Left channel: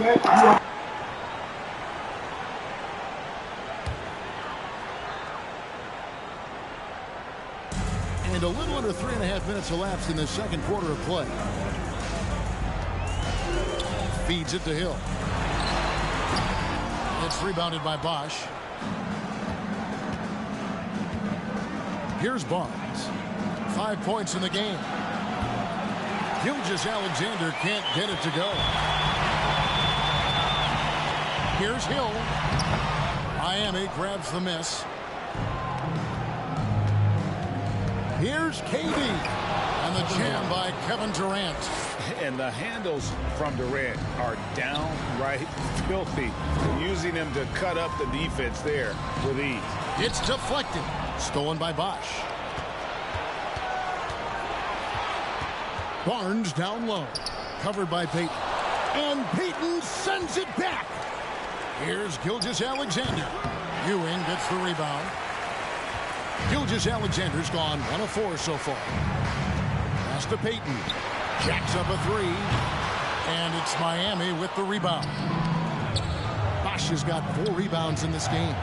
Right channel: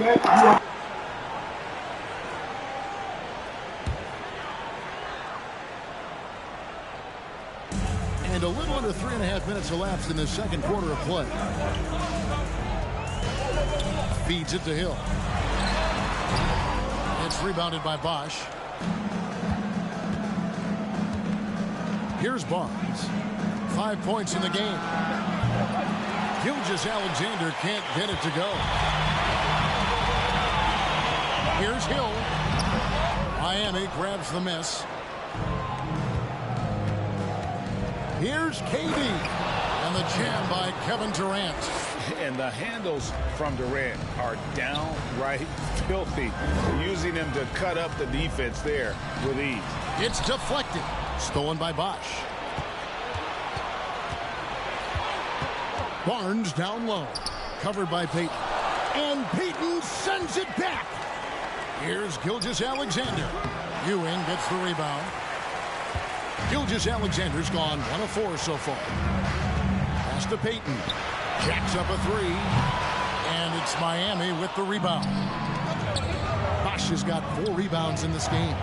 And a little under 3.5 minutes elapsed in the second quarter of play. Feeds it to Hill. It's rebounded by Bosch. Here's Barnes. 5 points in the game. Gilgeous-Alexander can't get it to go. Here's Hill. Miami grabs the miss. Here's KD. And the jam by Kevin Durant. And the handles from Durant are downright filthy, using him to cut up the defense there with ease. It's deflected. Stolen by Bosch. Barnes down low. Covered by Payton. And Payton sends it back. Here's Gilgeous-Alexander. Ewing gets the rebound. Gilgeous-Alexander's gone 1 of 4 so far. Pass to Payton. Jacks up a 3. And it's Miami with the rebound. Bosch has got 4 rebounds in this game.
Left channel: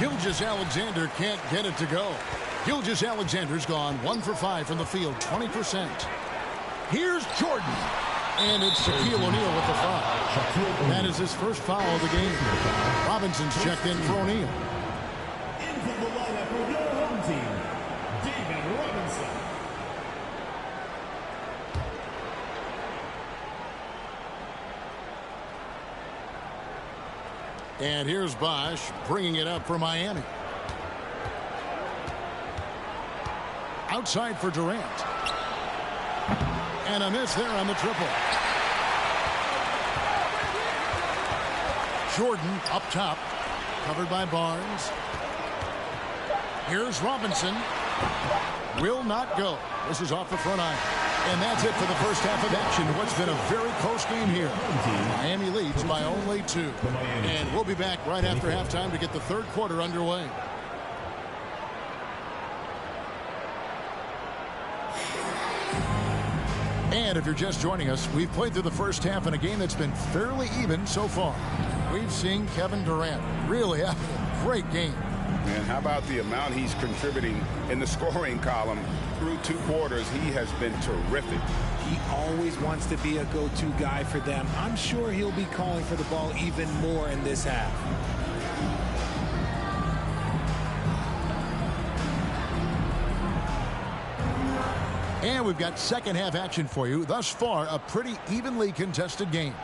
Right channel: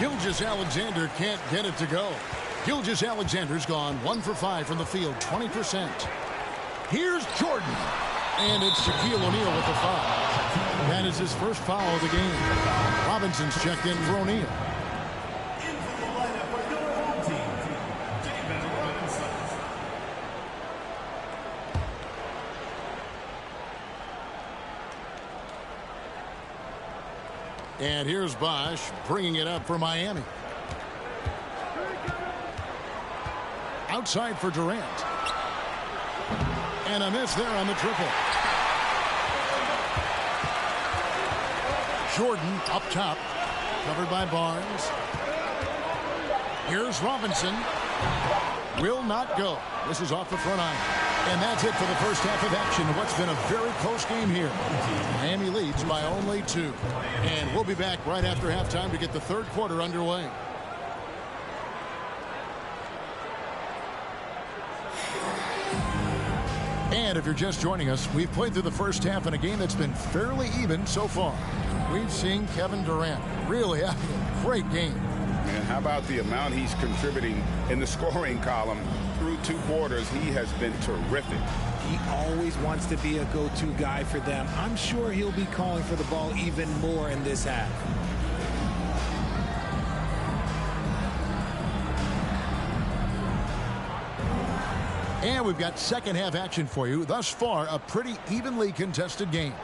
Gilgeous-Alexander can't get it to go. Gilgeous-Alexander's gone 1 for 5 from the field, 20%. Here's Jordan. And it's Shaquille O'Neal with the foul. That is his first foul of the game. Robinson's checked in for O'Neal. Into the lineup for your home team, David Robinson. And here's Bosch bringing it up for Miami. Outside for Durant. And a miss there on the triple. Jordan up top. Covered by Barnes. Here's Robinson. Will not go. This is off the front iron. And that's it for the first half of action. What's been a very close game here. Miami leads by only 2. And we'll be back right after halftime to get the third quarter underway. And if you're just joining us, we've played through the first half in a game that's been fairly even so far. We've seen Kevin Durant really having a great game. Man, how about the amount he's contributing in the scoring column? Through 2 quarters, he has been terrific. He always wants to be a go-to guy for them. I'm sure he'll be calling for the ball even more in this half. And we've got second half action for you. Thus far, a pretty evenly contested game.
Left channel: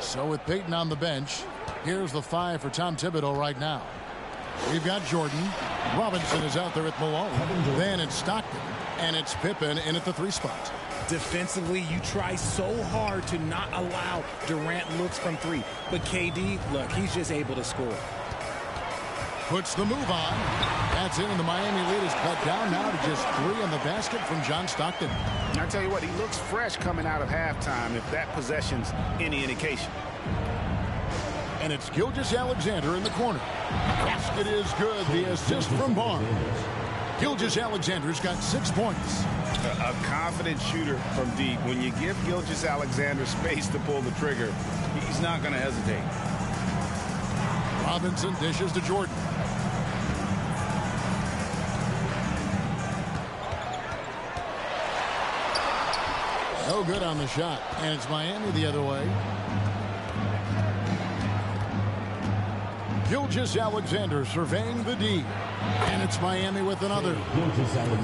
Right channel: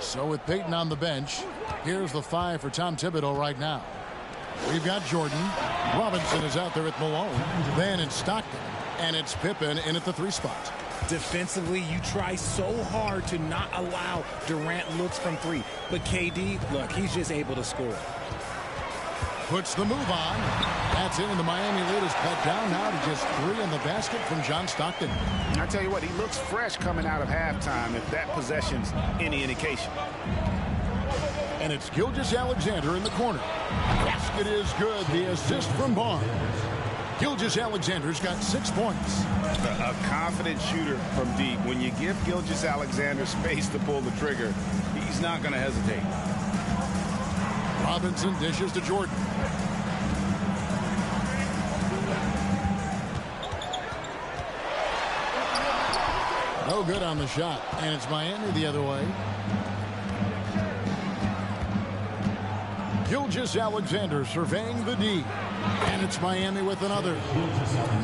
So with Payton on the bench, here's the 5 for Tom Thibodeau right now. We've got Jordan. Robinson is out there at Malone. Then it's Stockton. And it's Pippen in at the 3 spot. Defensively, you try so hard to not allow Durant looks from 3. But KD, look, he's just able to score. Puts the move on. That's in, and the Miami lead is cut down now to just 3 in the basket from John Stockton. And I tell you what, he looks fresh coming out of halftime if that possession's any indication. And it's Gilgeous-Alexander in the corner. Basket is good. The assist from Barnes. Gilgeous-Alexander's got 6 points. A confident shooter from deep. When you give Gilgeous-Alexander space to pull the trigger, he's not going to hesitate. Robinson dishes to Jordan. No good on the shot. And it's Miami the other way. Gilgeous-Alexander surveying the D. And it's Miami with another.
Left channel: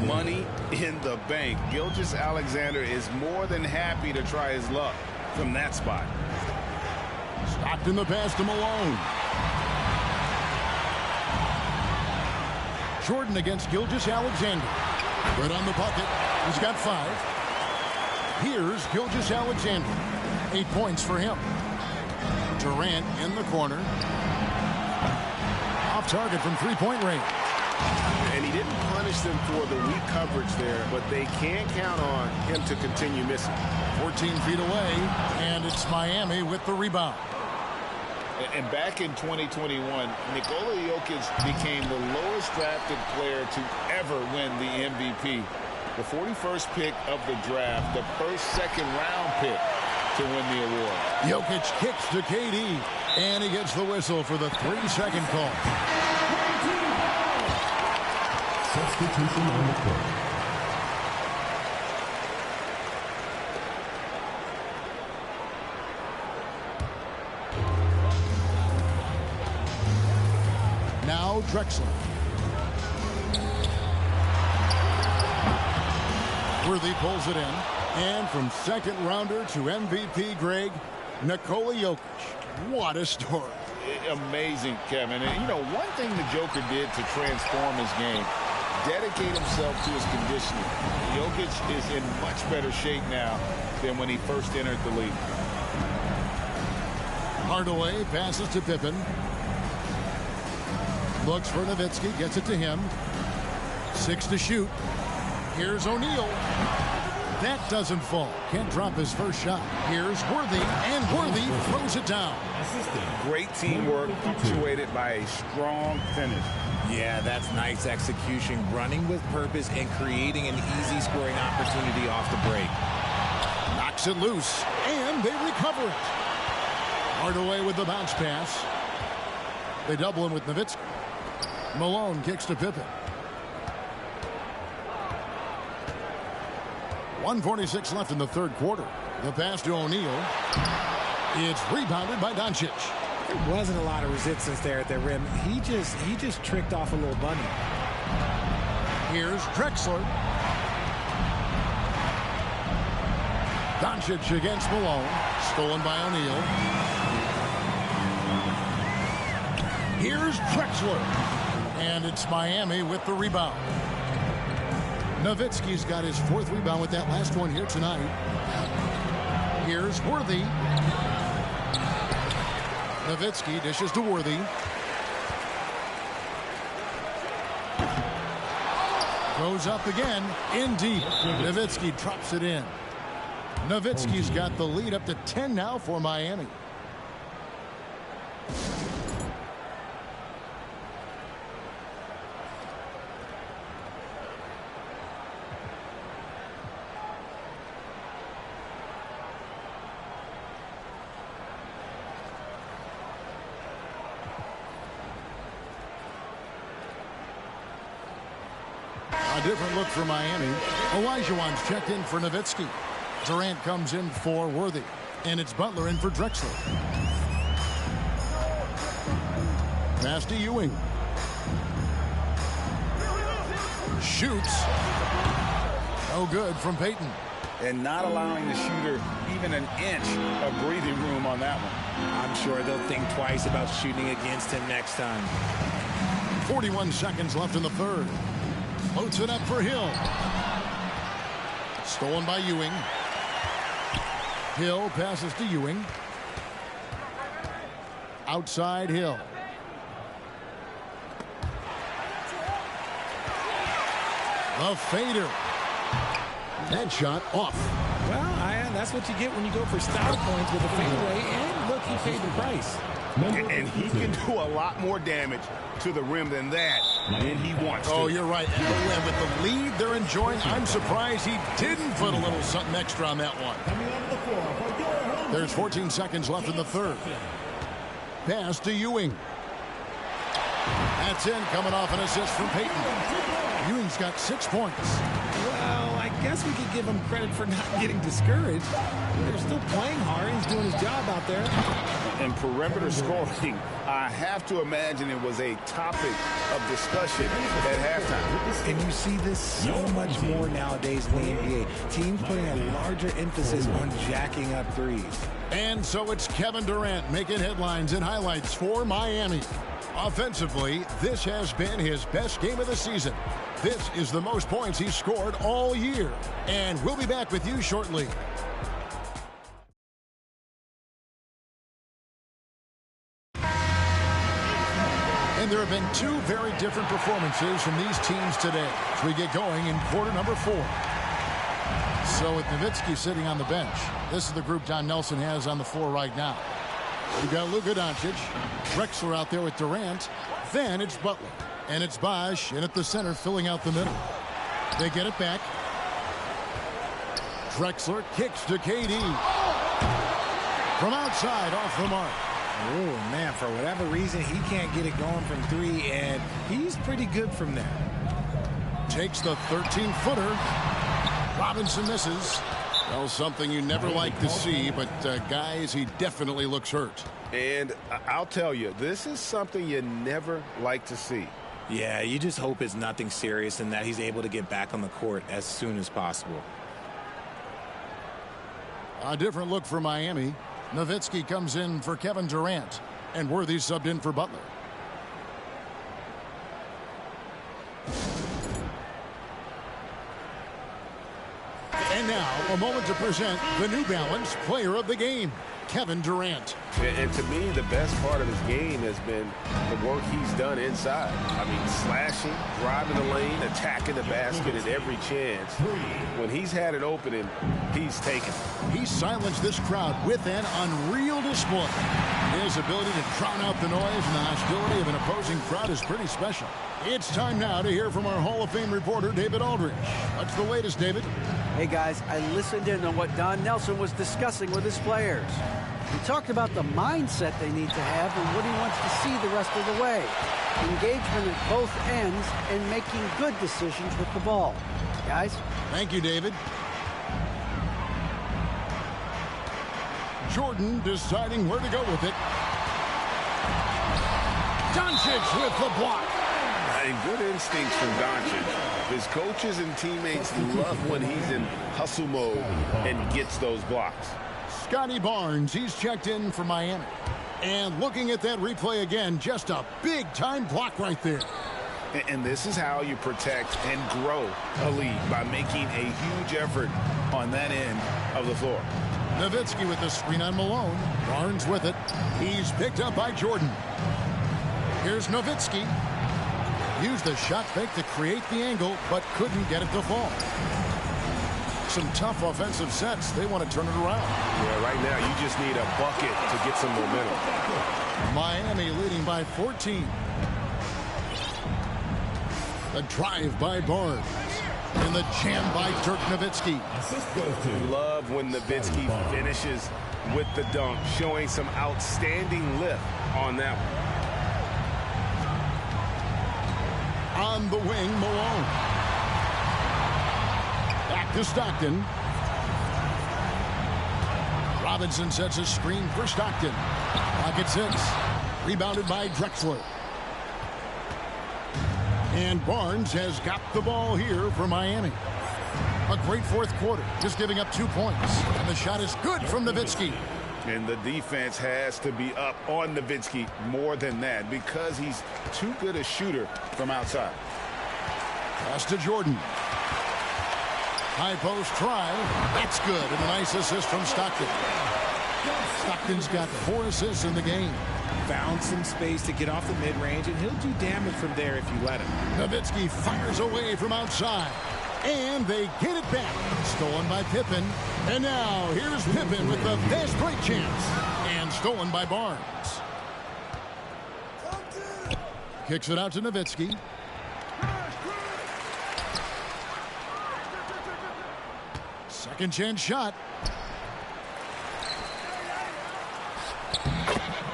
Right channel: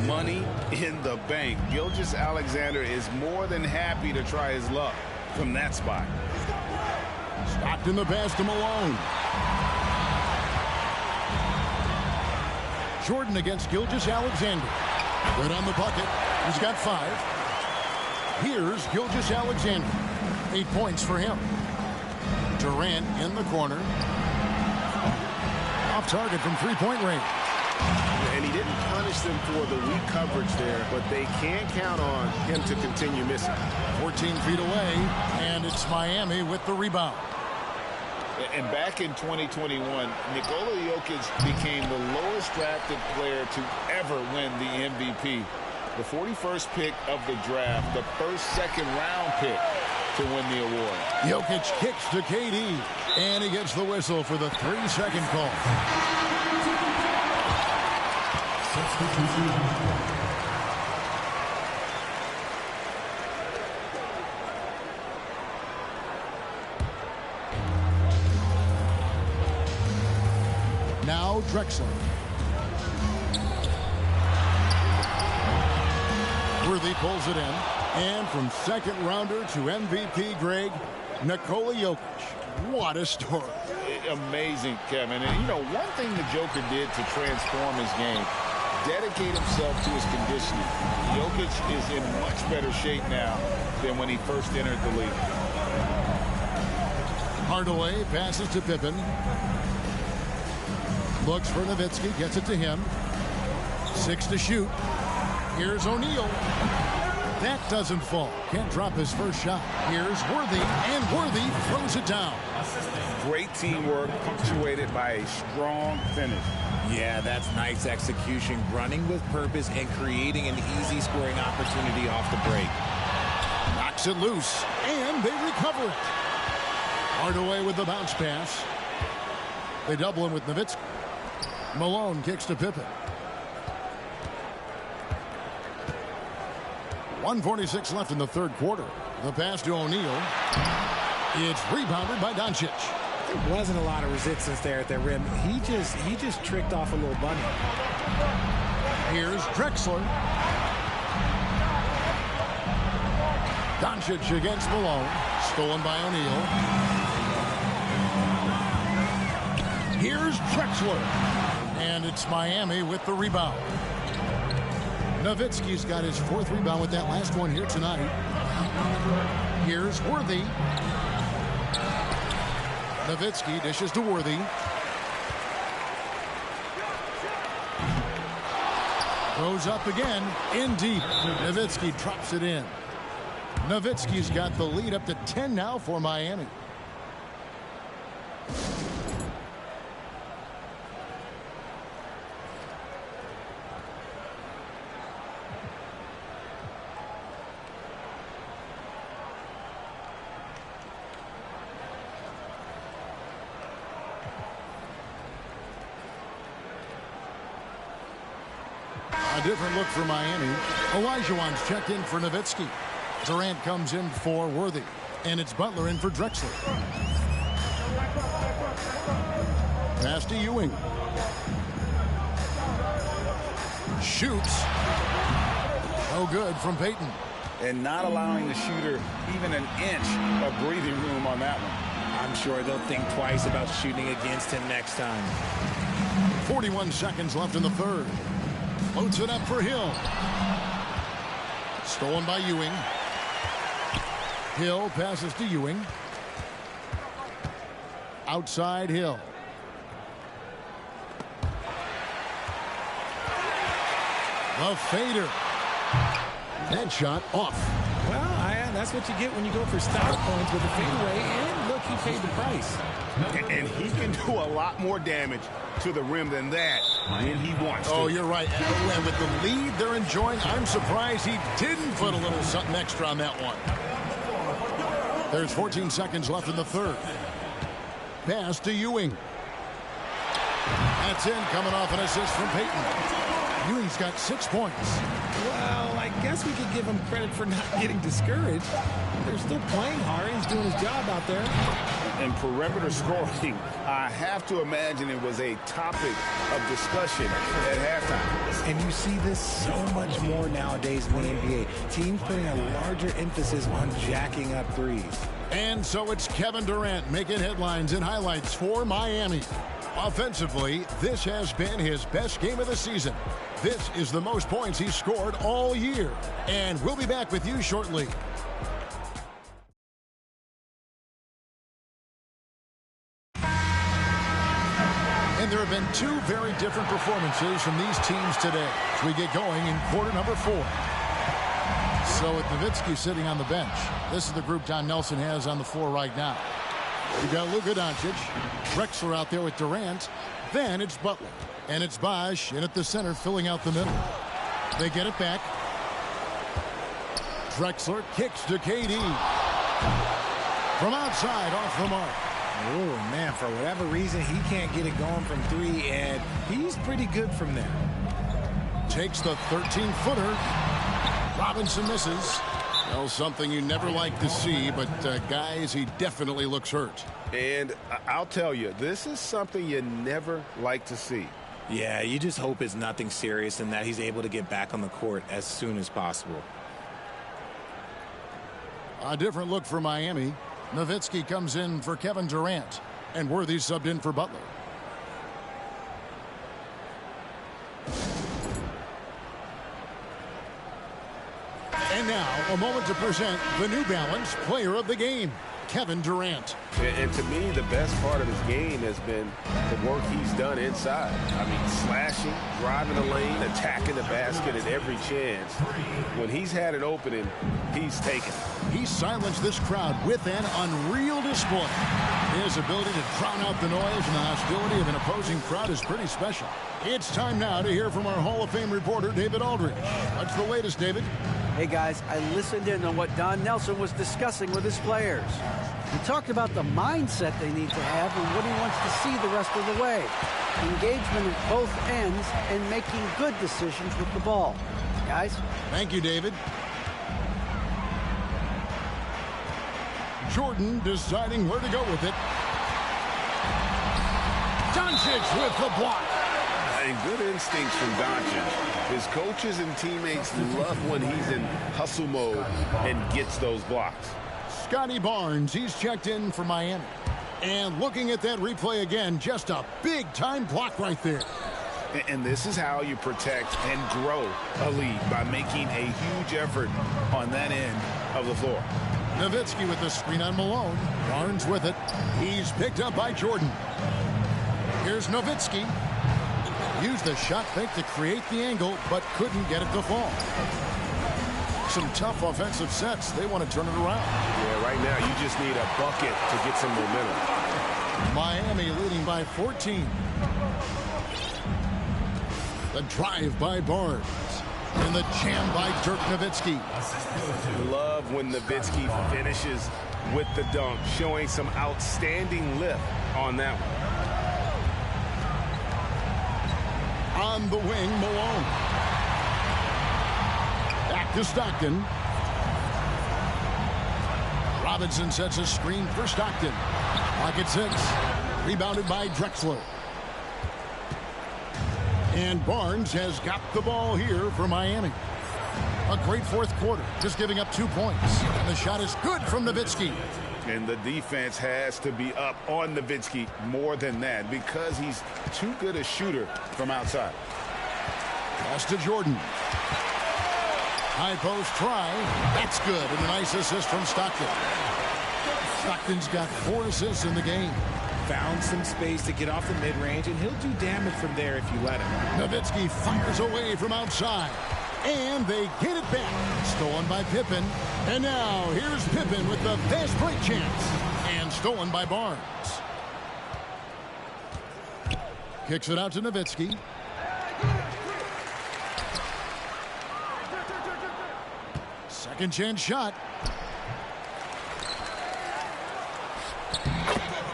Money in the bank. Gilgeous-Alexander is more than happy to try his luck from that spot. Stockton the pass to Malone. Jordan against Gilgeous-Alexander. Good on the bucket. He's got 5. Here's Gilgeous-Alexander. 8 points for him. Durant in the corner. Off target from 3-point range. And he didn't punish them for the weak coverage there, but they can't count on him to continue missing. 14 feet away, and it's Miami with the rebound. And back in 2021, Nikola Jokic became the lowest drafted player to ever win the MVP. The 41st pick of the draft, the first second-round pick to win the award. Jokic kicks to KD, and he gets the whistle for the 3-second call. Substitution on the court. Now Drexler. Worthy pulls it in. And from second rounder to MVP, Greg, Nikola Jokic. What a story. Amazing, Kevin. And, you know, one thing the Joker did to transform his game, dedicate himself to his conditioning. Jokic is in much better shape now than when he first entered the league. Hardaway passes to Pippen. Looks for Nowitzki, gets it to him. 6 to shoot. Here's O'Neal. That doesn't fall. Can't drop his first shot. Here's Worthy, and Worthy throws it down. Great teamwork, punctuated by a strong finish. Yeah, that's nice execution, running with purpose and creating an easy scoring opportunity off the break. Knocks it loose, and they recover it. Hardaway with the bounce pass. They double him with Nowitzki. Malone kicks to Pippen. 1:46 left in the third quarter. The pass to O'Neal. It's rebounded by Doncic. There wasn't a lot of resistance there at the rim. He just tricked off a little bunny. Here's Drexler. Doncic against Malone. Stolen by O'Neal. Here's Drexler. And it's Miami with the rebound. Nowitzki's got his 4th rebound with that last one here tonight. Here's Worthy. Nowitzki dishes to Worthy. Goes up again, in deep. Nowitzki drops it in. Nowitzki's got the lead up to 10 now for Miami. A different look for Miami. Olajuwon's checked in for Nowitzki. Durant comes in for Worthy. And it's Butler in for Drexler. Pass to Ewing. Shoots. No good from Payton. And not allowing the shooter even an inch of breathing room on that one. I'm sure they'll think twice about shooting against him next time. 41 seconds left in the third. Floats it up for Hill. Stolen by Ewing. Hill passes to Ewing. Outside Hill. The fader. That shot off. Well, that's what you get when you go for style points with a fadeaway. And look, he paid the price. And he can do a lot more damage to the rim than that when he wants to. Oh, you're right. And with the lead they're enjoying, I'm surprised he didn't put a little something extra on that one. There's 14 seconds left in the third. Pass to Ewing. That's in, coming off an assist from Payton. Ewing's got 6 points. Well, I guess we could give him credit for not getting discouraged. They're still playing hard. He's doing his job out there. And perimeter scoring, I have to imagine it was a topic of discussion at halftime. And you see this so much more nowadays in the NBA. Teams putting a larger emphasis on jacking up threes. And so it's Kevin Durant making headlines and highlights for Miami. Offensively, this has been his best game of the season. This is the most points he's scored all year. And we'll be back with you shortly. And there have been 2 very different performances from these teams today as we get going in quarter number 4. So with Nowitzki sitting on the bench, this is the group Don Nelson has on the floor right now. You've got Luka Doncic, Drexler out there with Durant, then it's Butler, and it's Bosh in at the center filling out the middle. They get it back. Drexler kicks to KD. From outside, off the mark. Oh, man, for whatever reason, he can't get it going from three, and he's pretty good from there. Takes the 13-footer. Robinson misses. Well, something you never like to see, but guys, he definitely looks hurt. And I'll tell you, this is something you never like to see. Yeah, you just hope it's nothing serious and that he's able to get back on the court as soon as possible. A different look for Miami. Nowitzki comes in for Kevin Durant, and Worthy subbed in for Butler. And now, a moment to present the New Balance Player of the Game, Kevin Durant. And to me, the best part of his game has been the work he's done inside. I mean, slashing, driving the lane, attacking the basket at every chance. When he's had an opening, he's taken it. He silenced this crowd with an unreal display. His ability to drown out the noise and the hostility of an opposing crowd is pretty special. It's time now to hear from our Hall of Fame reporter, David Aldridge. What's the latest, David? Hey, guys, I listened in on what Don Nelson was discussing with his players. He talked about the mindset they need to have and what he wants to see the rest of the way. Engagement at both ends and making good decisions with the ball. Guys? Thank you, David. Jordan deciding where to go with it. Doncic with the block. And good instincts from Doncic. His coaches and teammates love when he's in hustle mode and gets those blocks. Scotty Barnes, he's checked in for Miami. And looking at that replay again, just a big-time block right there. And this is how you protect and grow a lead, by making a huge effort on that end of the floor. Nowitzki with the screen on Malone. Barnes with it. He's picked up by Jordan. Here's Nowitzki. Used the shot fake to create the angle, but couldn't get it to fall. Some tough offensive sets. They want to turn it around. Yeah, right now you just need a bucket to get some momentum. Miami leading by 14. The drive by Barnes. And the jam by Dirk Nowitzki. Love when Nowitzki finishes with the dunk, showing some outstanding lift on that one. On the wing, Malone. Back to Stockton. Robinson sets a screen for Stockton. Pocket 6. Rebounded by Drexler. And Barnes has got the ball here for Miami. A great fourth quarter, just giving up 2 points. And the shot is good from Nowitzki. And the defense has to be up on Nowitzki more than that, because he's too good a shooter from outside. Pass to Jordan. High post try. That's good. And a nice assist from Stockton. Stockton's got 4 assists in the game. Found some space to get off the mid-range, and he'll do damage from there if you let him. Nowitzki fires away from outside. And they get it back. Stolen by Pippen. And now here's Pippen with the fast break chance. And stolen by Barnes. Kicks it out to Nowitzki. Second chance shot.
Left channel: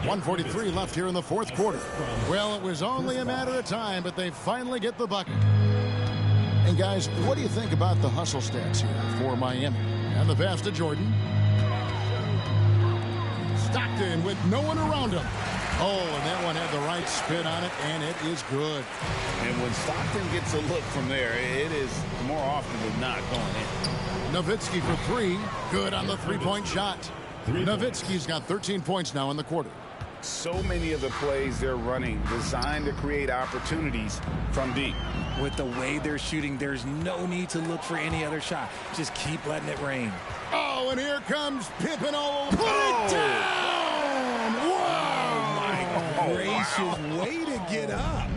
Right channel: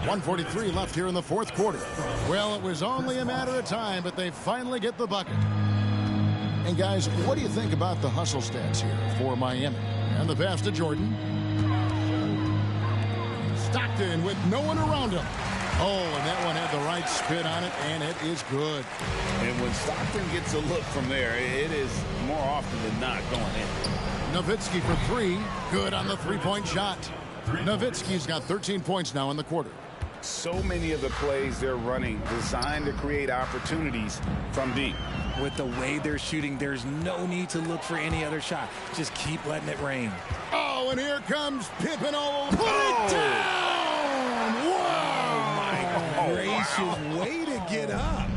1:43 left here in the fourth quarter. Well, it was only a matter of time, but they finally get the bucket. And guys, what do you think about the hustle stats here for Miami? And the pass to Jordan. Stockton with no one around him. Oh, and that one had the right spin on it, and it is good. And when Stockton gets a look from there, it is more often than not going in. Nowitzki for 3. Good on the three-point shot. Nowitzki's got 13 points now in the quarter. So many of the plays they're running designed to create opportunities from deep. With the way they're shooting, there's no need to look for any other shot. Just keep letting it rain. Oh, and here comes Pippen all over. Put it down! Wow! My gracious, way to get up.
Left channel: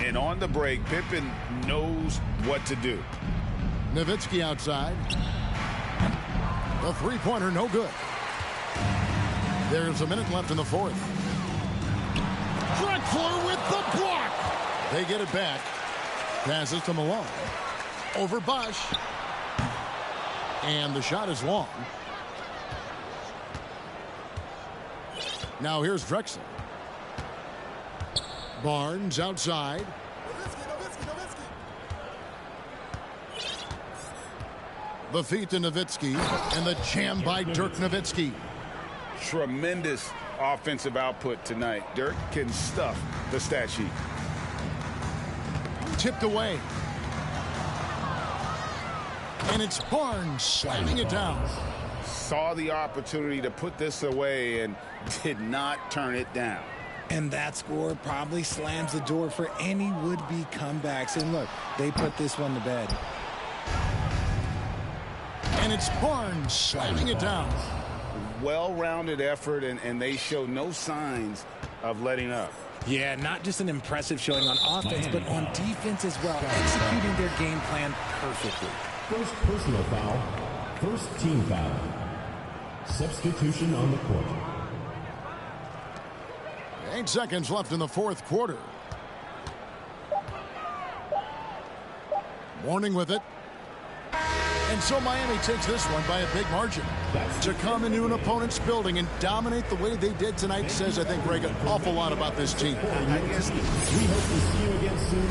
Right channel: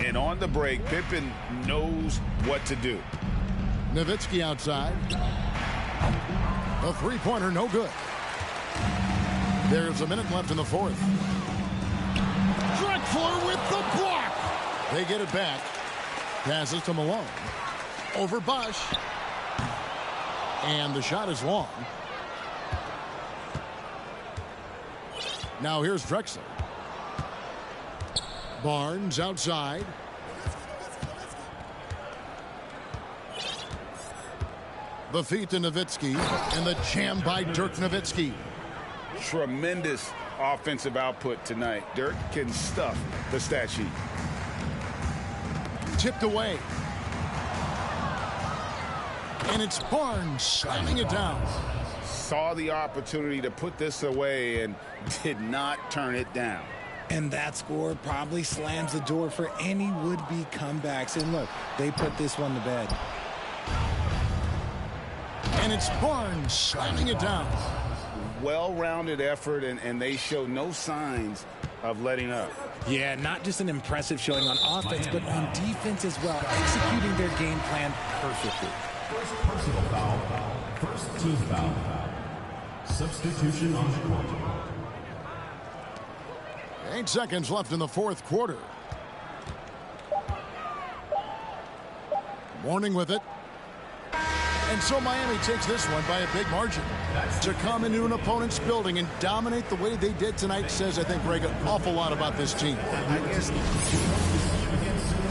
And on the break, Pippen knows what to do. Nowitzki outside. The three-pointer, no good. There's a minute left in the fourth. Drexler with the block. They get it back. Passes to Malone. Over Bosch. And the shot is long. Now here's Drexler. Barnes outside. The feet to Nowitzki, and the jam by Dirk Nowitzki. Tremendous offensive output tonight. Dirk can stuff the stat sheet. Tipped away. And it's Barnes slamming it down. Saw the opportunity to put this away and did not turn it down. And that score probably slams the door for any would-be comebacks. And look, they put this one to bed. And it's Barnes slamming it down. Well-rounded effort, and they show no signs of letting up. Yeah, not just an impressive showing on offense, but on defense as well, executing their game plan perfectly. First personal foul. First team foul. Substitution on the court. 8 seconds left in the fourth quarter. Mourning with it. And so Miami takes this one by a big margin. To come into an opponent's building and dominate the way they did tonight says, I think, Greg, an awful lot about this team. I guess we hope to see you again soon.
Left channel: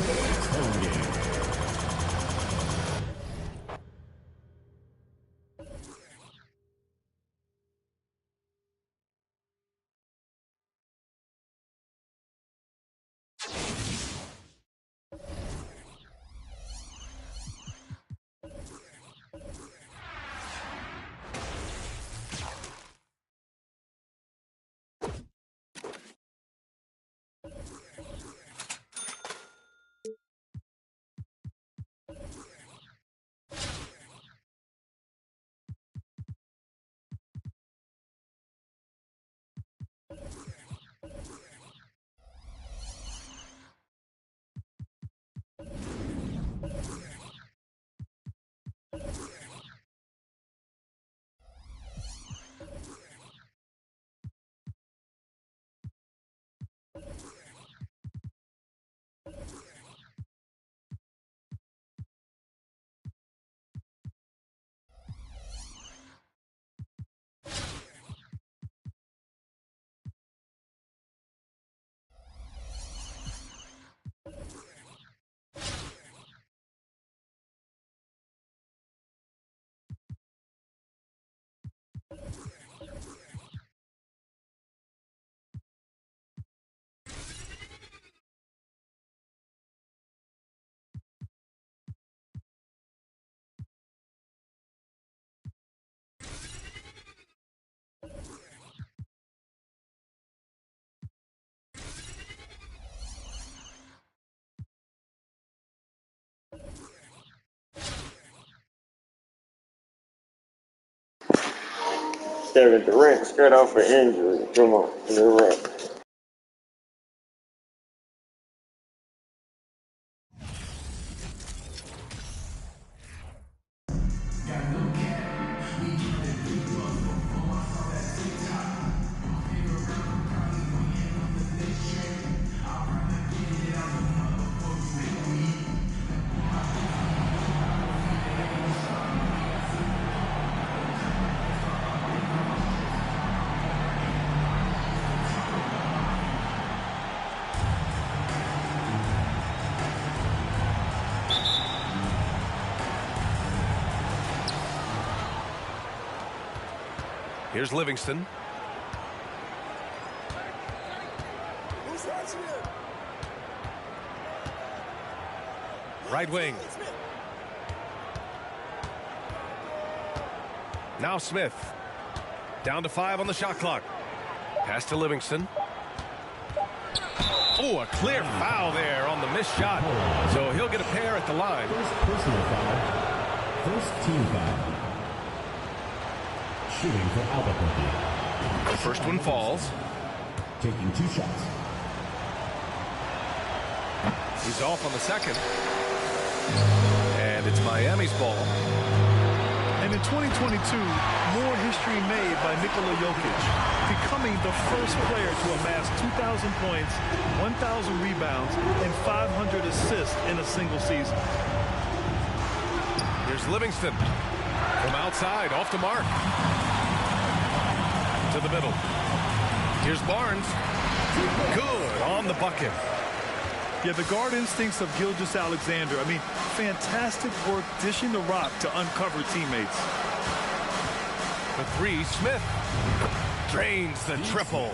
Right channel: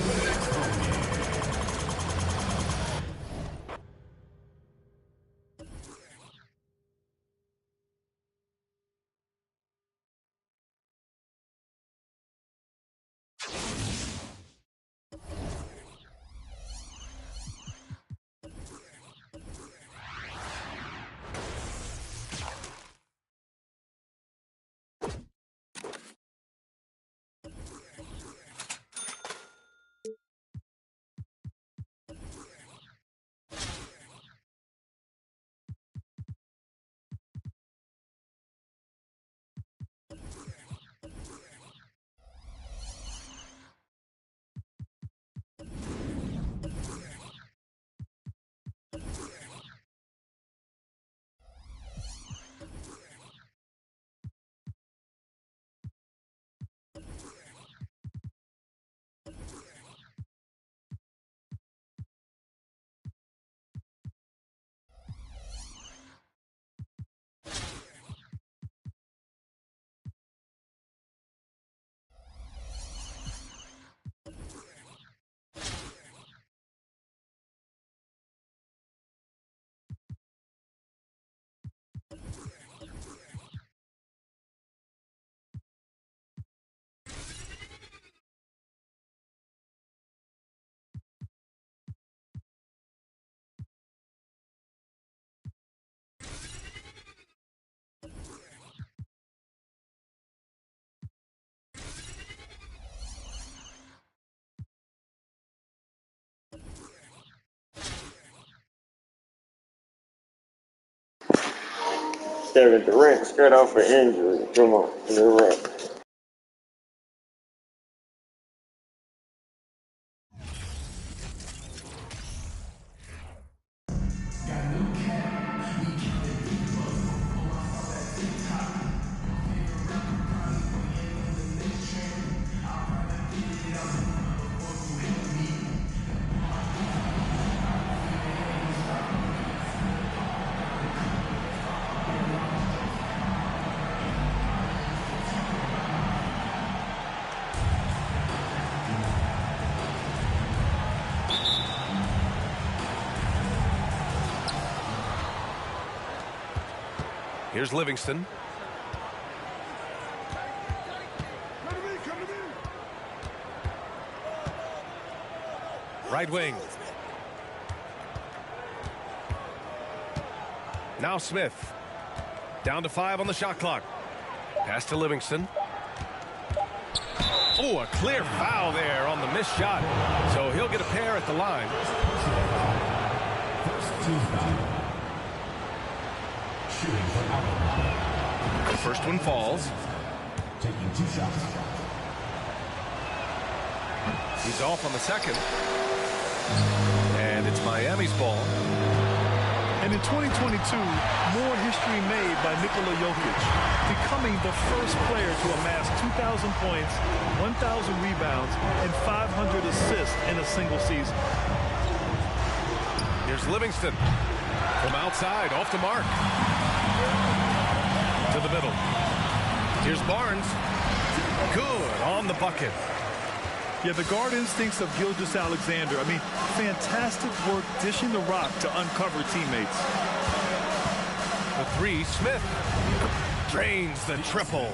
Kevin Durant straight off for injury. Come on, you're right. Here's Livingston. Right wing. Now Smith. Down to 5 on the shot clock. Pass to Livingston. Oh, a clear foul there on the missed shot. So he'll get a pair at the line. First personal foul. First team foul. Shooting for Albuquerque. The first one falls. Taking 2 shots. He's off on the second. And it's Miami's ball. And in 2022, more history made by Nikola Jokic, becoming the first player to amass 2,000 points, 1,000 rebounds, and 500 assists in a single season. Here's Livingston. From outside, off the mark. To the middle. Here's Barnes. Good on the bucket. Yeah, the guard instincts of Gilgeous-Alexander. I mean, fantastic work dishing the rock to uncover teammates. For three, Smith drains the triple.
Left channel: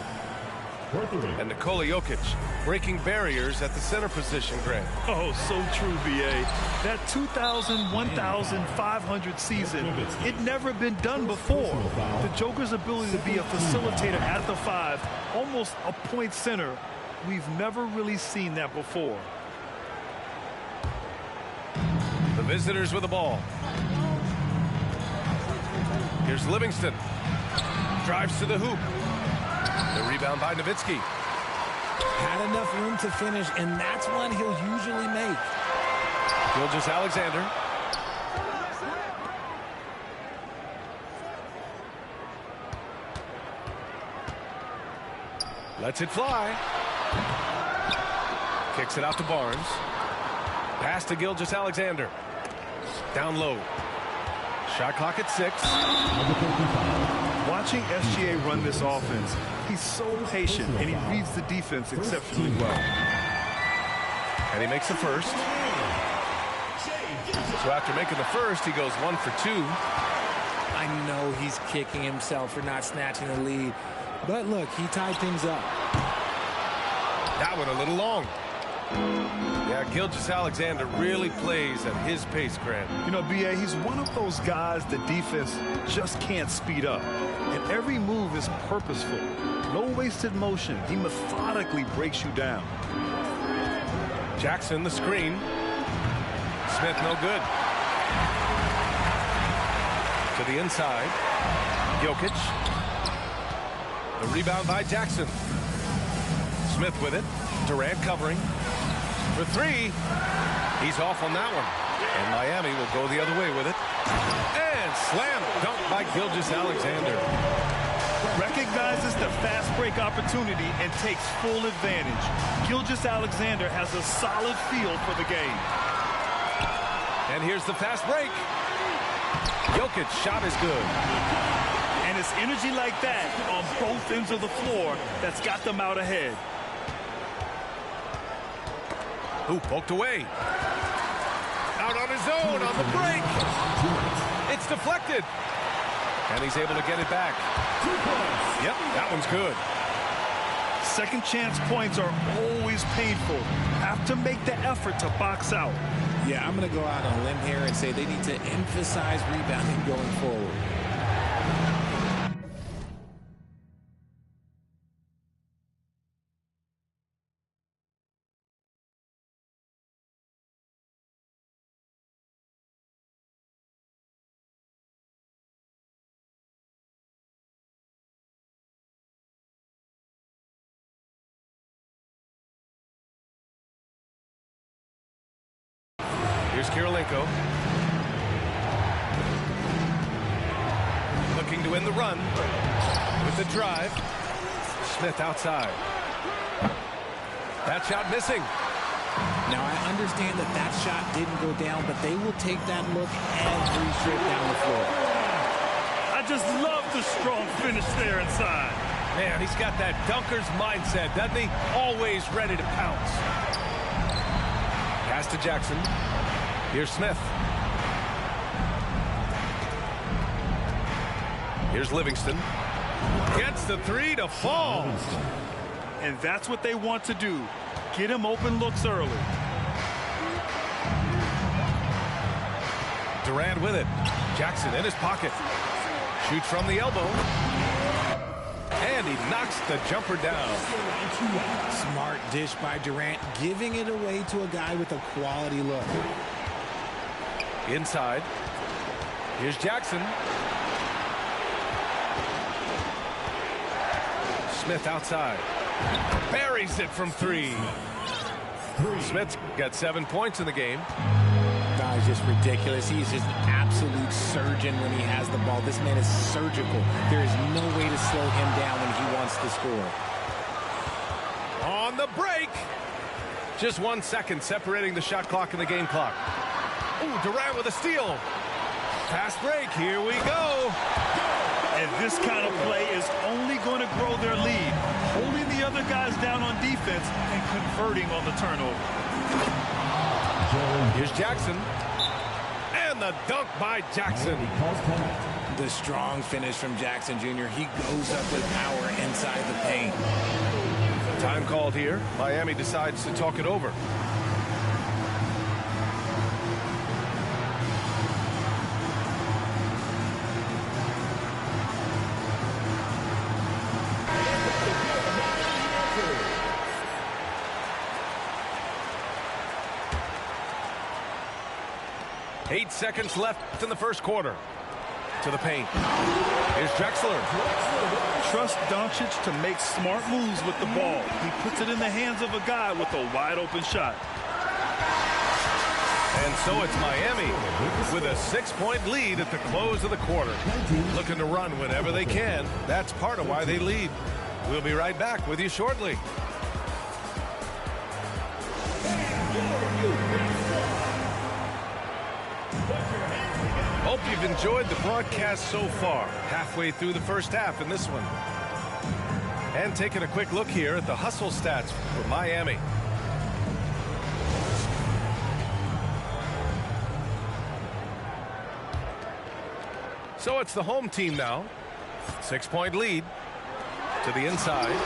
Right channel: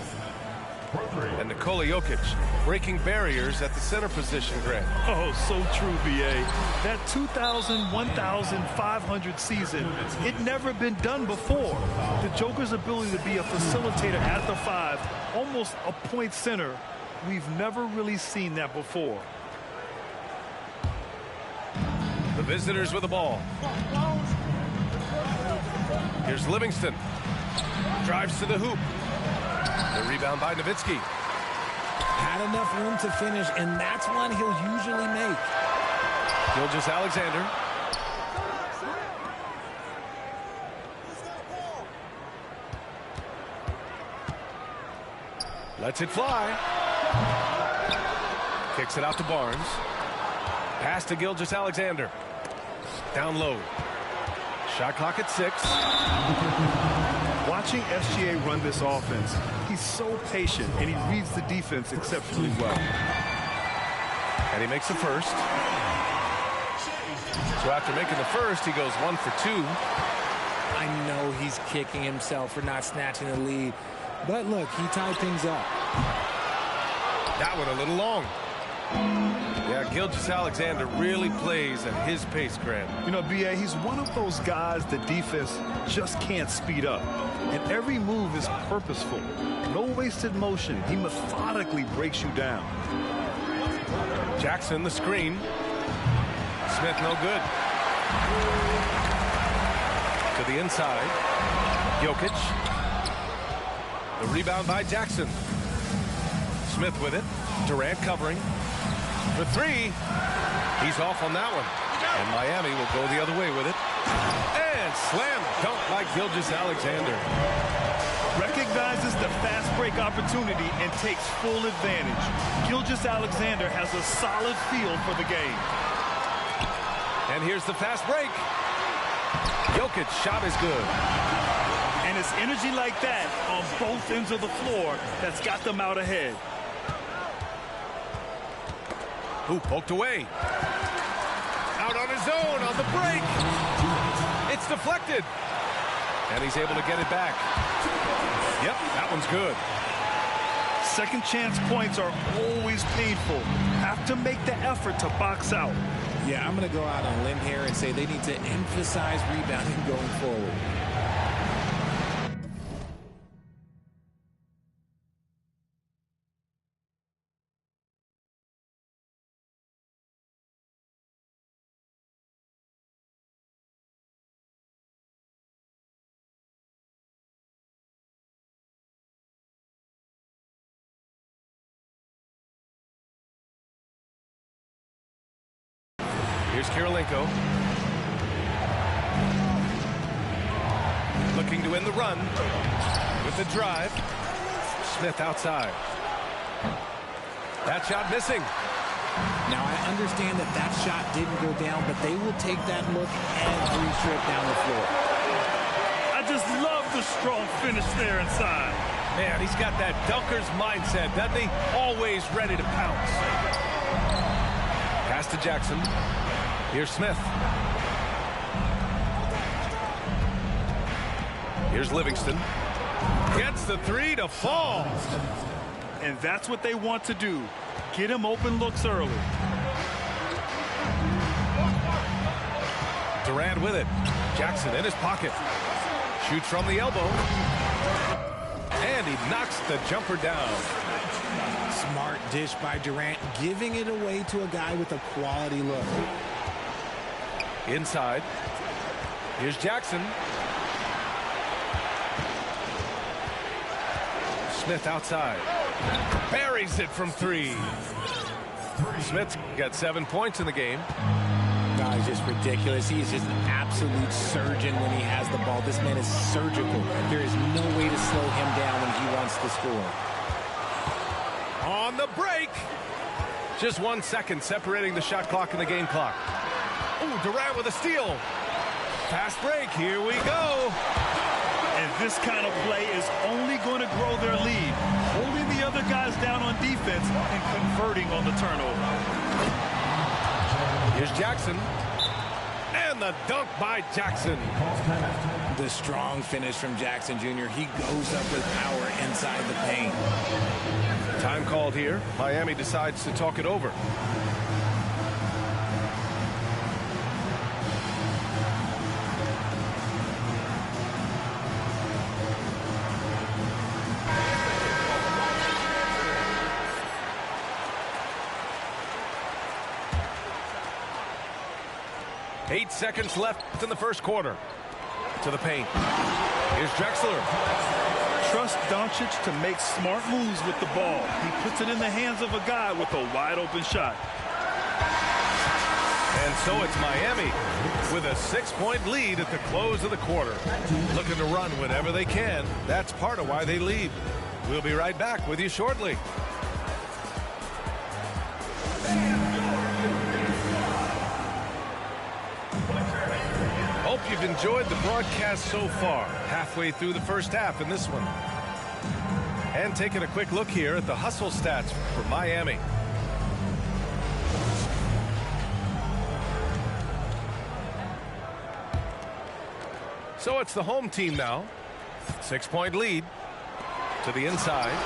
And Nikola Jokic breaking barriers at the center position, Grant. Oh, so true, B.A. That 2,000, 1,500 season, it never been done before. The Joker's ability to be a facilitator at the 5, almost a point center, we've never really seen that before. The visitors with the ball. Here's Livingston. Drives to the hoop. The rebound by Nowitzki. Had enough room to finish, and that's one he'll usually make. Gilgeous-Alexander. Lets it fly. Kicks it out to Barnes. Pass to Gilgeous-Alexander. Down low. Shot clock at 6. Watching SGA run this offense, he's so patient, and he reads the defense exceptionally well. And he makes the first. So after making the first, he goes 1 for 2. I know he's kicking himself for not snatching the lead, but look, he tied things up. That one a little long. Yeah, Gilgeous-Alexander really plays at his pace, Grant. You know, B.A., he's one of those guys the defense just can't speed up. And every move is purposeful. No wasted motion. He methodically breaks you down. Jackson, the screen. Smith, no good. To the inside. Jokic. The rebound by Jackson. Smith with it. Durant covering. For 3. He's off on that one. And Miami will go the other way with it. And slam dunk by Gilgeous-Alexander. Recognizes the fast break opportunity and takes full advantage. Gilgeous-Alexander has a solid feel for the game. And here's the fast break. Jokic shot is good. And it's energy like that on both ends of the floor that's got them out ahead. Ooh, poked away. Out on his own on the break. It's deflected. And he's able to get it back. Yep, that one's good. Second chance points are always painful. Have to make the effort to box out. Yeah, I'm going to go out on a limb here and say they need to emphasize rebounding going forward. Here's Kirilenko. Looking to win the run with the drive. Smith outside. That shot missing. Now, I understand that that shot didn't go down, but they will take that look every trip down the floor. I just love the strong finish there inside. Man, he's got that dunker's mindset, doesn't he? Always ready to pounce. Pass to Jackson. Here's Smith. Here's Livingston. Gets the 3 to fall. And that's what they want to do. Get him open looks early. Durant with it. Jackson in his pocket. Shoots from the elbow. And he knocks the jumper down. Smart dish by Durant, giving it away to a guy with a quality look. Inside. Here's Jackson. Smith outside. Buries it from 3. Smith's got 7 points in the game. No, he's just ridiculous. He's just an absolute surgeon when he has the ball. This man is surgical. There is no way to slow him down when he wants to score. On the break. Just 1 second separating the shot clock and the game clock. Ooh, Durant with a steal. Fast break. Here we go. And this kind of play is only going to grow their lead. holding the other guys down on defense and converting on the turnover. Here's Jackson. And the dunk by Jackson. The strong finish from Jackson Jr. He goes up with power inside the paint. Time called here. Miami decides to talk it over. Eight seconds left in the first quarter. To the paint. Here's Drexler. Trust Doncic to make smart moves with the ball. He puts it in the hands of a guy with a wide open shot. And so it's Miami with a 6-point lead at the close of the quarter. Looking to run whenever they can. That's part of why they lead. We'll be right back with you shortly. Hope you've enjoyed the broadcast so far. Halfway through the first half in this one. And taking a quick look here at the hustle stats for Miami. So it's the home team now. 6-point lead. To the inside.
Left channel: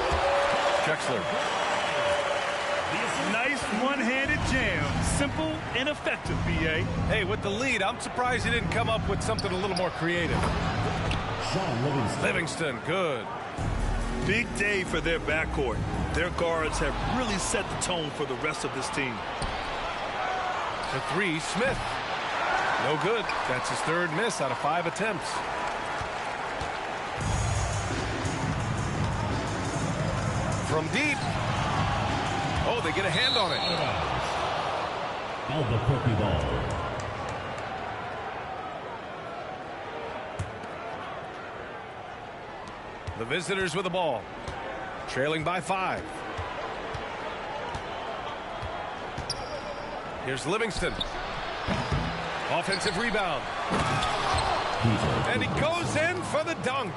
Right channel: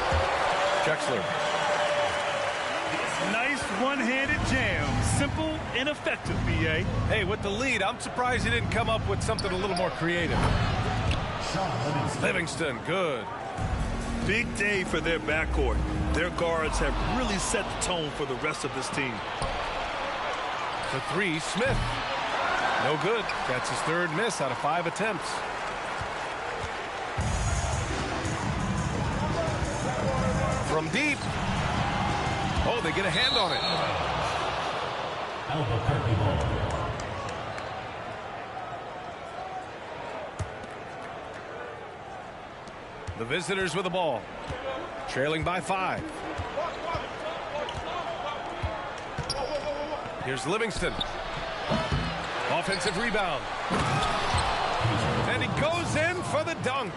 Drexler. Nice one-handed jam. Simple and effective, B.A. Hey, with the lead, I'm surprised he didn't come up with something a little more creative. Livingston, good. Big day for their backcourt. Their guards have really set the tone for the rest of this team. The three, Smith. No good. That's his third miss out of 5 attempts. From deep. Oh, they get a hand on it. Albuquerque ball. The visitors with the ball. Trailing by 5. Here's Livingston. Offensive rebound. And he goes in for the dunk.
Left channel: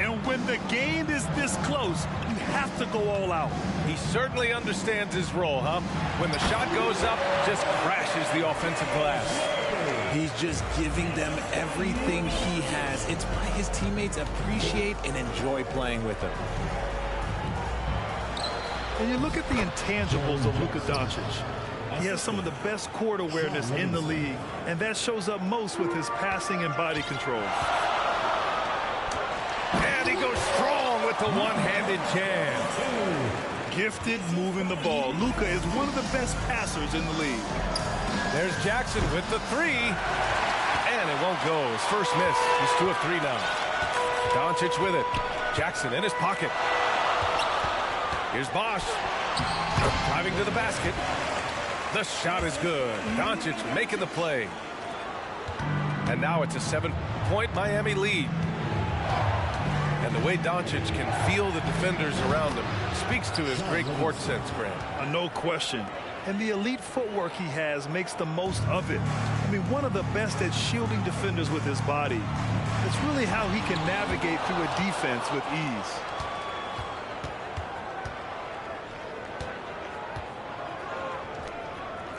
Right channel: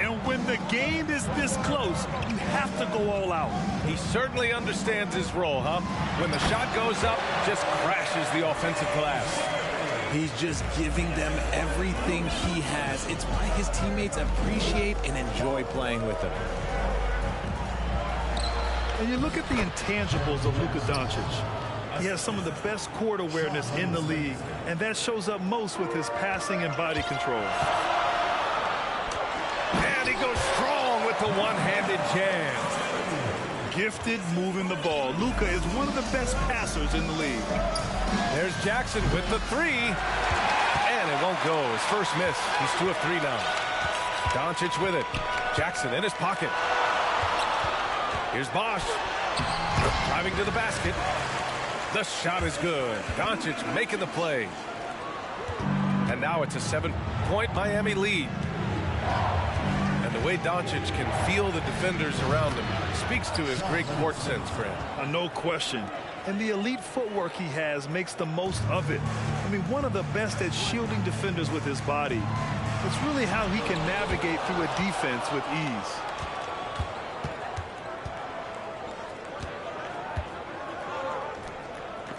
And when the game is this close, you have to go all out. He certainly understands his role, huh? When the shot goes up, just crashes the offensive glass. He's just giving them everything he has. It's why his teammates appreciate and enjoy playing with him. And you look at the intangibles of Luka Doncic. He has some of the best court awareness in the league, and that shows up most with his passing and body control. And he goes strong with the one-handed jam. Gifted moving the ball. Luka is one of the best passers in the league. There's Jackson with the three. And it won't go. His first miss. He's 2 of 3 now. Doncic with it. Jackson in his pocket. Here's Bosch. Driving to the basket. The shot is good. Doncic making the play. And now it's a 7-point Miami lead. And the way Doncic can feel the defenders around him speaks to his great court sense, Grant. No question. And the elite footwork he has makes the most of it. I mean, one of the best at shielding defenders with his body. It's really how he can navigate through a defense with ease.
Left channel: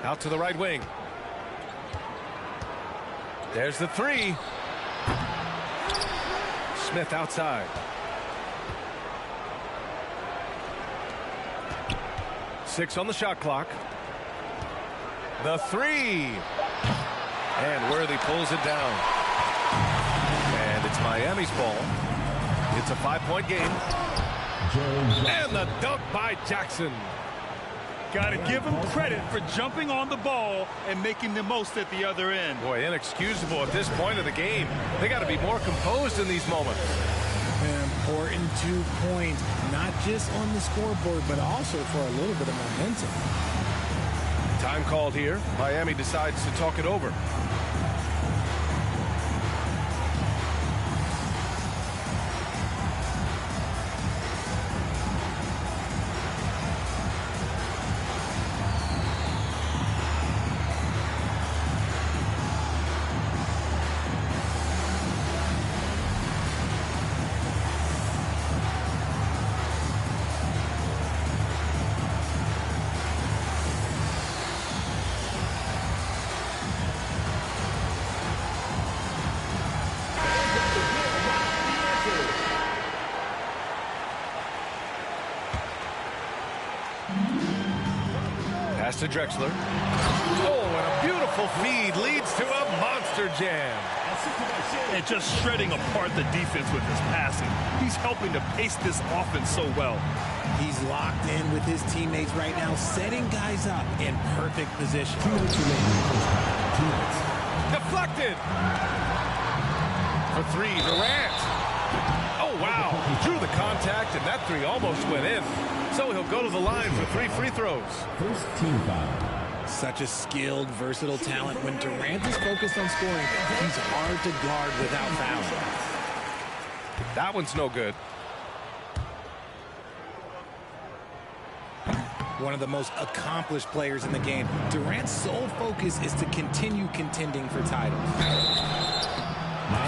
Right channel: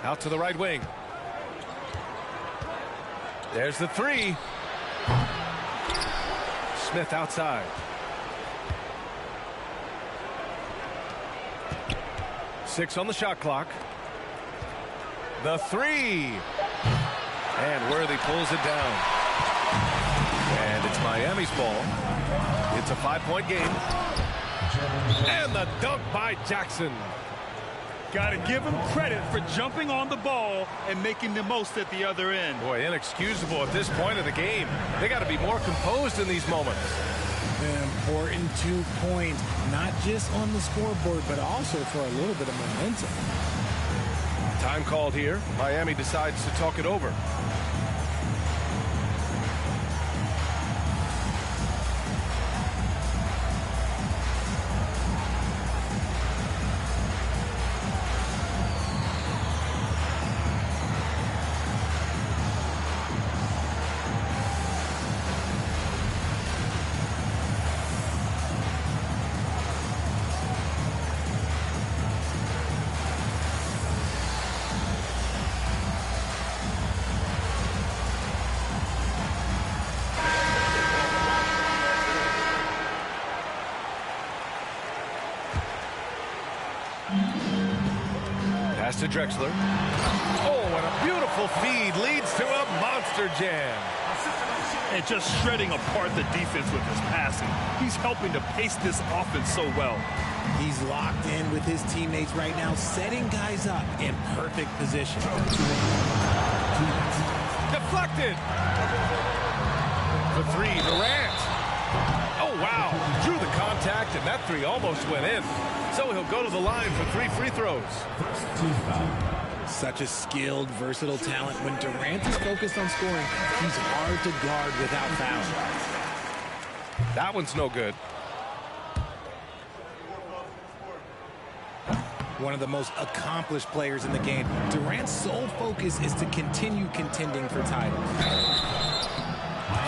Out to the right wing. There's the three. Smith outside. Six on the shot clock. The three. And Worthy pulls it down. And it's Miami's ball. It's a 5-point game. And the dunk by Jackson. Got to give him credit for jumping on the ball and making the most at the other end. Boy, inexcusable at this point of the game. They got to be more composed in these moments. An important 2 points, not just on the scoreboard, but also for a little bit of momentum. Time called here. Miami decides to talk it over. Pass to Drexler. Oh, and a beautiful feed leads to a monster jam. And just shredding apart the defense with his passing. He's helping to pace this offense so well. He's locked in with his teammates right now, setting guys up in perfect position. Deflected. For three, Durant. Oh, wow. Drew the contact, and that three almost went in. So he'll go to the line for 3 free throws. First team foul. Such a skilled, versatile talent. When Durant is focused on scoring, he's hard to guard without fouling. That one's no good. One of the most accomplished players in the game. Durant's sole focus is to continue contending for titles.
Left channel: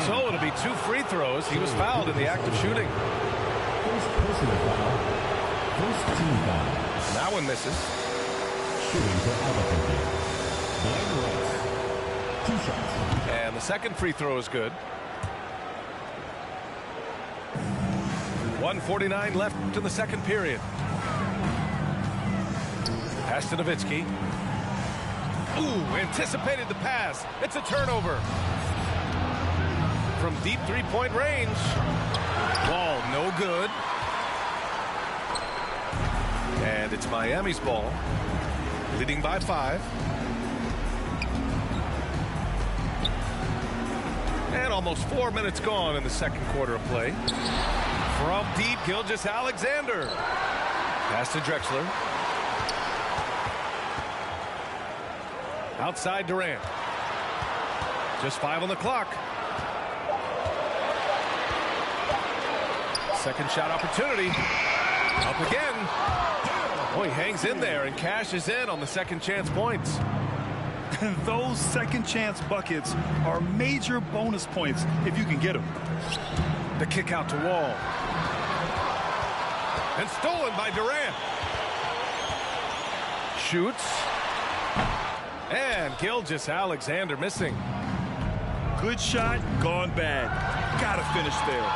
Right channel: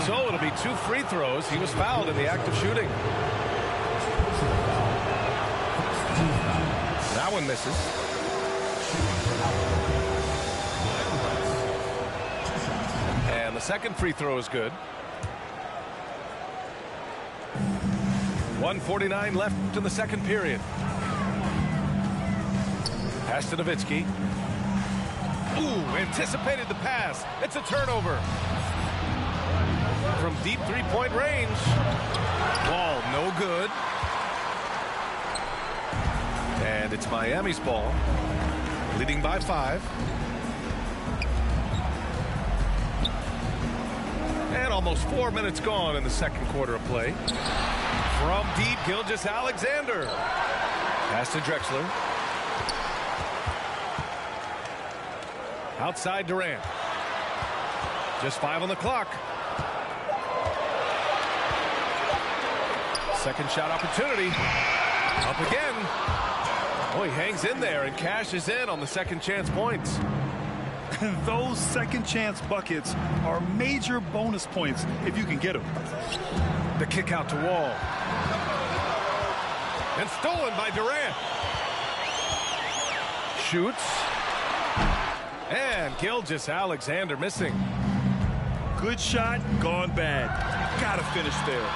So it'll be 2 free throws. He was fouled in the act of shooting. First personal foul. First team foul. That one misses. Shooting for Albuquerque. Glenn Rice. 2 shots. And the second free throw is good. 1:49 left in the second period. Pass to Nowitzki. Ooh, anticipated the pass. It's a turnover. From deep three-point range. Ball no good. And it's Miami's ball. Leading by 5. And almost 4 minutes gone in the second quarter of play. From deep, Gilgeous-Alexander. Pass to Drexler. Outside Durant. Just 5 on the clock. Second shot opportunity. Up again. Oh, he hangs in there and cashes in on the second chance points. Those second chance buckets are major bonus points if you can get them. The kick out to Wall. And stolen by Durant. Shoots. And Gilgeous-Alexander missing. Good shot, gone bad. Gotta finish there.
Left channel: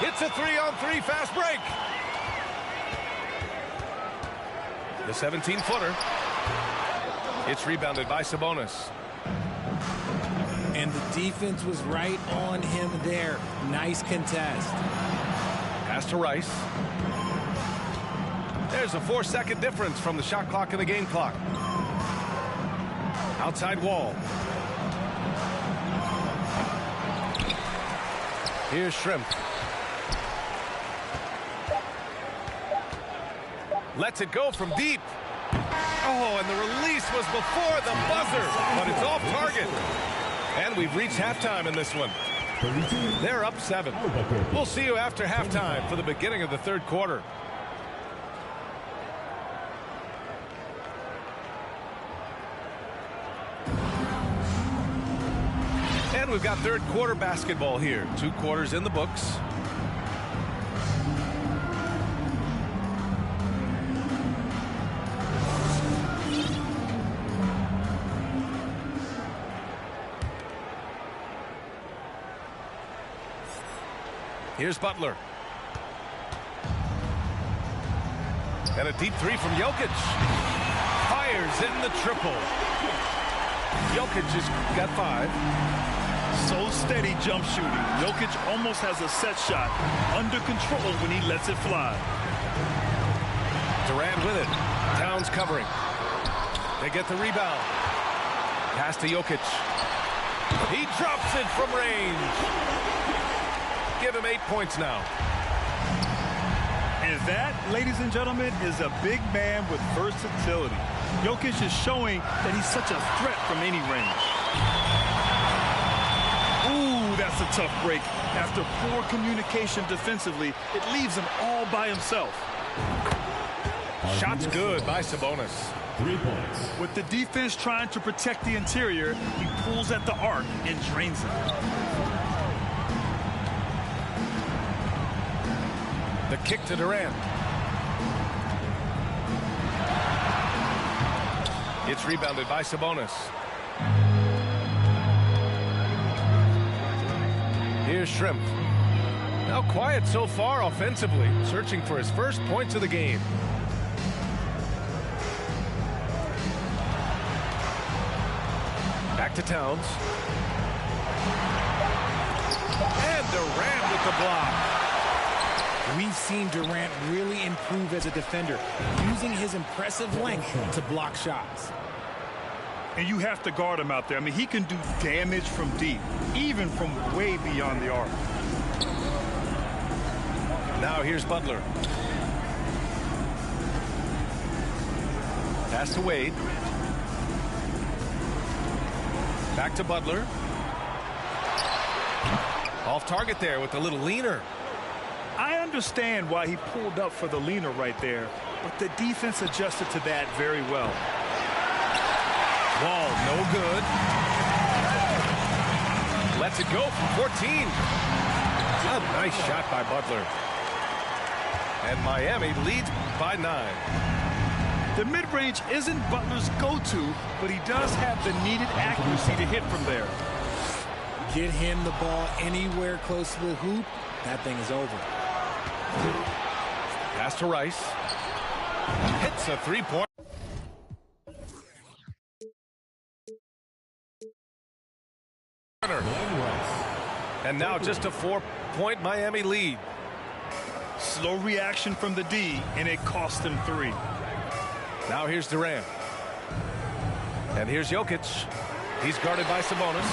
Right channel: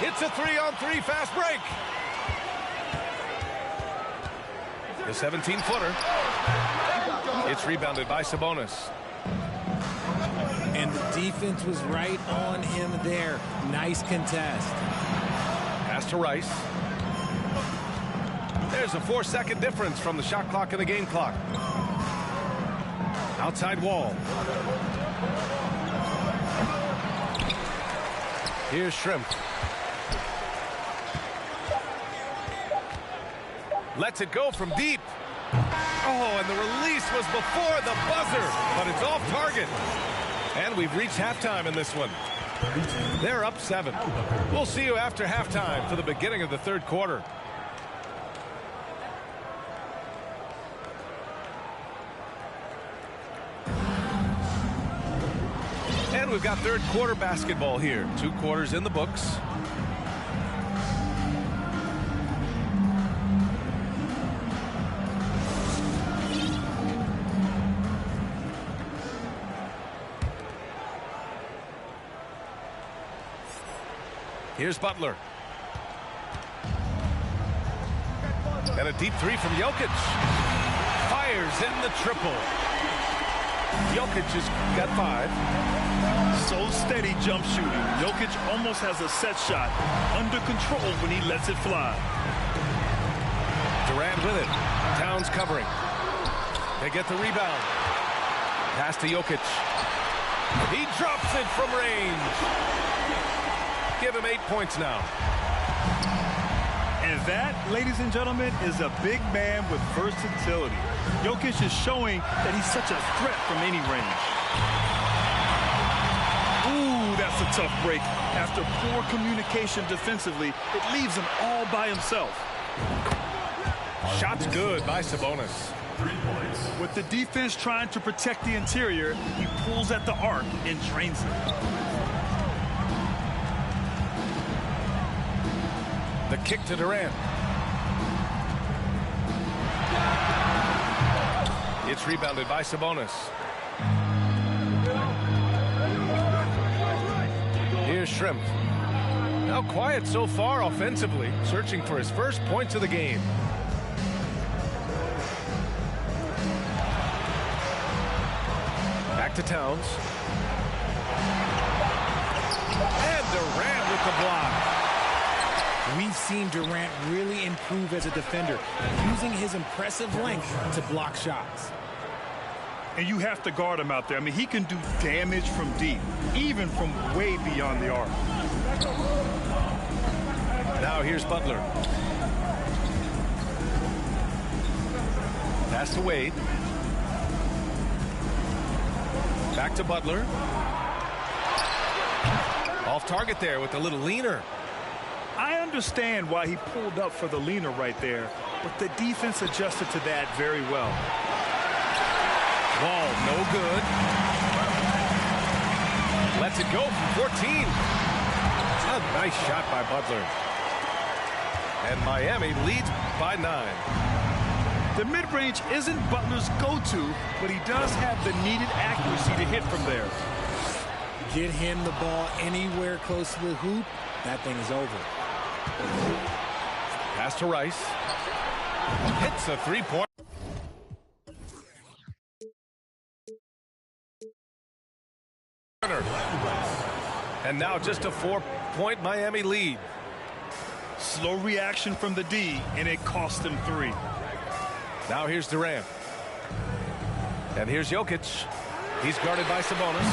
It's a 3-on-3 fast break. The 17-footer. It's rebounded by Sabonis. And the defense was right on him there. Nice contest. Pass to Rice. There's a 4-second difference from the shot clock and the game clock. Outside Wall. Here's Shrimp. Lets it go from deep. Oh, and the release was before the buzzer, but it's off target. And we've reached halftime in this one. They're up 7. We'll see you after halftime for the beginning of the third quarter. And we've got third quarter basketball here. 2 quarters in the books. Here's Butler. And a deep 3 from Jokic. Fires in the triple. Jokic has got 5. So steady jump shooting. Jokic almost has a set shot under control when he lets it fly. Durant with it. Towns covering. They get the rebound. Pass to Jokic. He drops it from range. Give him 8 points now. And that, ladies and gentlemen, is a big man with versatility. Jokic is showing that he's such a threat from any range. Ooh, that's a tough break. After poor communication defensively, it leaves him all by himself. Shot's good by Sabonis. 3 points. With the defense trying to protect the interior, he pulls at the arc and drains it. The kick to Durant. It's rebounded by Sabonis. Here's Shrimp. Now quiet so far offensively, searching for his first points of the game. Back to Towns. And Durant with the block. We've seen Durant really improve as a defender, using his impressive length to block shots. And you have to guard him out there. I mean, he can do damage from deep, even from way beyond the arc. Now here's Butler. Pass to Wade. Back to Butler. Off target there with a little leaner. I understand why he pulled up for the leaner right there, but the defense adjusted to that very well. Wall, no good. Lets it go from 14. A nice shot by Butler. And Miami leads by 9. The mid-range isn't Butler's go-to, but he does have the needed accuracy to hit from there. Get him the ball anywhere close to the hoop, that thing is over. Pass to Rice. Hits a three-point. And now just a 4-point Miami lead. Slow reaction from the D, and it cost him 3. Now here's Durant. And here's Jokic. He's guarded by Sabonis.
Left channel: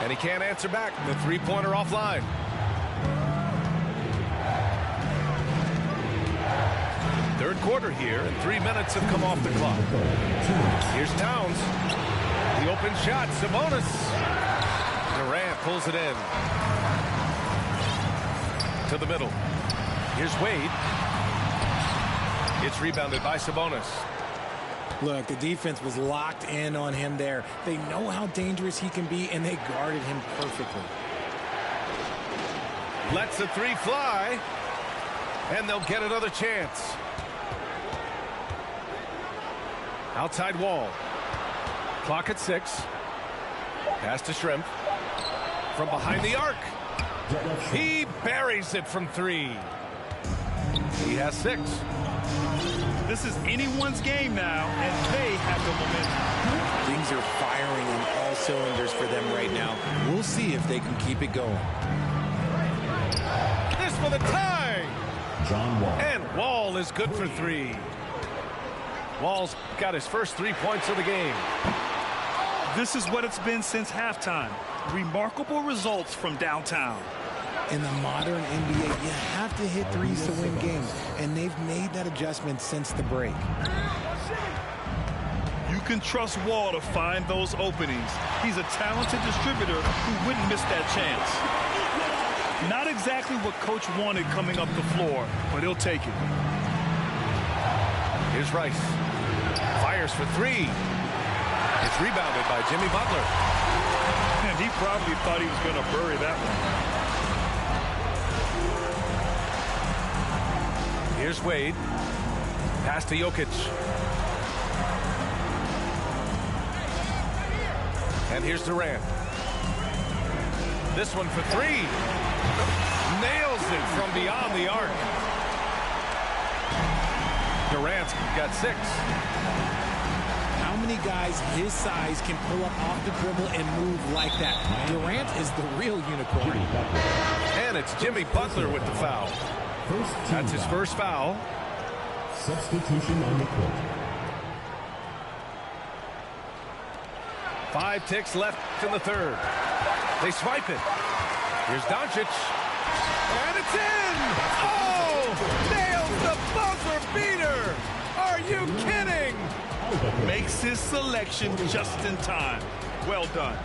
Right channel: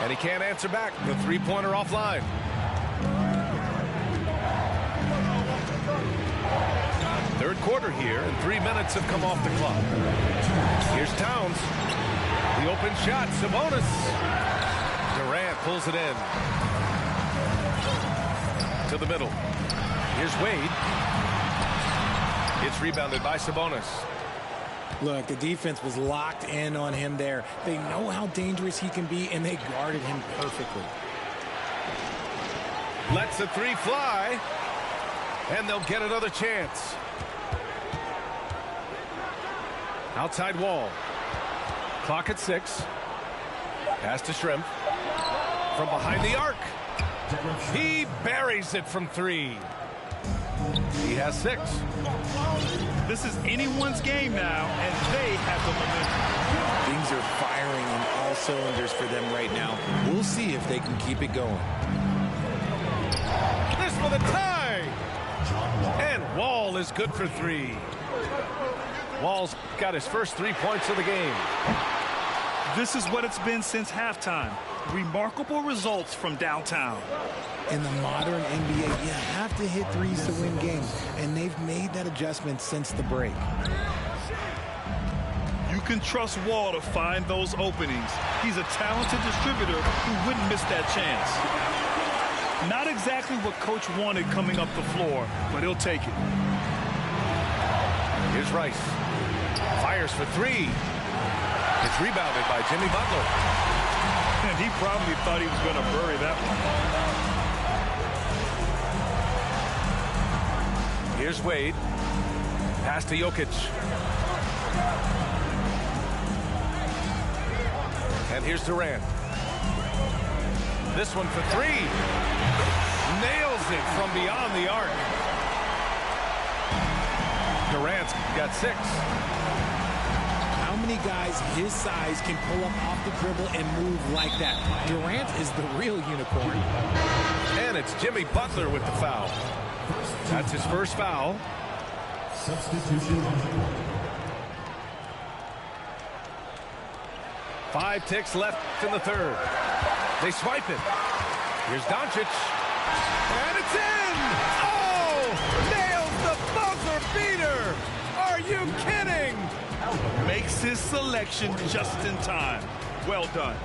And he can't answer back. The three-pointer offline. Third quarter here, and 3 minutes have come off the clock. Here's Towns. The open shot, Sabonis. Durant pulls it in. To the middle. Here's Wade. It's rebounded by Sabonis. Look, the defense was locked in on him there. They know how dangerous he can be, and they guarded him perfectly. Lets the three fly, and they'll get another chance. Outside Wall. Clock at 6. Pass to Shrimp. From behind the arc. He buries it from 3. He has 6. This is anyone's game now, and they have the momentum. Things are firing on all cylinders for them right now. We'll see if they can keep it going. This for the tie. And Wall is good for 3. Wall's got his first 3 points of the game. This is what it's been since halftime. Remarkable results from downtown. In the modern NBA, you have to hit threes to win games, and they've made that adjustment since the break. You can trust Wall to find those openings. He's a talented distributor who wouldn't miss that chance. Not exactly what Coach wanted coming up the floor, but he'll take it. Here's Rice. Fires for 3. It's rebounded by Jimmy Butler. And he probably thought he was going to bury that one. Here's Wade. Pass to Jokic. And here's Durant. This one for 3. Nails it from beyond the arc. Durant's got 6. How many guys his size can pull up off the dribble and move like that? Durant is the real unicorn. And it's Jimmy Butler with the foul. That's his first foul. Substitution on the court. 5 ticks left in the third. They swipe it. Here's Doncic. And it's in! Oh! Nails the buzzer beater! Are you kidding? Makes his selection just in time. Well done.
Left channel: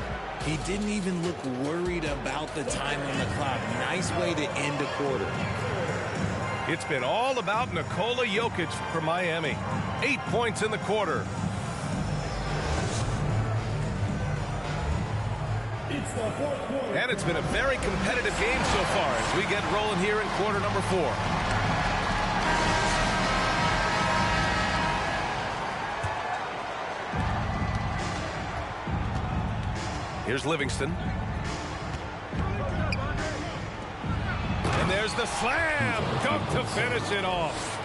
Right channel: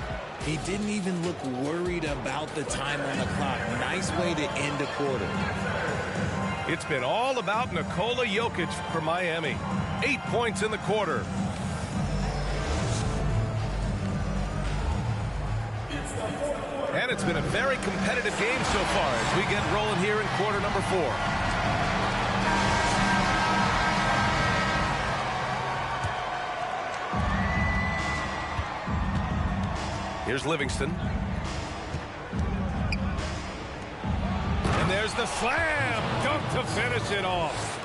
He didn't even look worried about the time on the clock. Nice way to end a quarter. It's been all about Nikola Jokic for Miami. 8 points in the quarter. And it's been a very competitive game so far as we get rolling here in quarter number 4. Here's Livingston. And there's the slam dunk to finish it off.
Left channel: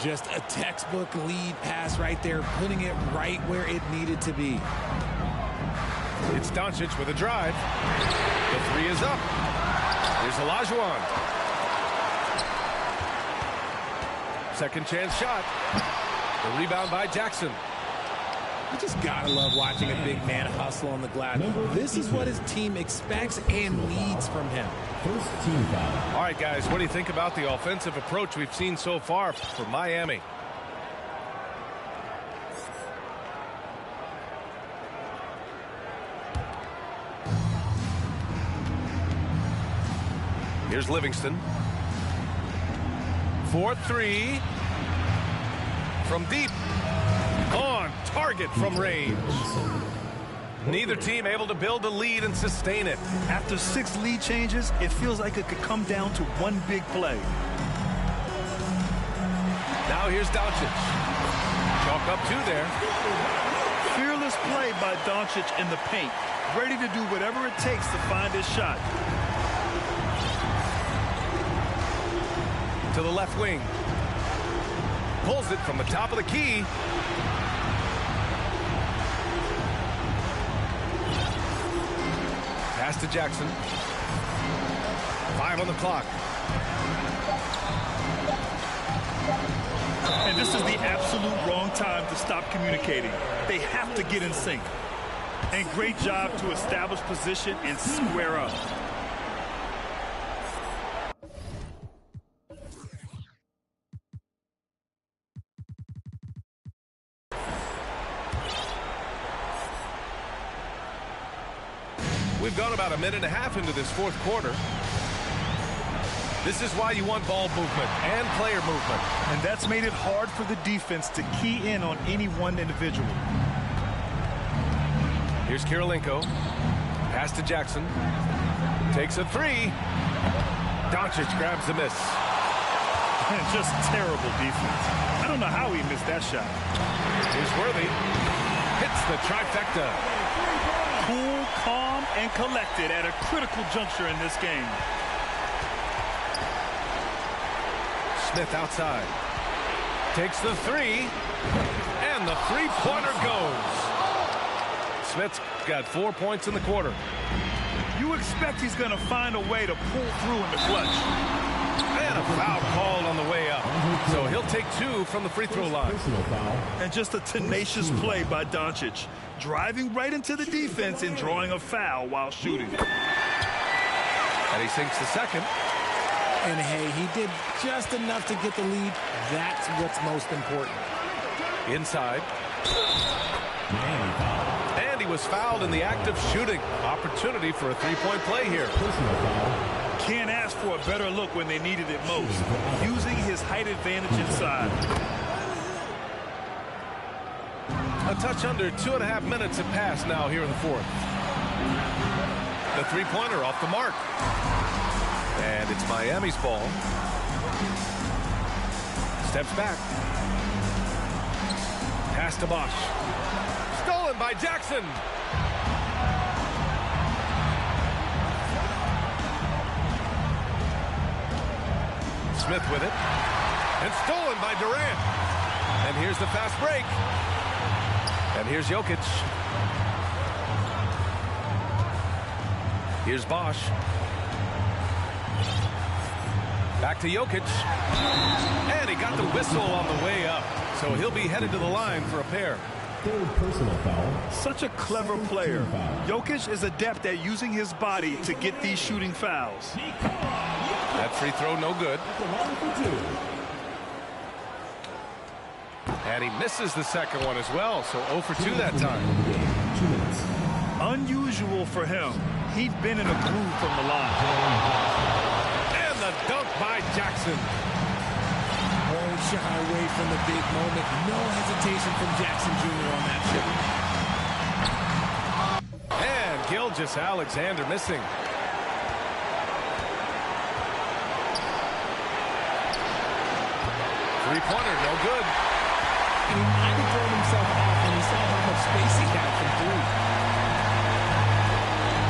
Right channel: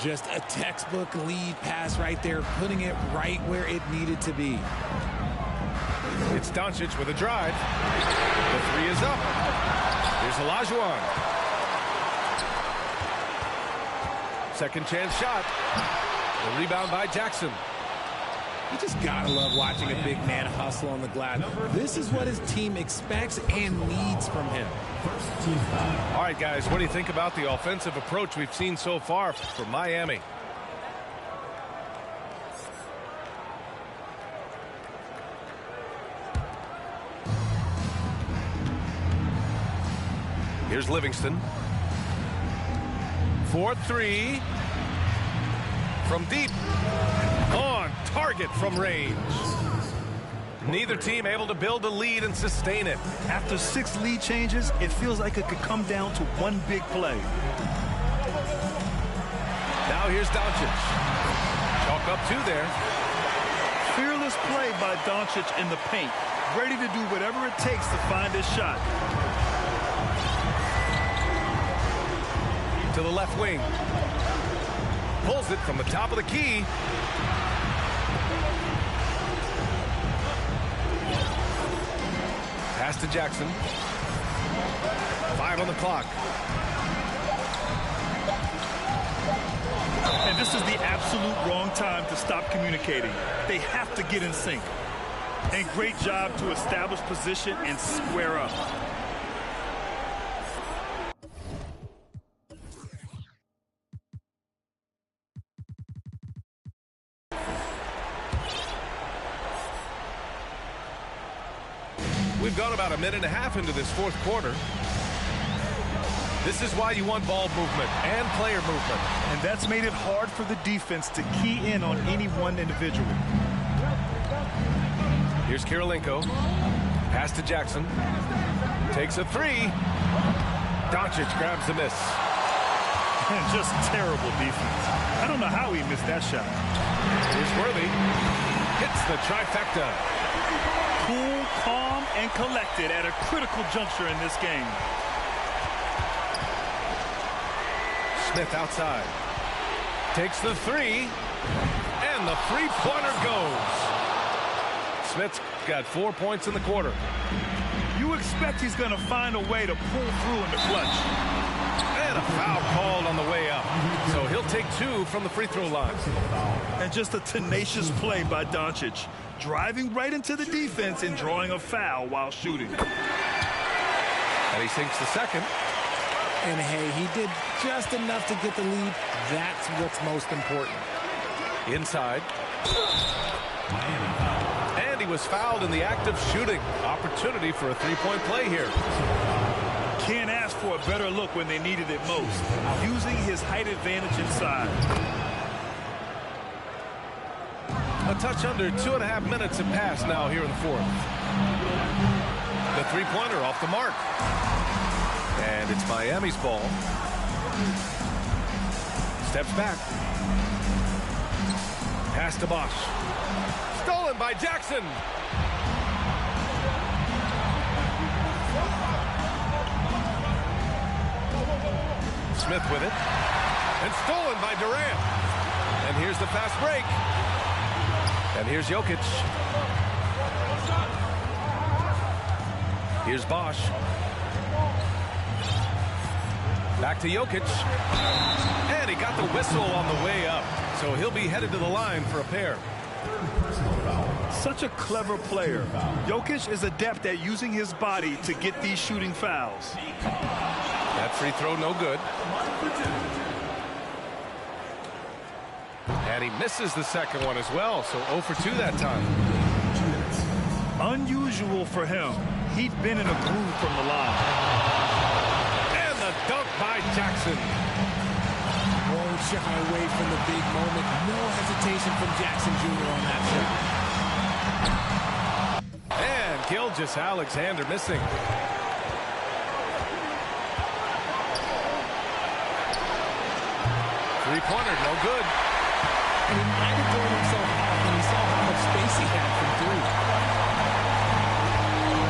Just a textbook lead pass right there, putting it right where it needed to be. It's Doncic with a drive. The three is up. Here's Olajuwon. Second chance shot. The rebound by Jackson. You just gotta love watching a big man hustle on the glass. This is what his team expects and needs from him. First team foul. All right, guys, what do you think about the offensive approach we've seen so far for Miami? Here's Livingston. 4-3 from deep. On target from range. Neither team able to build a lead and sustain it. After 6 lead changes, it feels like it could come down to one big play. Now here's Doncic. Chalk up 2 there. Fearless play by Doncic in the paint. Ready to do whatever it takes to find his shot. To the left wing. Pulls it from the top of the key. Pass to Jackson. 5 on the clock. And this is the absolute wrong time to stop communicating. They have to get in sync. And great job to establish position and square up. We've gone about a minute and a half into this fourth quarter. This is why you want ball movement and player movement. And that's made it hard for the defense to key in on any one individual. Here's Kirilenko. Pass to Jackson. Takes a 3. Doncic grabs the miss. And just terrible defense. I don't know how he missed that shot. Here's Worthy. Hits the trifecta. Cool, calm, and collected at a critical juncture in this game. Smith outside. Takes the 3. And the three-pointer goes. Smith's got 4 points in the quarter. You expect he's going to find a way to pull through in the clutch. And a foul called on the way up. So he'll take 2 from the free throw line. And just a tenacious play by Doncic. Driving right into the defense and drawing a foul while shooting. And he sinks the second. And hey, he did just enough to get the lead. That's what's most important. Inside. And he was fouled in the act of shooting. Opportunity for a three-point play here. Can't ask for a better look when they needed it most. Using his height advantage inside. A touch under 2.5 minutes have passed now here in the fourth. The three-pointer off the mark. And it's Miami's ball. Steps back. Pass to Bosch. Stolen by Jackson. Smith with it. And stolen by Durant. And here's the fast break. And here's Jokic. Here's Bosch. Back to Jokic. And he got the whistle on the way up. So he'll be headed to the line for a pair. Third personal foul. Such a clever player. Jokic is adept at using his body to get these shooting fouls. That free throw no good. At the line for 2. And he misses the second one as well, so 0 for 2 that time. 2 minutes. Unusual for him. He'd been in a groove from the line. And the dunk by Jackson. Won't shy away from the big moment. No hesitation from Jackson Jr. on that shot. And Gilgeous-Alexander missing. Three-pointer, no good. And he might have thrown himself off when he saw how much space he had from 3.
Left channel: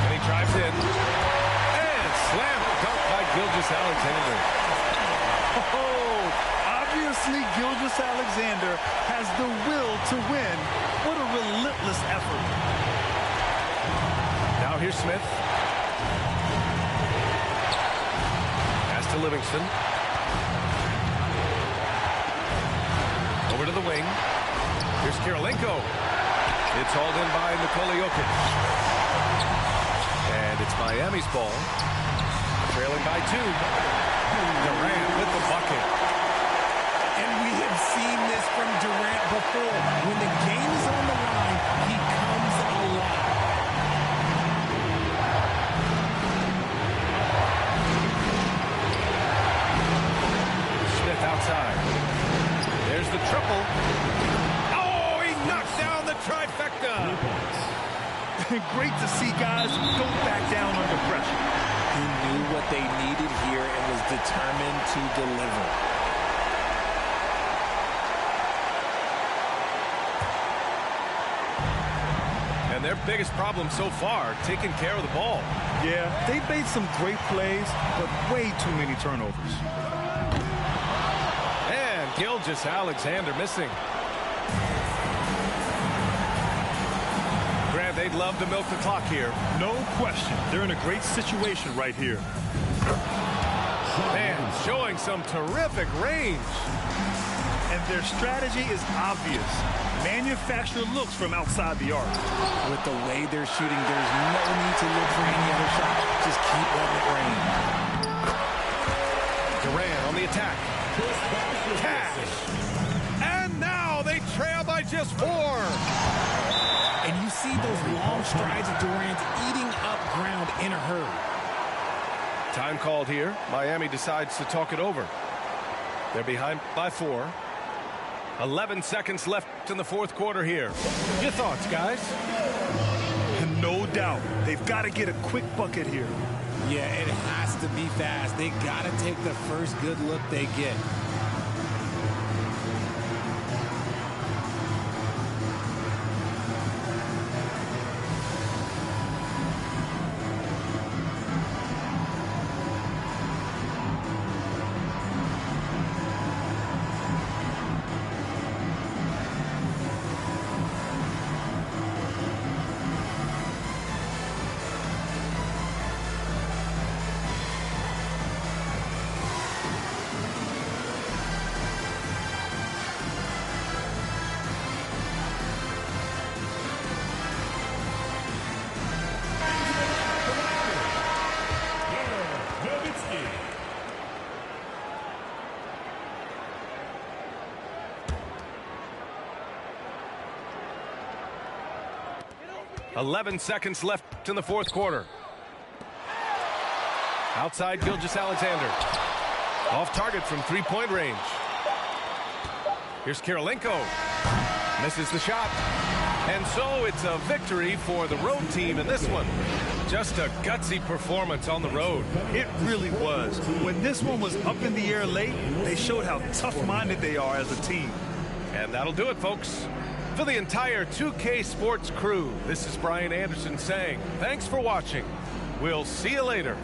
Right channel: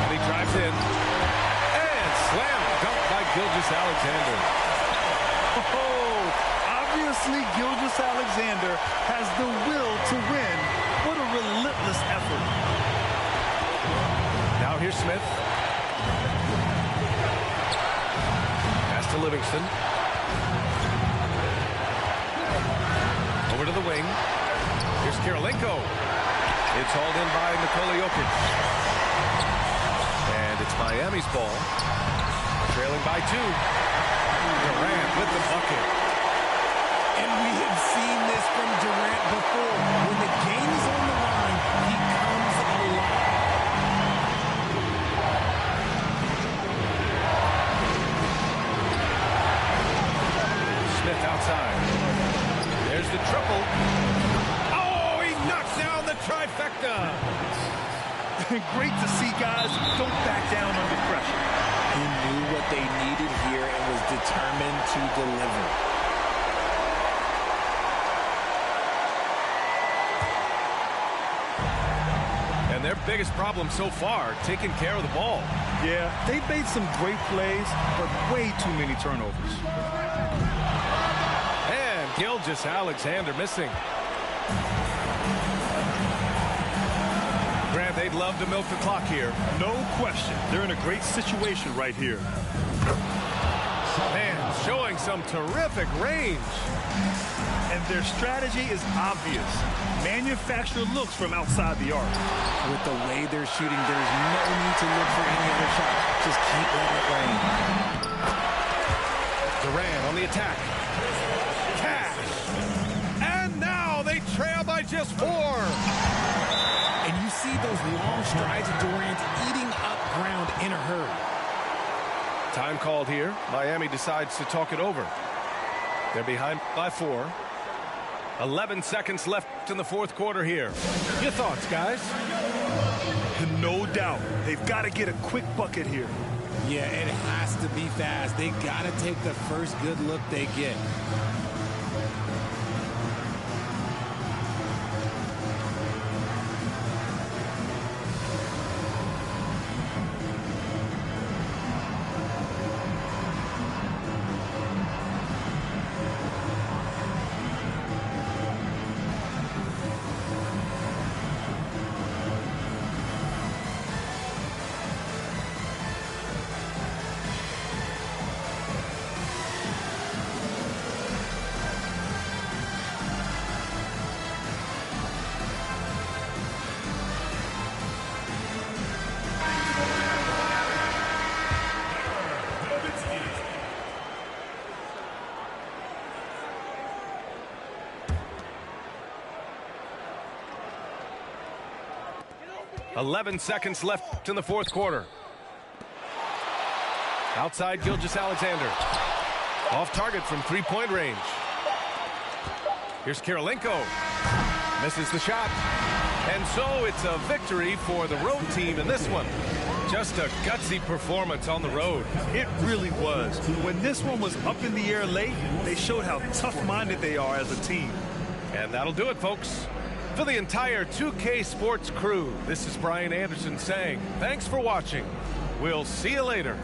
And he drives in. And slam dunk by Gilgeous-Alexander. Oh, obviously Gilgeous-Alexander has the will to win. What a relentless effort. Now here's Smith. Pass to Livingston. Over to the wing. Here's Kirilenko. It's hauled in by Nikola Jokic. And it's Miami's ball. Trailing by 2. Durant with the bucket. And we have seen this from Durant before. When the game is on the line, he comes alive. Smith outside. There's the triple. Oh, he knocks down the trifecta. Great to see guys don't back down under pressure. He knew what they needed here and was determined to deliver. And their biggest problem so far, taking care of the ball. Yeah, they made some great plays, but way too many turnovers. And Gilgeous-Alexander missing. Grant, they'd love to milk the clock here. No question. They're in a great situation right here. Man, showing some terrific range. And their strategy is obvious. Manufacture looks from outside the arc. With the way they're shooting, there's no need to look for any other shot. Just keep letting it rain. Durant on the attack. Cash. And now they trail by just 4. And you see those long strides of Durant eating up ground in a hurry. Time called here. Miami decides to talk it over. They're behind by 4. 11 seconds left in the fourth quarter here. Your thoughts, guys? No doubt. They've got to get a quick bucket here. Yeah, it has to be fast. They got to take the first good look they get. Nowitzki. 11 seconds left in the fourth quarter. Outside Gilgeous-Alexander. Off target from three-point range. Here's Kirilenko. Misses the shot. And so it's a victory for the road team in this one. Just a gutsy performance on the road. It really was. When this one was up in the air late, they showed how tough-minded they are as a team. And that'll do it, folks. For the entire 2K Sports crew, this is Brian Anderson saying thanks for watching. We'll see you later.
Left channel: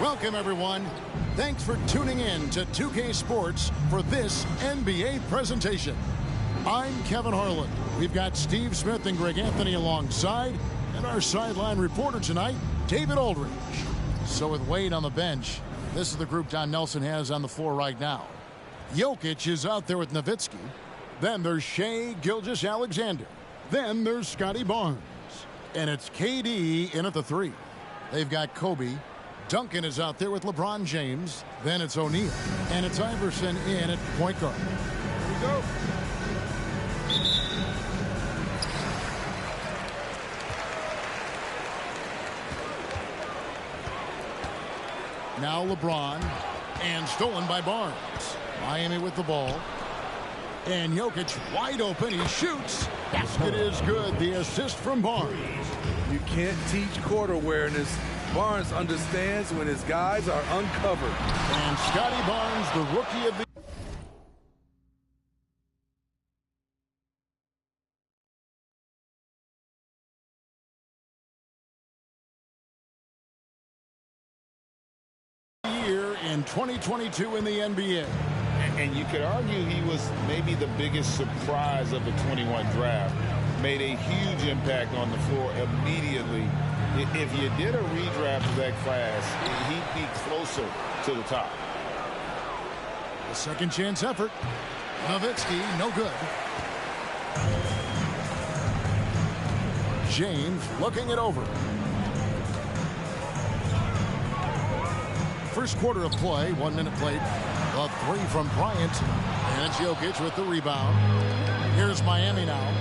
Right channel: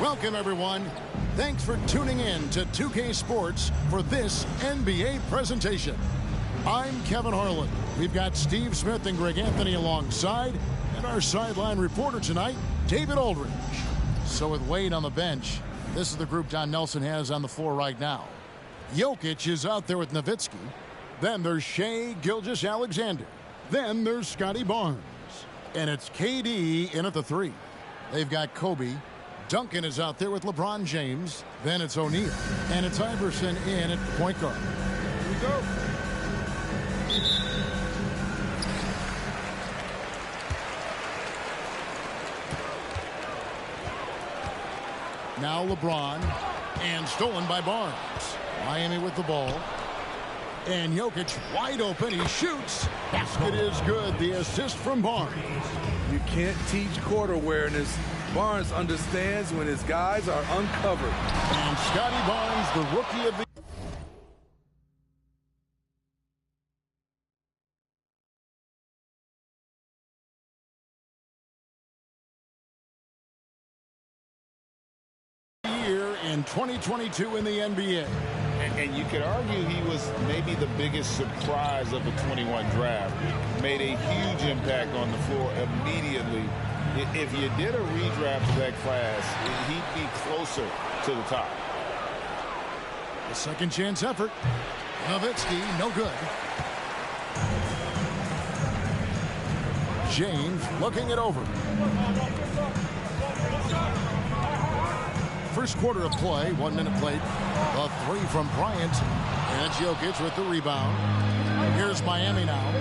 Welcome, everyone. Thanks for tuning in to 2K Sports for this NBA presentation. I'm Kevin Harlan. We've got Steve Smith and Greg Anthony alongside, and our sideline reporter tonight, David Aldridge. So with Wade on the bench, this is the group Don Nelson has on the floor right now. Jokic is out there with Nowitzki. Then there's Shai Gilgeous-Alexander. Then there's Scotty Barnes. And it's KD in at the 3. They've got Kobe. Duncan is out there with LeBron James. Then it's O'Neal. And it's Iverson in at the point guard. Here we go. Now LeBron. And stolen by Barnes. Miami with the ball. And Jokic wide open. He shoots. Basket is good. The assist from Barnes. You can't teach court awareness. Barnes understands when his guys are uncovered. And Scotty Barnes, the rookie of the year in 2022 in the NBA. And you could argue he was maybe the biggest surprise of the 21 draft. Made a huge impact on the floor immediately. If you did a redraft of that class, he'd be closer to the top. The second chance effort. Nowitzki, no good. James looking it over. First quarter of play, 1 minute played. The 3 from Bryant. And it's Jokic with the rebound. Here's Miami now.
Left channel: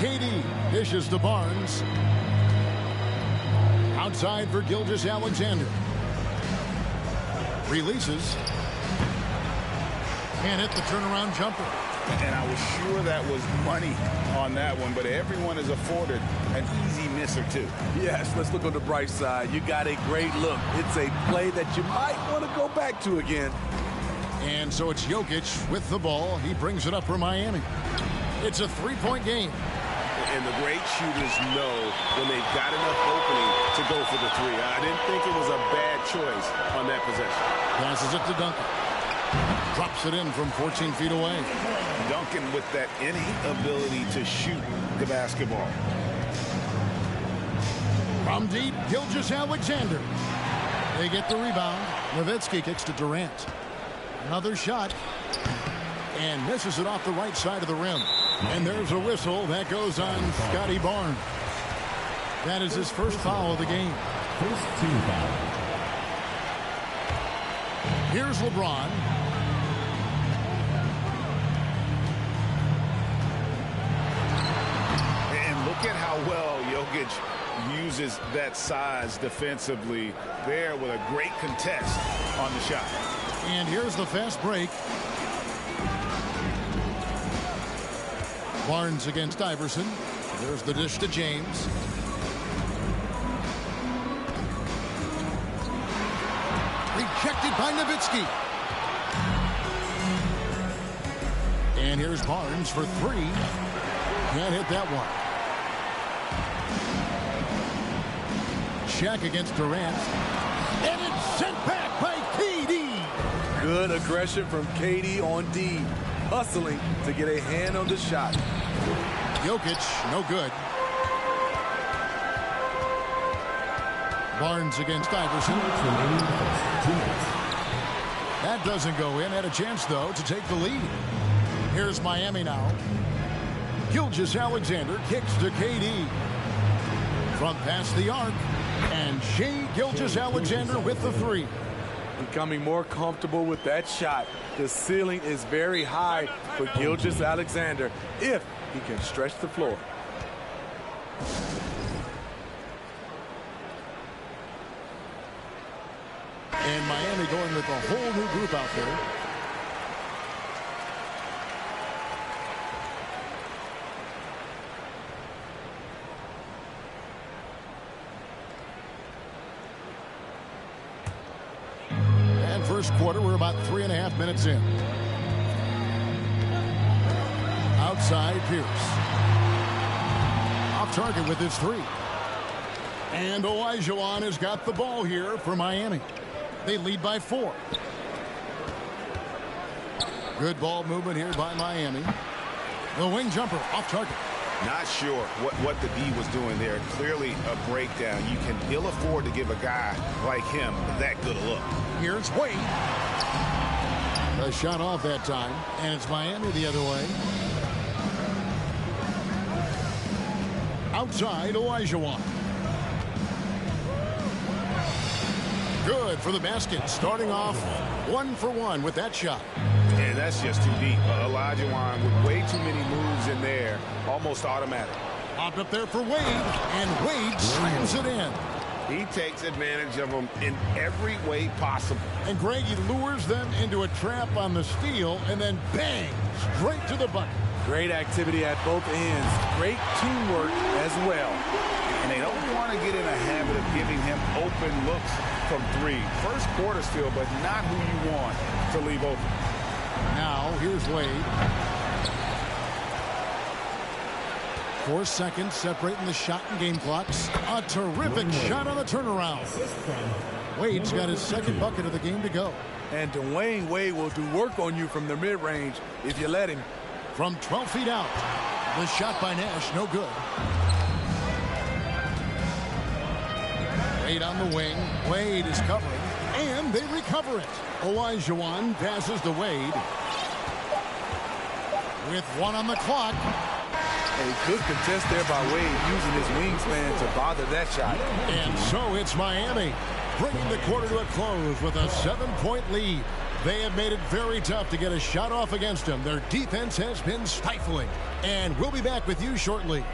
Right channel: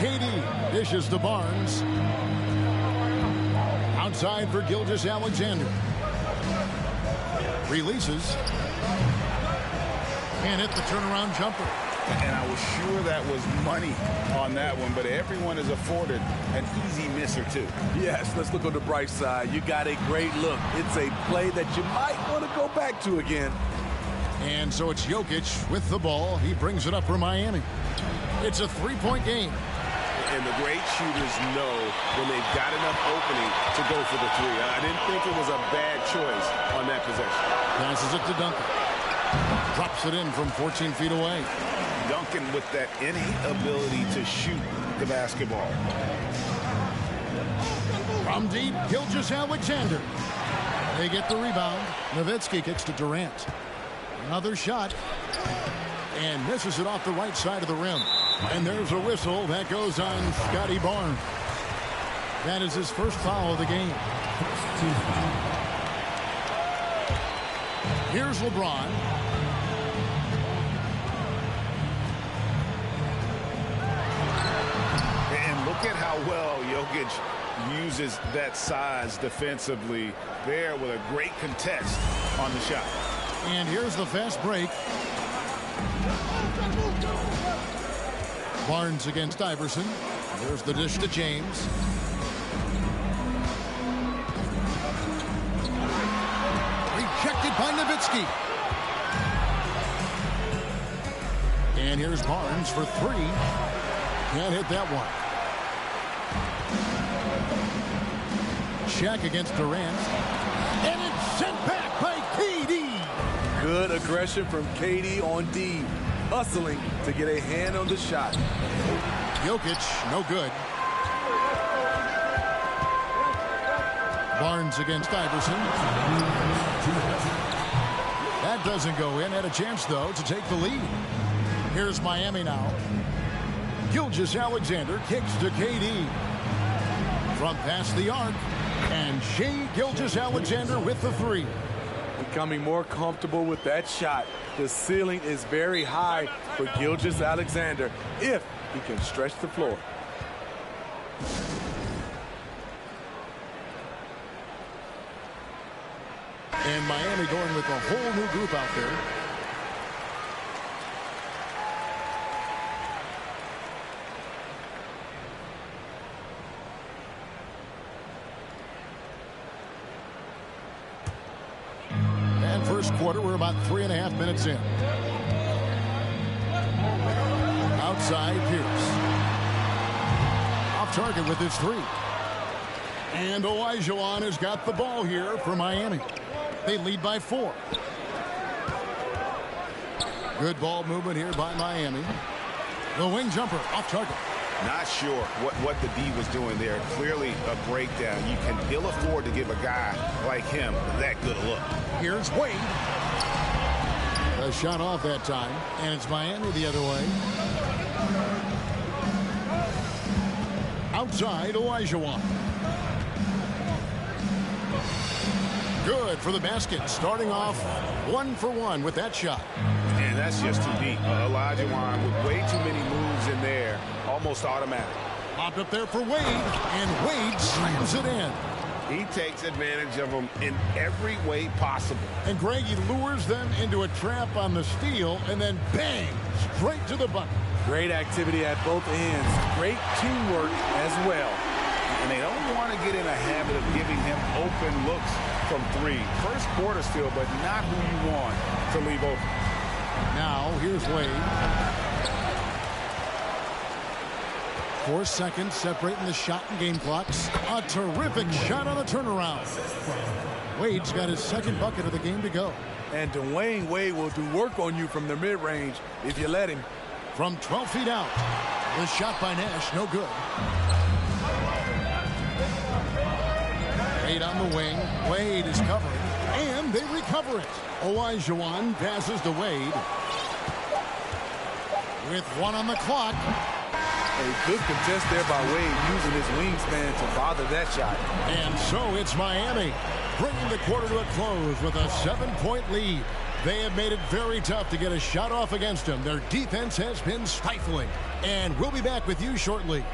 KD dishes to Barnes. Outside for Gilgeous-Alexander. Releases. And hit the turnaround jumper. And I was sure that was money on that one, but everyone is afforded an easy miss or two. Yes, let's look on the bright side. You got a great look. It's a play that you might want to go back to again. And so it's Jokic with the ball. He brings it up for Miami. It's a 3-point game. And the great shooters know when they've got enough opening to go for the 3. I didn't think it was a bad choice on that possession. Passes it to Duncan. Drops it in from 14 feet away. Duncan with that innate ability to shoot the basketball. From deep, Gilgeous-Alexander. They get the rebound. Nowitzki kicks to Durant. Another shot. And misses it off the right side of the rim. And there's a whistle that goes on Scotty Barnes. That is his first foul of the game. Here's LeBron. And look at how well Jokic uses that size defensively there with a great contest on the shot. And here's the fast break. Barnes against Iverson. There's the dish to James. Rejected by Nowitzki. And here's Barnes for 3. Can't hit that one. Check against Durant. And it's sent back by KD. Good aggression from KD on D. Hustling to get a hand on the shot. Jokic, no good. Barnes against Iverson. That doesn't go in. Had a chance, though, to take the lead. Here's Miami now. Gilgeous-Alexander kicks to KD. From past the arc. And Shai Gilgeous-Alexander with the 3. Becoming more comfortable with that shot. The ceiling is very high for Gilgeous-Alexander if he can stretch the floor. And Miami going with a whole new group out there. And first quarter, we're about 3.5 minutes in. Outside, Pierce. Off target with his 3. And Olajuwon has got the ball here for Miami. They lead by 4. Good ball movement here by Miami. The wing jumper off target. Not sure what the D was doing there. Clearly a breakdown. You can ill afford to give a guy like him that good a look. Here's Wade. A shot off that time, and it's Miami the other way. Outside, Olajuwon. Good for the basket. Starting off 1 for 1 with that shot. And that's just too deep. Olajuwon with way too many moves in there. Almost automatic. Popped up there for Wade, and Wade slams it in. He takes advantage of them in every way possible. And Greg, he lures them into a trap on the steal, and then bang, straight to the bucket. Great activity at both ends. Great teamwork as well. And they don't want to get in a habit of giving him open looks from 3. First quarter still, but not who you want to leave open. Now, here's Wade. 4 seconds separating the shot and game clocks. A terrific shot on the turnaround. Wade's got his second bucket of the game to go. And Dwayne Wade will do work on you from the mid-range if you let him. From 12 feet out. The shot by Nash, no good. Wade on the wing. Wade is covering, and they recover it. Olajuwon passes to Wade. With 1 on the clock. A good contest there by Wade, using his wingspan to bother that shot. And so it's Miami, bringing the quarter to a close with a 7-point lead. They have made it very tough to get a shot off against them. Their defense has been stifling. And we'll be back with you shortly.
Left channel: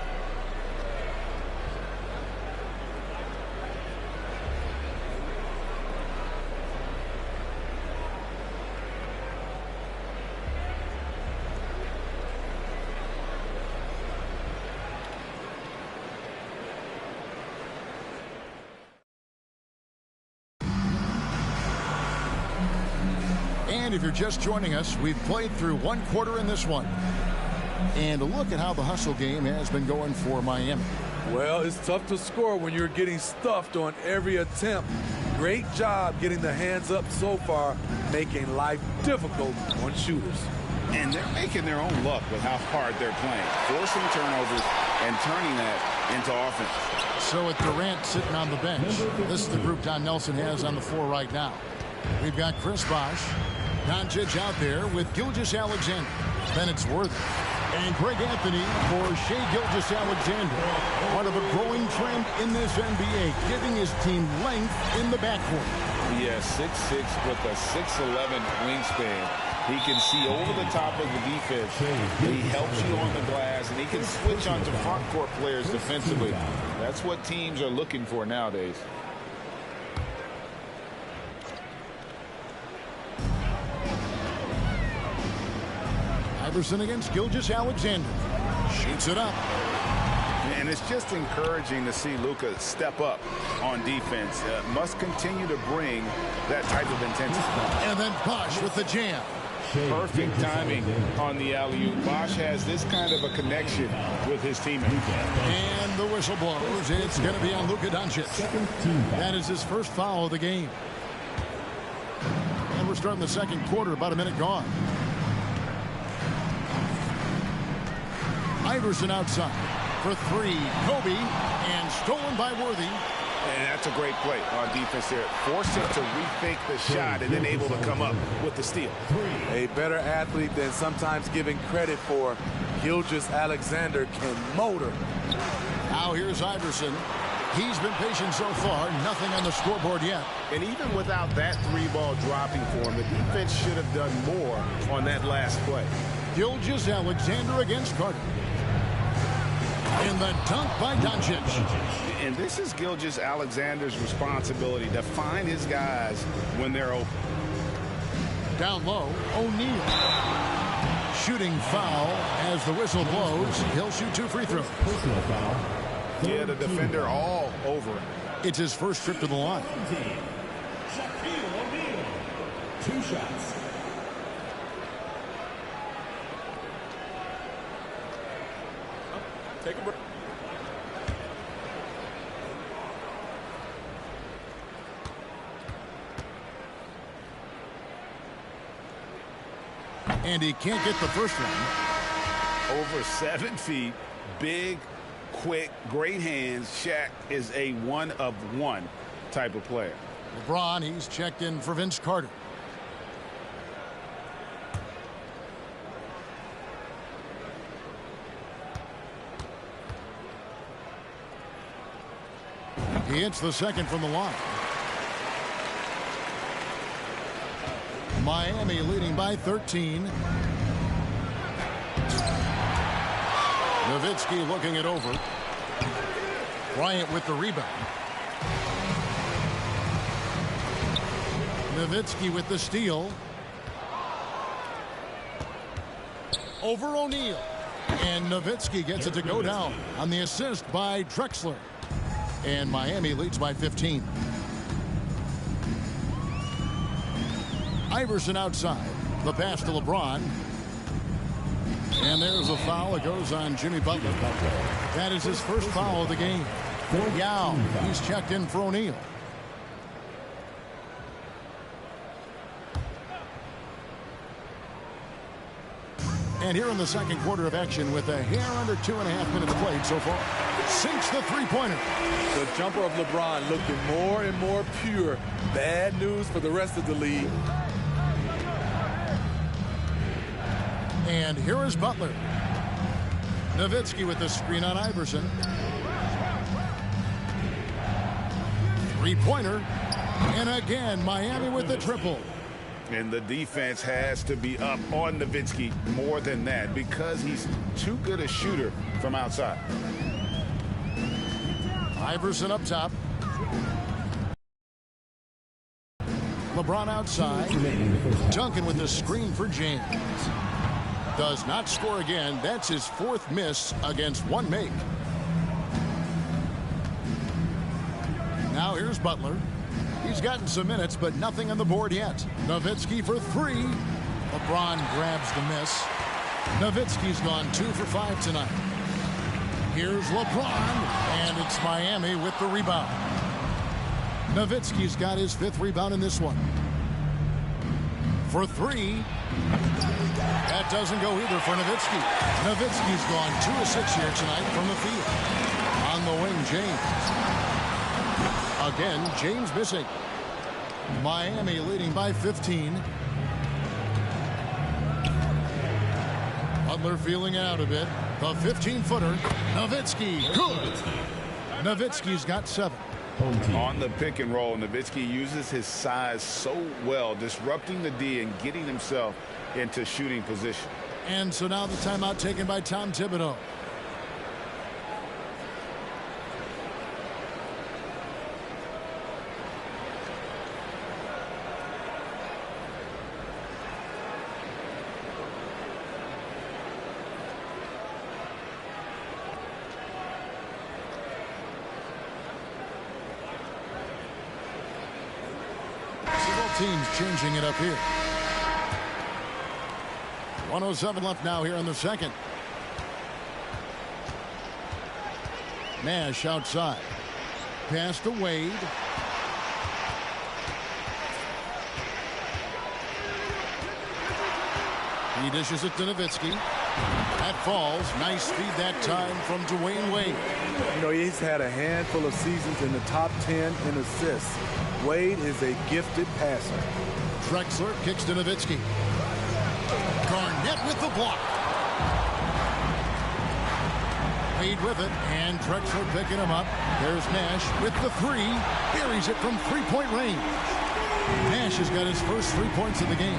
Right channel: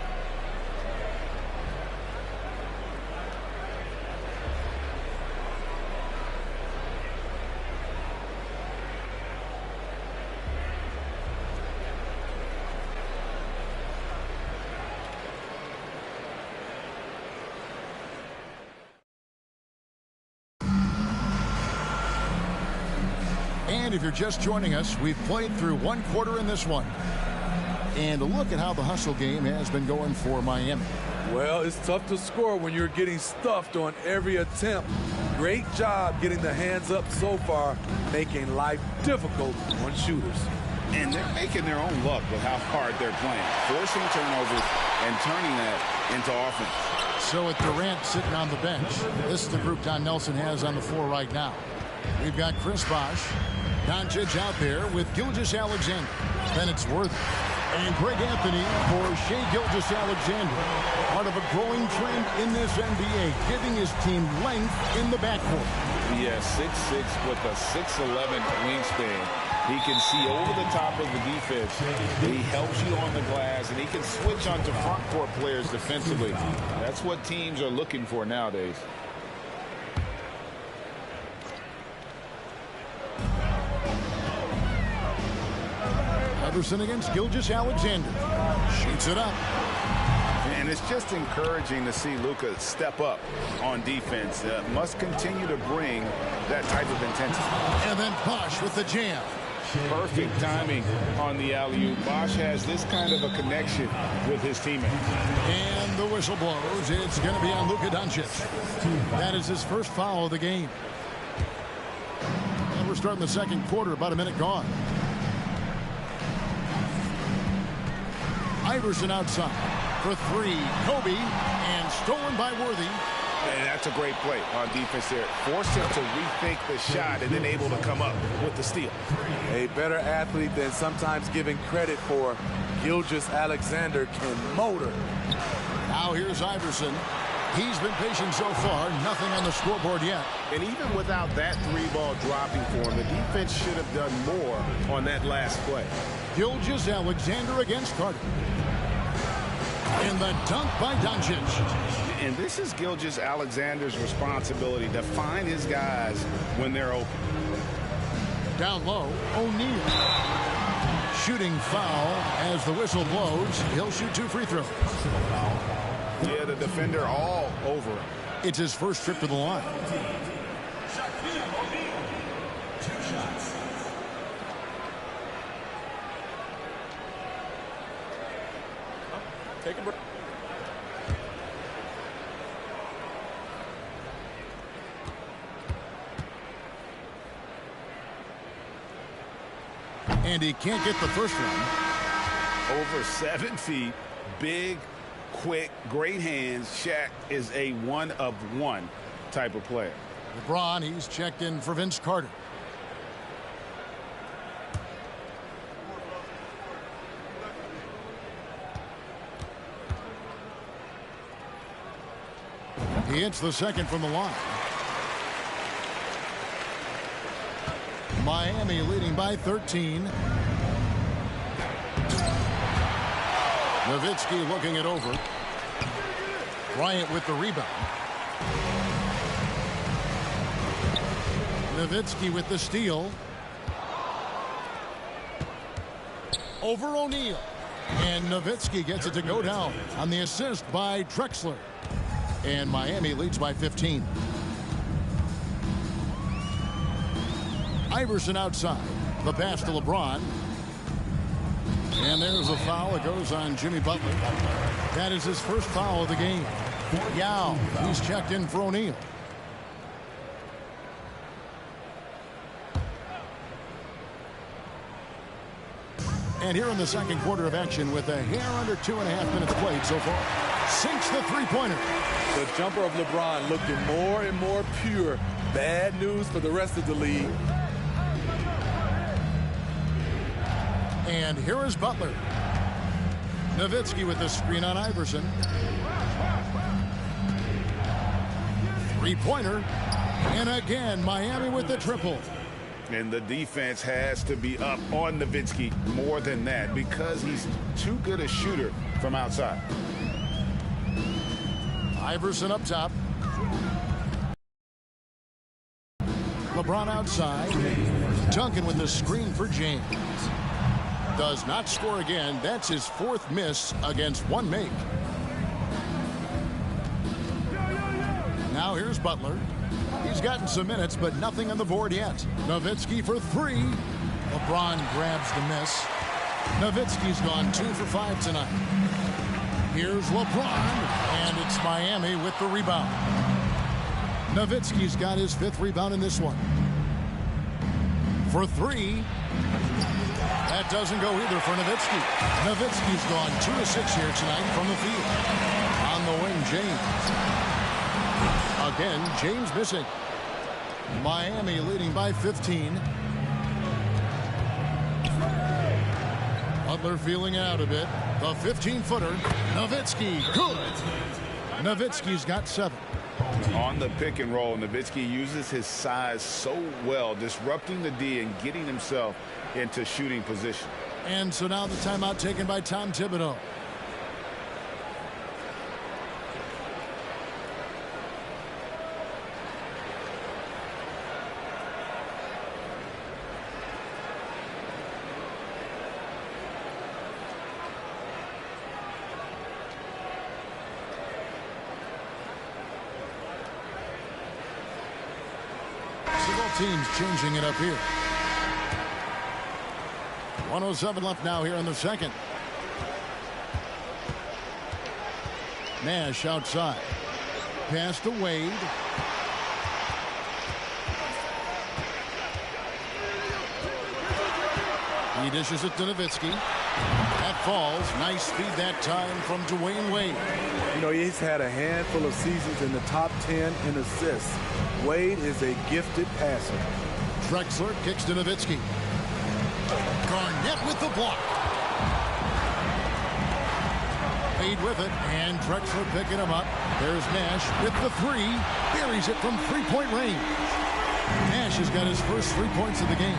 And if you're just joining us, we've played through 1 quarter in this one. And a look at how the hustle game has been going for Miami. Well, it's tough to score when you're getting stuffed on every attempt. Great job getting the hands up so far, making life difficult on shooters. And they're making their own luck with how hard they're playing, forcing turnovers and turning that into offense. So with Durant sitting on the bench, this is the group Don Nelson has on the floor right now. We've got Chris Bosh, Doncic out there with Gilgeous-Alexander. Then it's Worthy. And Greg Anthony for Shai Gilgeous-Alexander. Part of a growing trend in this NBA, giving his team length in the backcourt. Yeah, 6'6" with a 6'11" wingspan. He can see over the top of the defense. He helps you on the glass, and he can switch onto front court players defensively. That's what teams are looking for nowadays. Iverson against Gilgeous-Alexander. Shoots it up. And it's just encouraging to see Luka step up on defense. Must continue to bring that type of intensity. And then Bosh with the jam. Perfect timing on the alley-oop. Bosh has this kind of a connection with his teammates. And the whistle blows. It's going to be on Luka Doncic. That is his first foul of the game. And we're starting the second quarter, about a minute gone. Iverson outside for 3. Kobe, and stolen by Worthy. And that's a great play on defense there. Forced him to rethink the shot and then able to come up with the steal. A better athlete than sometimes given credit for. Gilgeous-Alexander can motor. Now here's Iverson. He's been patient so far. Nothing on the scoreboard yet. And even without that 3-ball dropping for him, the defense should have done more on that last play. Gilgeous-Alexander against Carter. And the dunk by Doncic. And this is Gilgeous-Alexander's responsibility to find his guys when they're open. Down low, O'Neal. Shooting foul as the whistle blows. He'll shoot 2 free throws. Yeah, the defender all over him. It's his first trip to the line. 2 shots. Take a break. And he can't get the first one. Over 7 feet, big, quick, great hands. Shaq is a one-of-one type of player. LeBron, he's checked in for Vince Carter. He hits the second from the line. Miami leading by 13. Nowitzki looking it over. Bryant with the rebound. Nowitzki with the steal. Over O'Neal. And Nowitzki gets it to go down on the assist by Drexler. And Miami leads by 15. Iverson outside. The pass to LeBron. And there's a foul. It goes on Jimmy Butler. That is his first foul of the game. Yao, he's checked in for O'Neal. And here in the second quarter of action with a hair under 2.5 minutes played so far. Sinks the three-pointer. The jumper of LeBron looking more and more pure. Bad news for the rest of the league. And here is Butler. Nowitzki with the screen on Iverson. Three-pointer. And again, Miami with the triple. And the defense has to be up on Nowitzki more than that because he's too good a shooter from outside. Iverson up top. LeBron outside. Duncan with the screen for James. Does not score again. That's his fourth miss against one make. Now here's Butler. He's gotten some minutes, but nothing on the board yet. Nowitzki for three. LeBron grabs the miss. Nowitzki's gone 2 for 5 tonight. Here's LeBron, and it's Miami with the rebound. Nowitzki's got his 5th rebound in this one. For three. That doesn't go either for Nowitzki. Nowitzki's gone 2 of 6 here tonight from the field. On the wing, James. Again, James missing. Miami leading by 15. Butler feeling out a bit. The 15-footer. Nowitzki. Good. Nowitzki's got 7. On the pick and roll, Nowitzki uses his size so well, disrupting the D and getting himself into shooting position. And so now the timeout taken by Tom Thibodeau. Teams changing it up here. 1:07 left now here in the second. Nash outside. Pass to Wade. He dishes it to Nowitzki. That falls. Nice feed that time from Dwayne Wade. You know, he's had a handful of seasons in the top 10 in assists. Wade is a gifted passer. Drexler kicks to Nowitzki. Garnett with the block. Wade with it, and Drexler picking him up. There's Nash with the three. Buries it from three-point range. Nash has got his first 3 points of the game.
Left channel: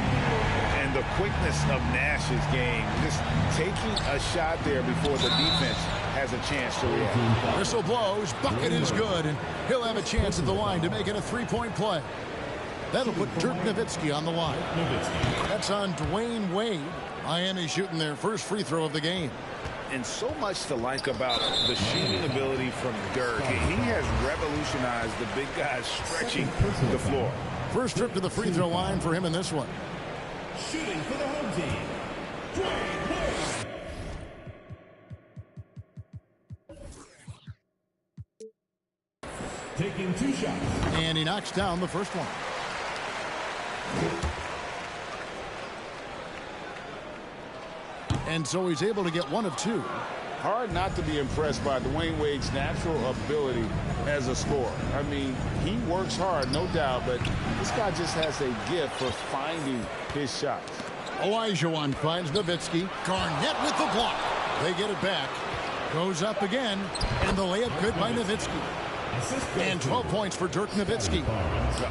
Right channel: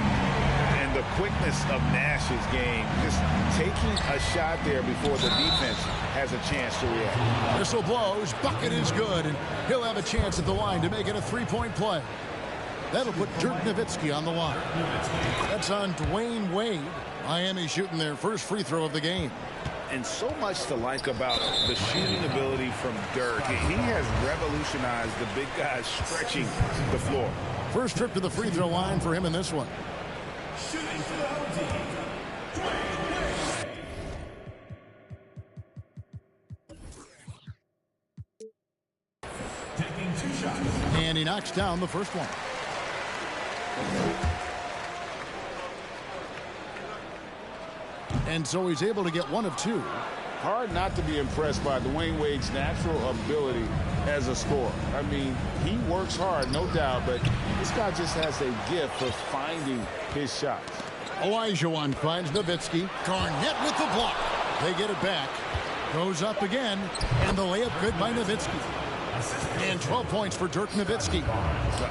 And the quickness of Nash's game, just taking a shot there before the defense has a chance to react. Whistle blows, bucket is good, and he'll have a chance at the line to make it a 3-point play. That'll put Dirk Nowitzki on the line. That's on Dwayne Wade. Miami shooting their first free throw of the game. And so much to like about the shooting ability from Dirk. He has revolutionized the big guys stretching the floor. First trip to the free throw line for him in this one. Shooting for the home team. Taking 2 shots. And he knocks down the first one. And so he's able to get one of two. Hard not to be impressed by Dwayne Wade's natural ability as a scorer. I mean, he works hard, no doubt, but this guy just has a gift for finding his shots. Olajuwon finds Nowitzki. Garnett with the block. They get it back. Goes up again, and the layup good by Nowitzki. And 12 points for Dirk Nowitzki.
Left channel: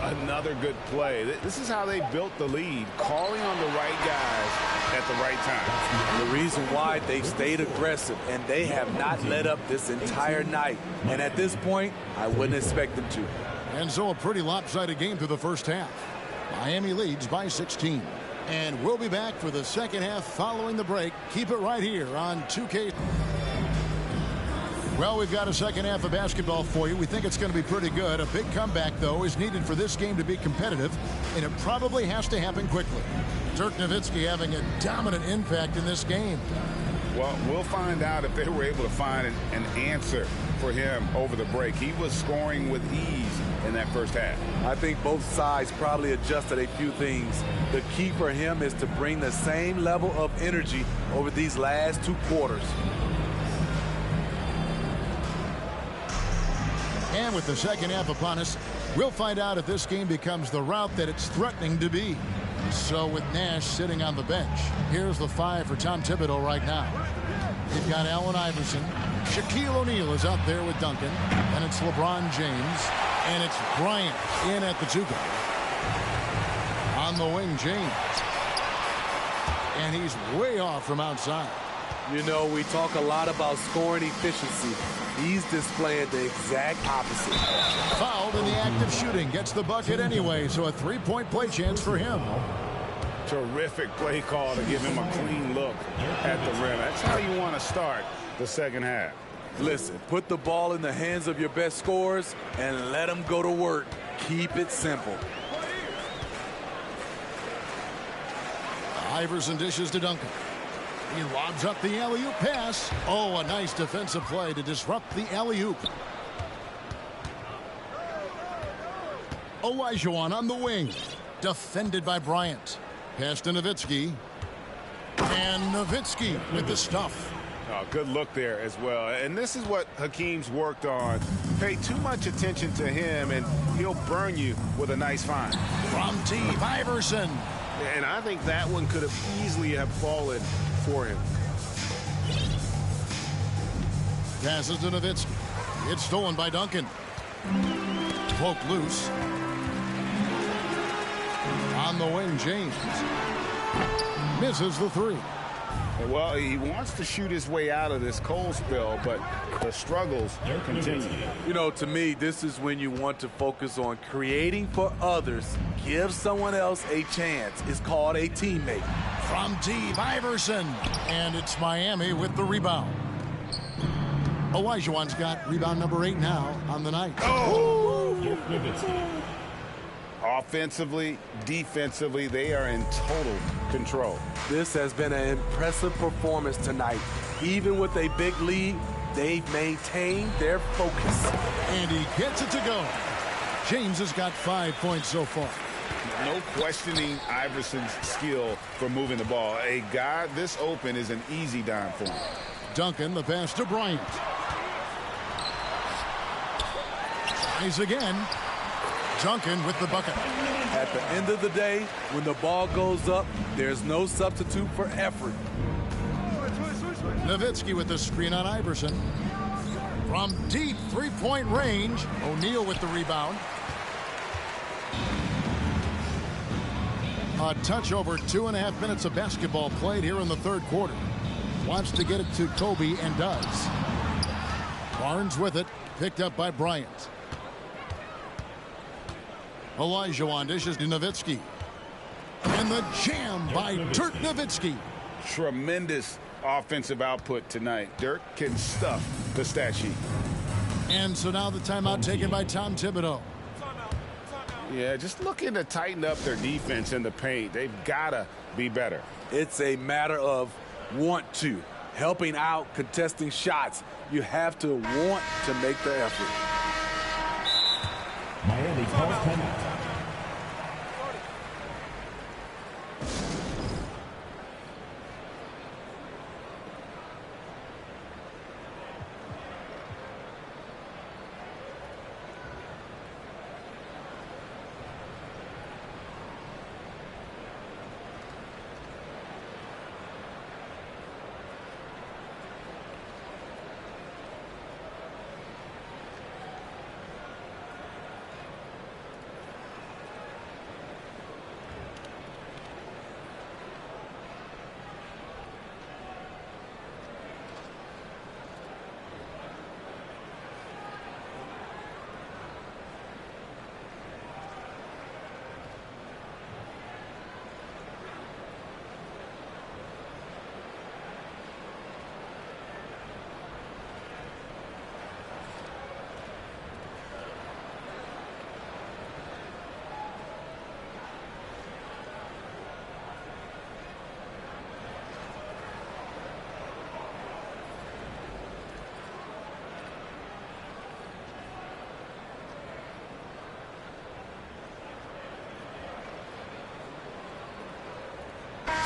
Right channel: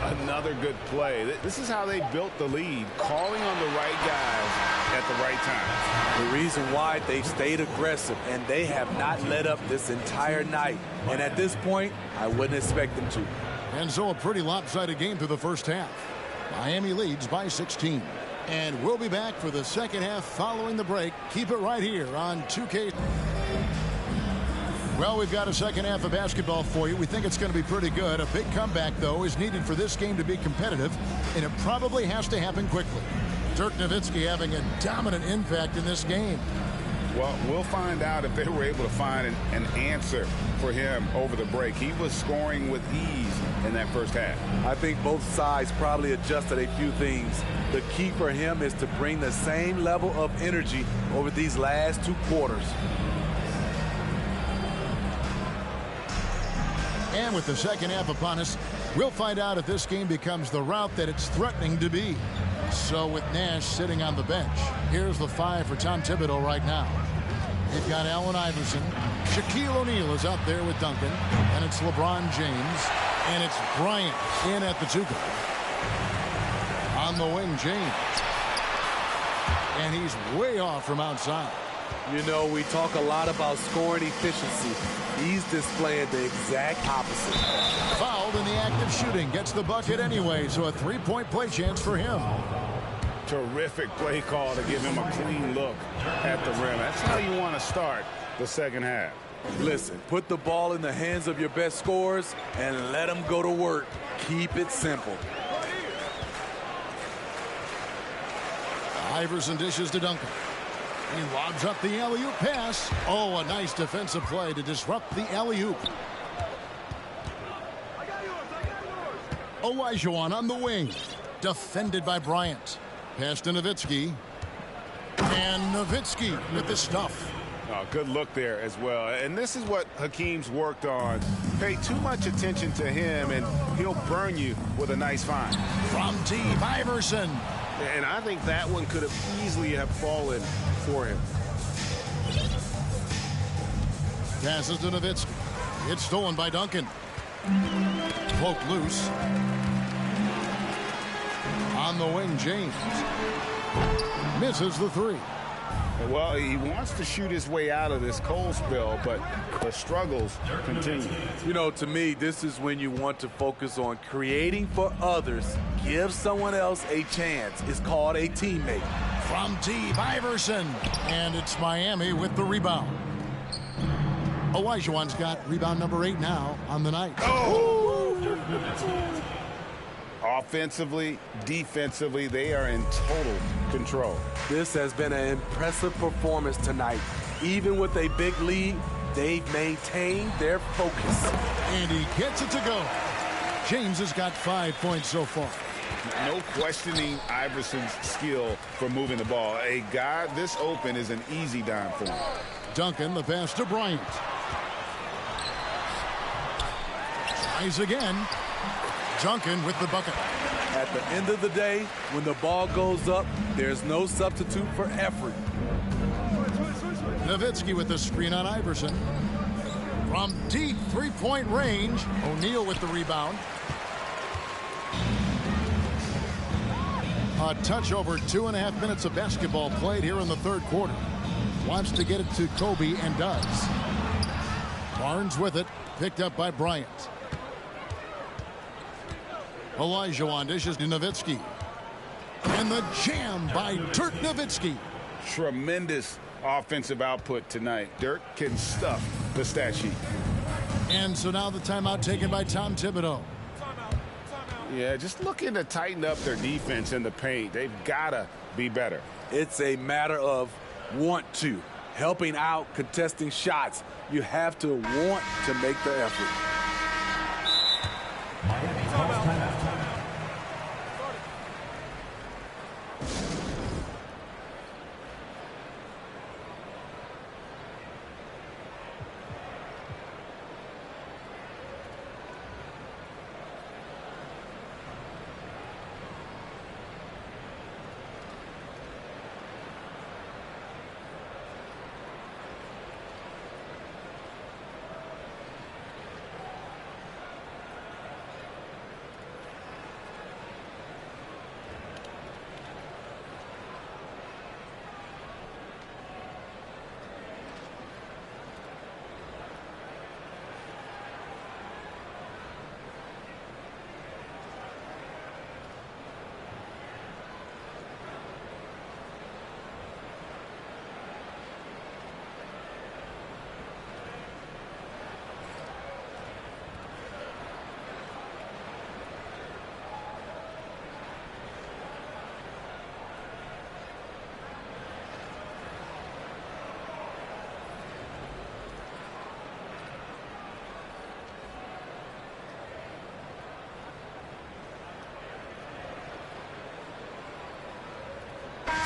Another good play. This is how they built the lead, calling on the right guys at the right time. The reason why they stayed aggressive, and they have not let up this entire night. And at this point, I wouldn't expect them to. And so a pretty lopsided game through the first half. Miami leads by 16. And we'll be back for the second half following the break. Keep it right here on 2K. Well, we've got a second half of basketball for you. We think it's going to be pretty good. A big comeback, though, is needed for this game to be competitive, and it probably has to happen quickly. Dirk Nowitzki having a dominant impact in this game. Well, we'll find out if they were able to find an answer for him over the break. He was scoring with ease in that first half. I think both sides probably adjusted a few things. The key for him is to bring the same level of energy over these last two quarters. And with the second half upon us, we'll find out if this game becomes the route that it's threatening to be. So with Nash sitting on the bench, here's the 5 for Tom Thibodeau right now. They've got Allen Iverson. Shaquille O'Neal is out there with Duncan. And it's LeBron James. And it's Bryant in at the 2 guard. On the wing, James. And he's way off from outside. You know, we talk a lot about scoring efficiency. He's displaying the exact opposite. Fouled in the act of shooting. Gets the bucket anyway, so a 3-point play chance for him. Terrific play call to give him a clean look at the rim. That's how you want to start the second half. Listen, put the ball in the hands of your best scorers and let them go to work. Keep it simple. Iverson dishes to Duncan. He lobs up the alley-oop pass. Oh, a nice defensive play to disrupt the alley-oop. Olajuwon on the wing. Defended by Bryant. Pass to Nowitzki. And Nowitzki with the stuff. Oh, good look there as well. And this is what Hakeem's worked on. Pay too much attention to him, and he'll burn you with a nice find. From deep, Iverson. And I think that one could have easily have fallen for him. Passes to Nowitzki. It's stolen by Duncan. Poked loose. On the wing, James. Misses the 3. Well, he wants to shoot his way out of this cold spell, but the struggles continue. You know, to me, this is when you want to focus on creating for others. Give someone else a chance. It's called a teammate. From deep, Iverson. And it's Miami with the rebound. Olajuwon's got rebound number 8 now on the night. Oh! Offensively, defensively, they are in total control. This has been an impressive performance tonight. Even with a big lead, they've maintained their focus. And he gets it to go. James has got 5 points so far. No questioning Iverson's skill for moving the ball. A guy this open is an easy dime for him. Duncan, the pass to Bryant. Tries again. Duncan with the bucket. At the end of the day, when the ball goes up, there's no substitute for effort. Nowitzki with the screen on Iverson. From deep 3-point range, O'Neal with the rebound. A touch over 2.5 minutes of basketball played here in the third quarter. Wants to get it to Kobe and does. Barnes with it, picked up by Bryant. Olajuwon dishes to Nowitzki. And the jam by Dirk Nowitzki. Tremendous offensive output tonight. Dirk can stuff the stat sheet. And so now the timeout taken by Tom Thibodeau. Yeah, just looking to tighten up their defense in the paint. They've got to be better. It's a matter of want to. Helping out, contesting shots. You have to want to make the effort. Miami calls timeout.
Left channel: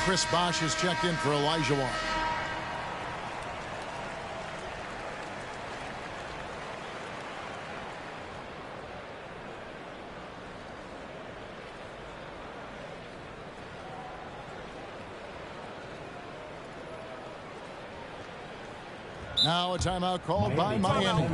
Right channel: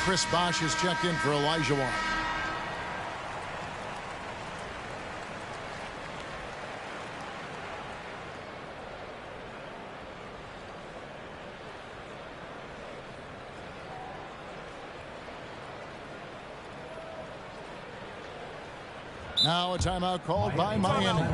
Chris Bosh has checked in for Elijah Watt. Now a timeout called by Miami.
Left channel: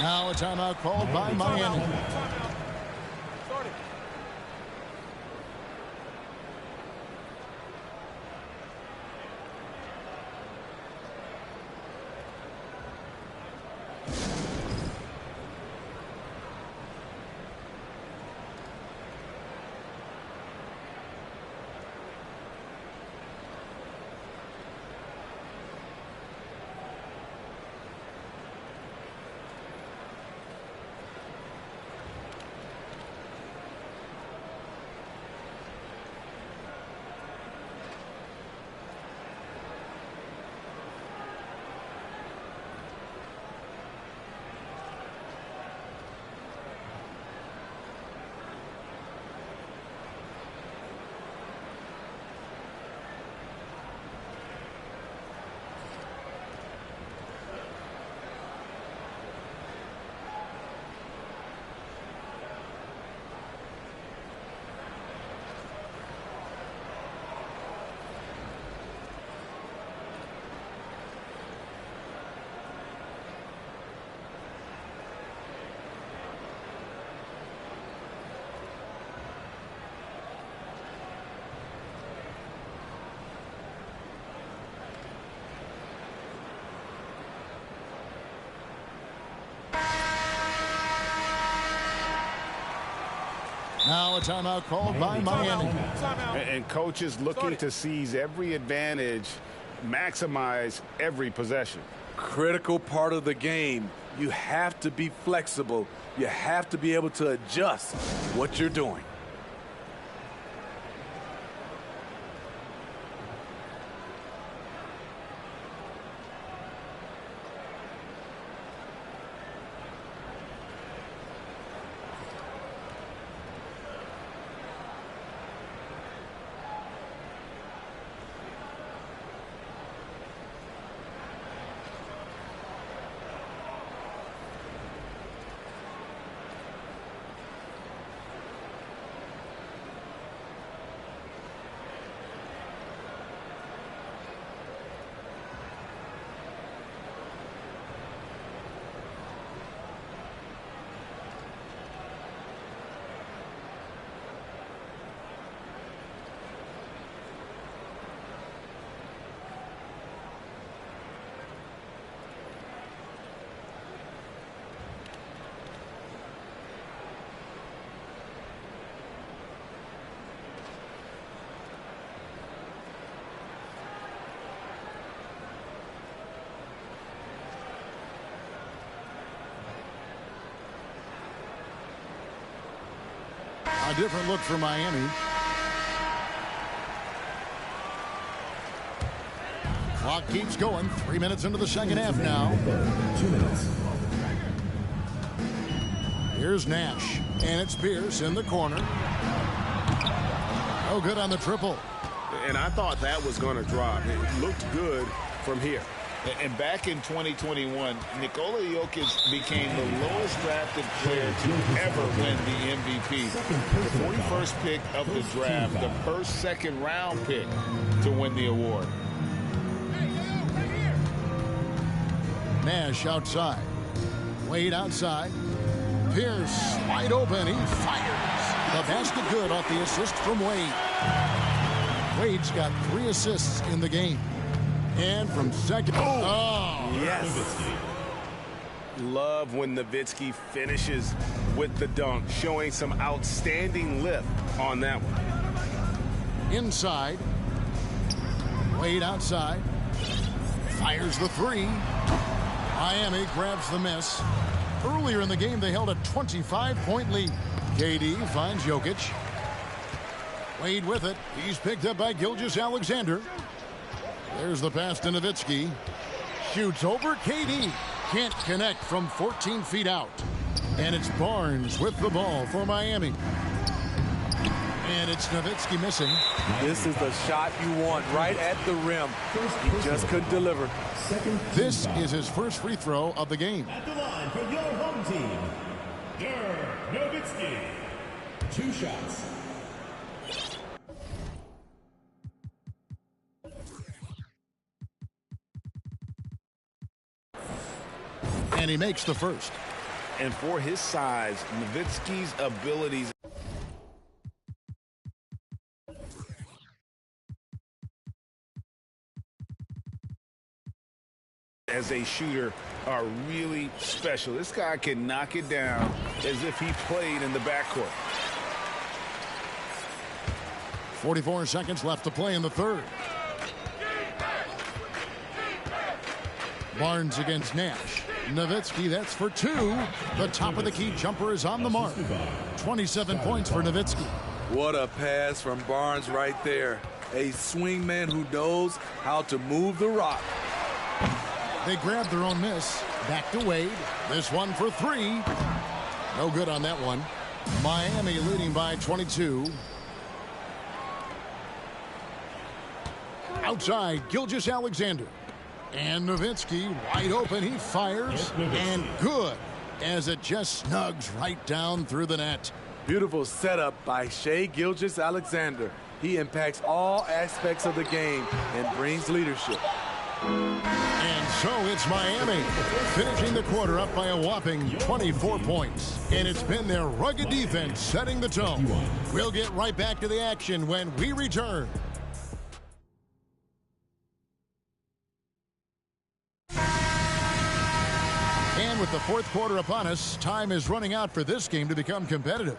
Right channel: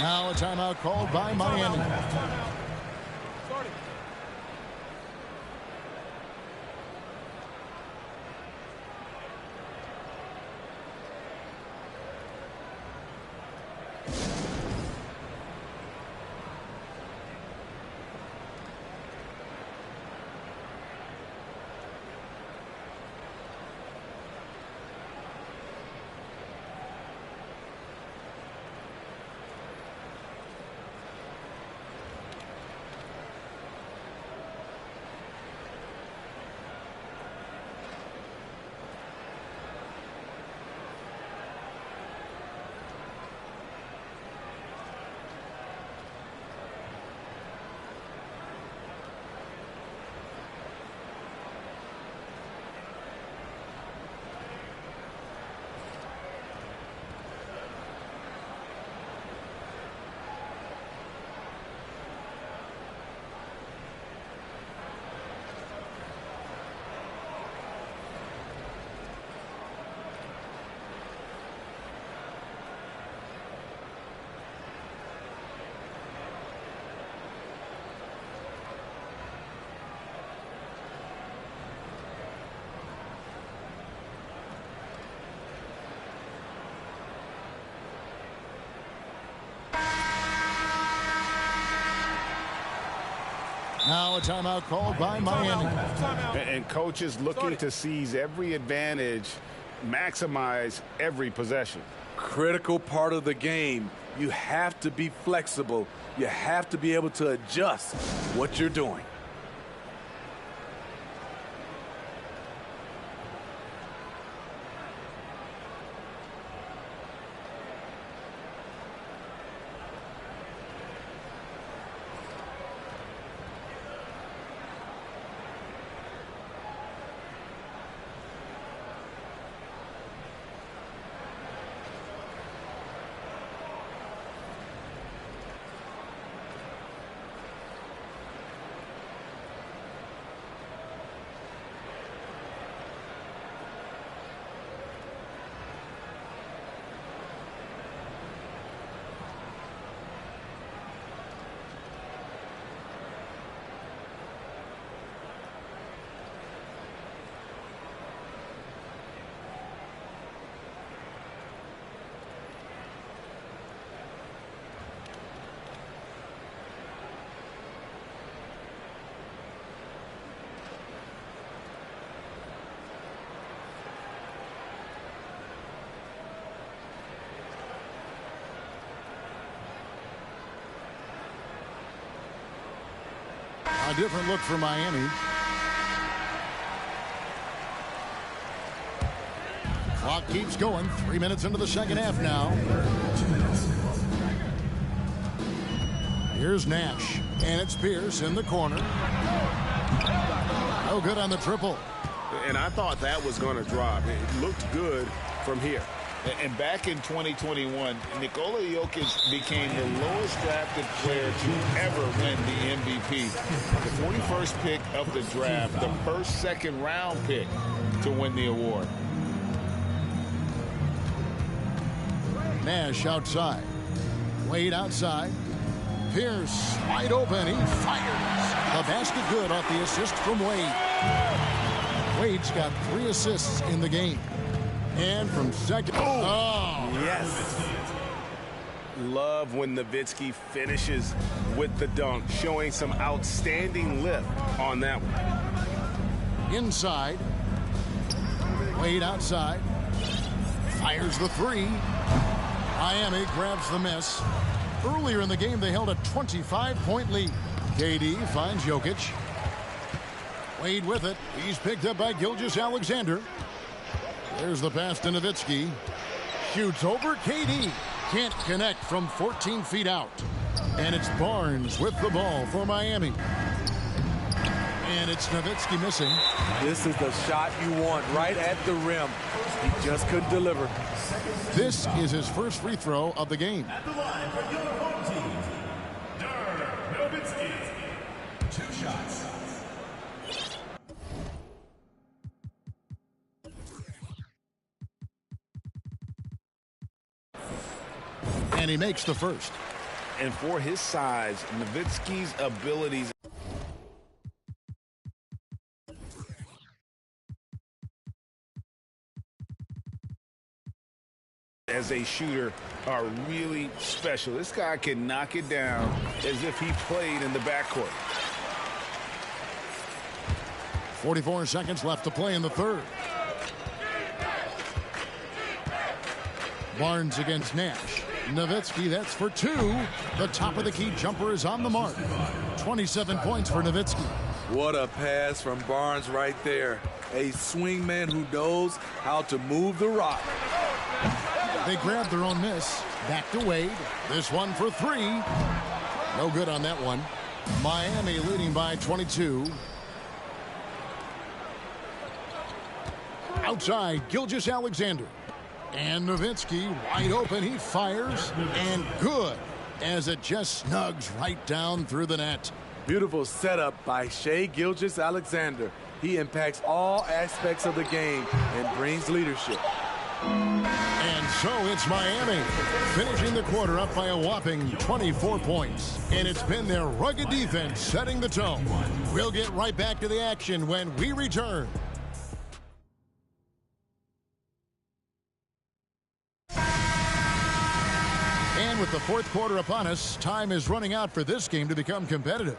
Now a timeout called by Miami. Now a timeout called by Miami. And coaches looking to seize every advantage, maximize every possession. Critical part of the game. You have to be flexible. You have to be able to adjust what you're doing. A different look for Miami. Clock keeps going. 3 minutes into the second half now. Here's Nash. And it's Pierce in the corner. No good on the triple. And I thought that was going to drop. It looked good from here. And back in 2021, Nikola Jokic became the lowest drafted player to ever win the MVP. The 41st pick of the draft, the first second-round pick to win the award. Nash outside. Wade outside. Pierce wide open. He fires. The basket good off the assist from Wade. Wade's got 3 assists in the game. And from second. Oh, yes. Love when Nowitzki finishes with the dunk, showing some outstanding lift on that one. Inside. Wade outside. Fires the three. Miami grabs the miss. Earlier in the game, they held a 25-point lead. KD finds Jokic. Wade with it. He's picked up by Gilgeous-Alexander. There's the pass to Nowitzki. Shoots over KD. Can't connect from 14 feet out. And it's Barnes with the ball for Miami. And it's Nowitzki missing. This is the shot you want right at the rim. He just couldn't deliver. This is his first free throw of the game. At the line for your home team, Dirk Nowitzki. 2 shots. And he makes the first. And for his size, Nowitzki's abilities as a shooter are really special. This guy can knock it down as if he played in the backcourt. 44 seconds left to play in the third. Barnes against Nash. Nowitzki, that's for 2. The top of the key jumper is on the mark. 27 points for Nowitzki. What a pass from Barnes right there. A swingman who knows how to move the rock. They grabbed their own miss. Back to Wade. This one for 3. No good on that one. Miami leading by 22. Outside, Gilgeous-Alexander. And Nowitzki wide open. He fires. And good, as it just snugs right down through the net. Beautiful setup by Shai Gilgeous-Alexander. He impacts all aspects of the game and brings leadership. And so it's Miami, finishing the quarter up by a whopping 24 points. And it's been their rugged defense setting the tone. We'll get right back to the action when we return. And with the fourth quarter upon us, time is running out for this game to become competitive.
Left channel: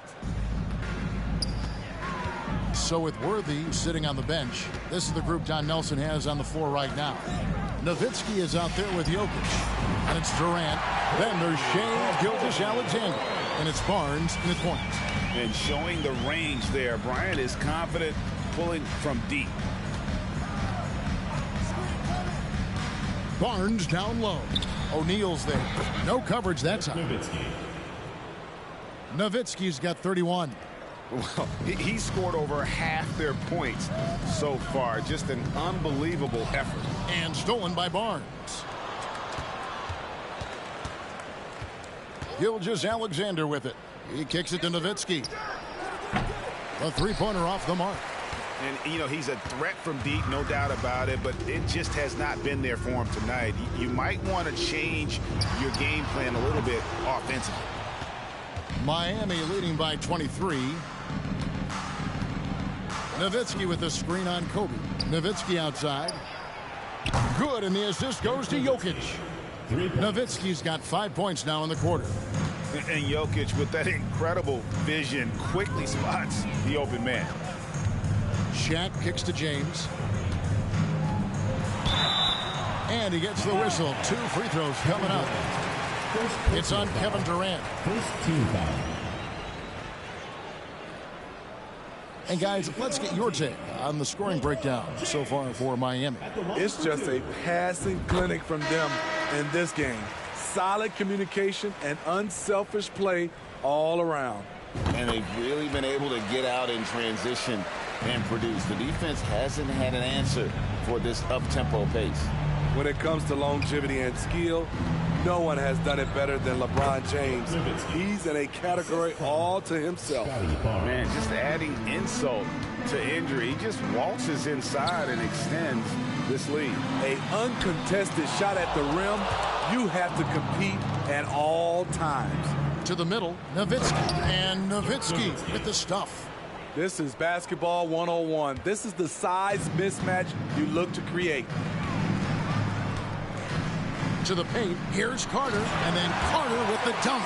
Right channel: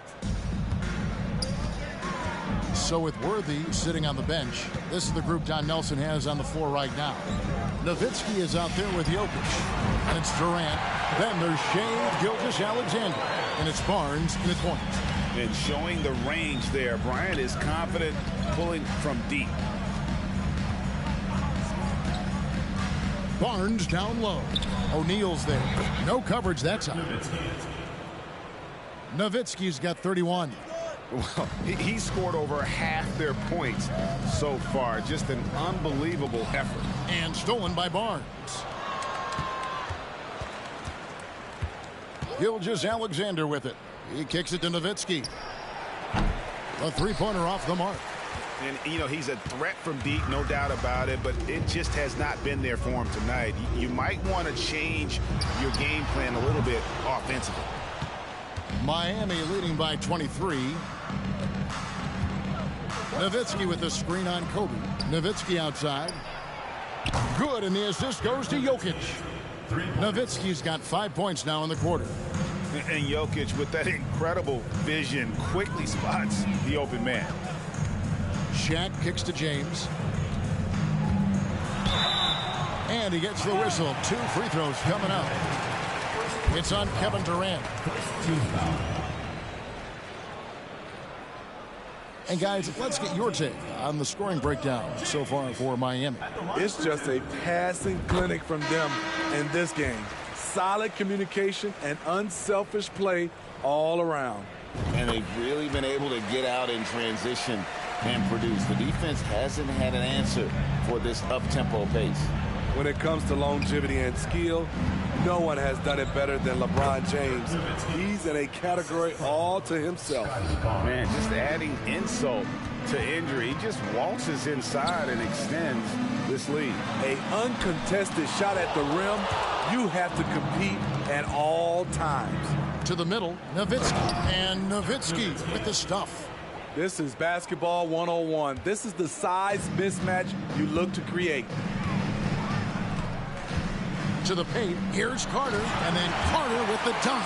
So with Worthy sitting on the bench, this is the group Don Nelson has on the floor right now. Nowitzki is out there with Jokic. And it's Durant. Then there's Shai Gilgeous-Alexander. And it's Barnes in the point. And showing the range there. Bryant is confident pulling from deep. Barnes down low. O'Neal's there. No coverage that time. Nowitzki's got 31. Well, he scored over half their points so far. Just an unbelievable effort. And stolen by Barnes. Gilgeous-Alexander with it. He kicks it to Nowitzki. The three-pointer off the mark. And, you know, he's a threat from deep, no doubt about it, but it just has not been there for him tonight. You might want to change your game plan a little bit offensively. Miami leading by 23. Nowitzki with the screen on Kobe. Nowitzki outside. Good, and the assist goes to Jokic. Nowitzki's got 5 points now in the quarter. And Jokic, with that incredible vision, quickly spots the open man. Shaq kicks to James. And he gets the whistle. 2 free throws coming up. It's on Kevin Durant. First team foul. And guys, let's get your take on the scoring breakdown so far for Miami. It's just a passing clinic from them in this game. Solid communication and unselfish play all around. And they've really been able to get out in transition and produce. The defense hasn't had an answer for this up-tempo pace. When it comes to longevity and skill, no one has done it better than LeBron James. He's in a category all to himself. Man, just adding insult to injury. He just waltzes inside and extends this lead. A uncontested shot at the rim, you have to compete at all times. To the middle, Nowitzki. And Nowitzki with the stuff. This is basketball 101. This is the size mismatch you look to create. To the paint, here's Carter, and then Carter with the dunk.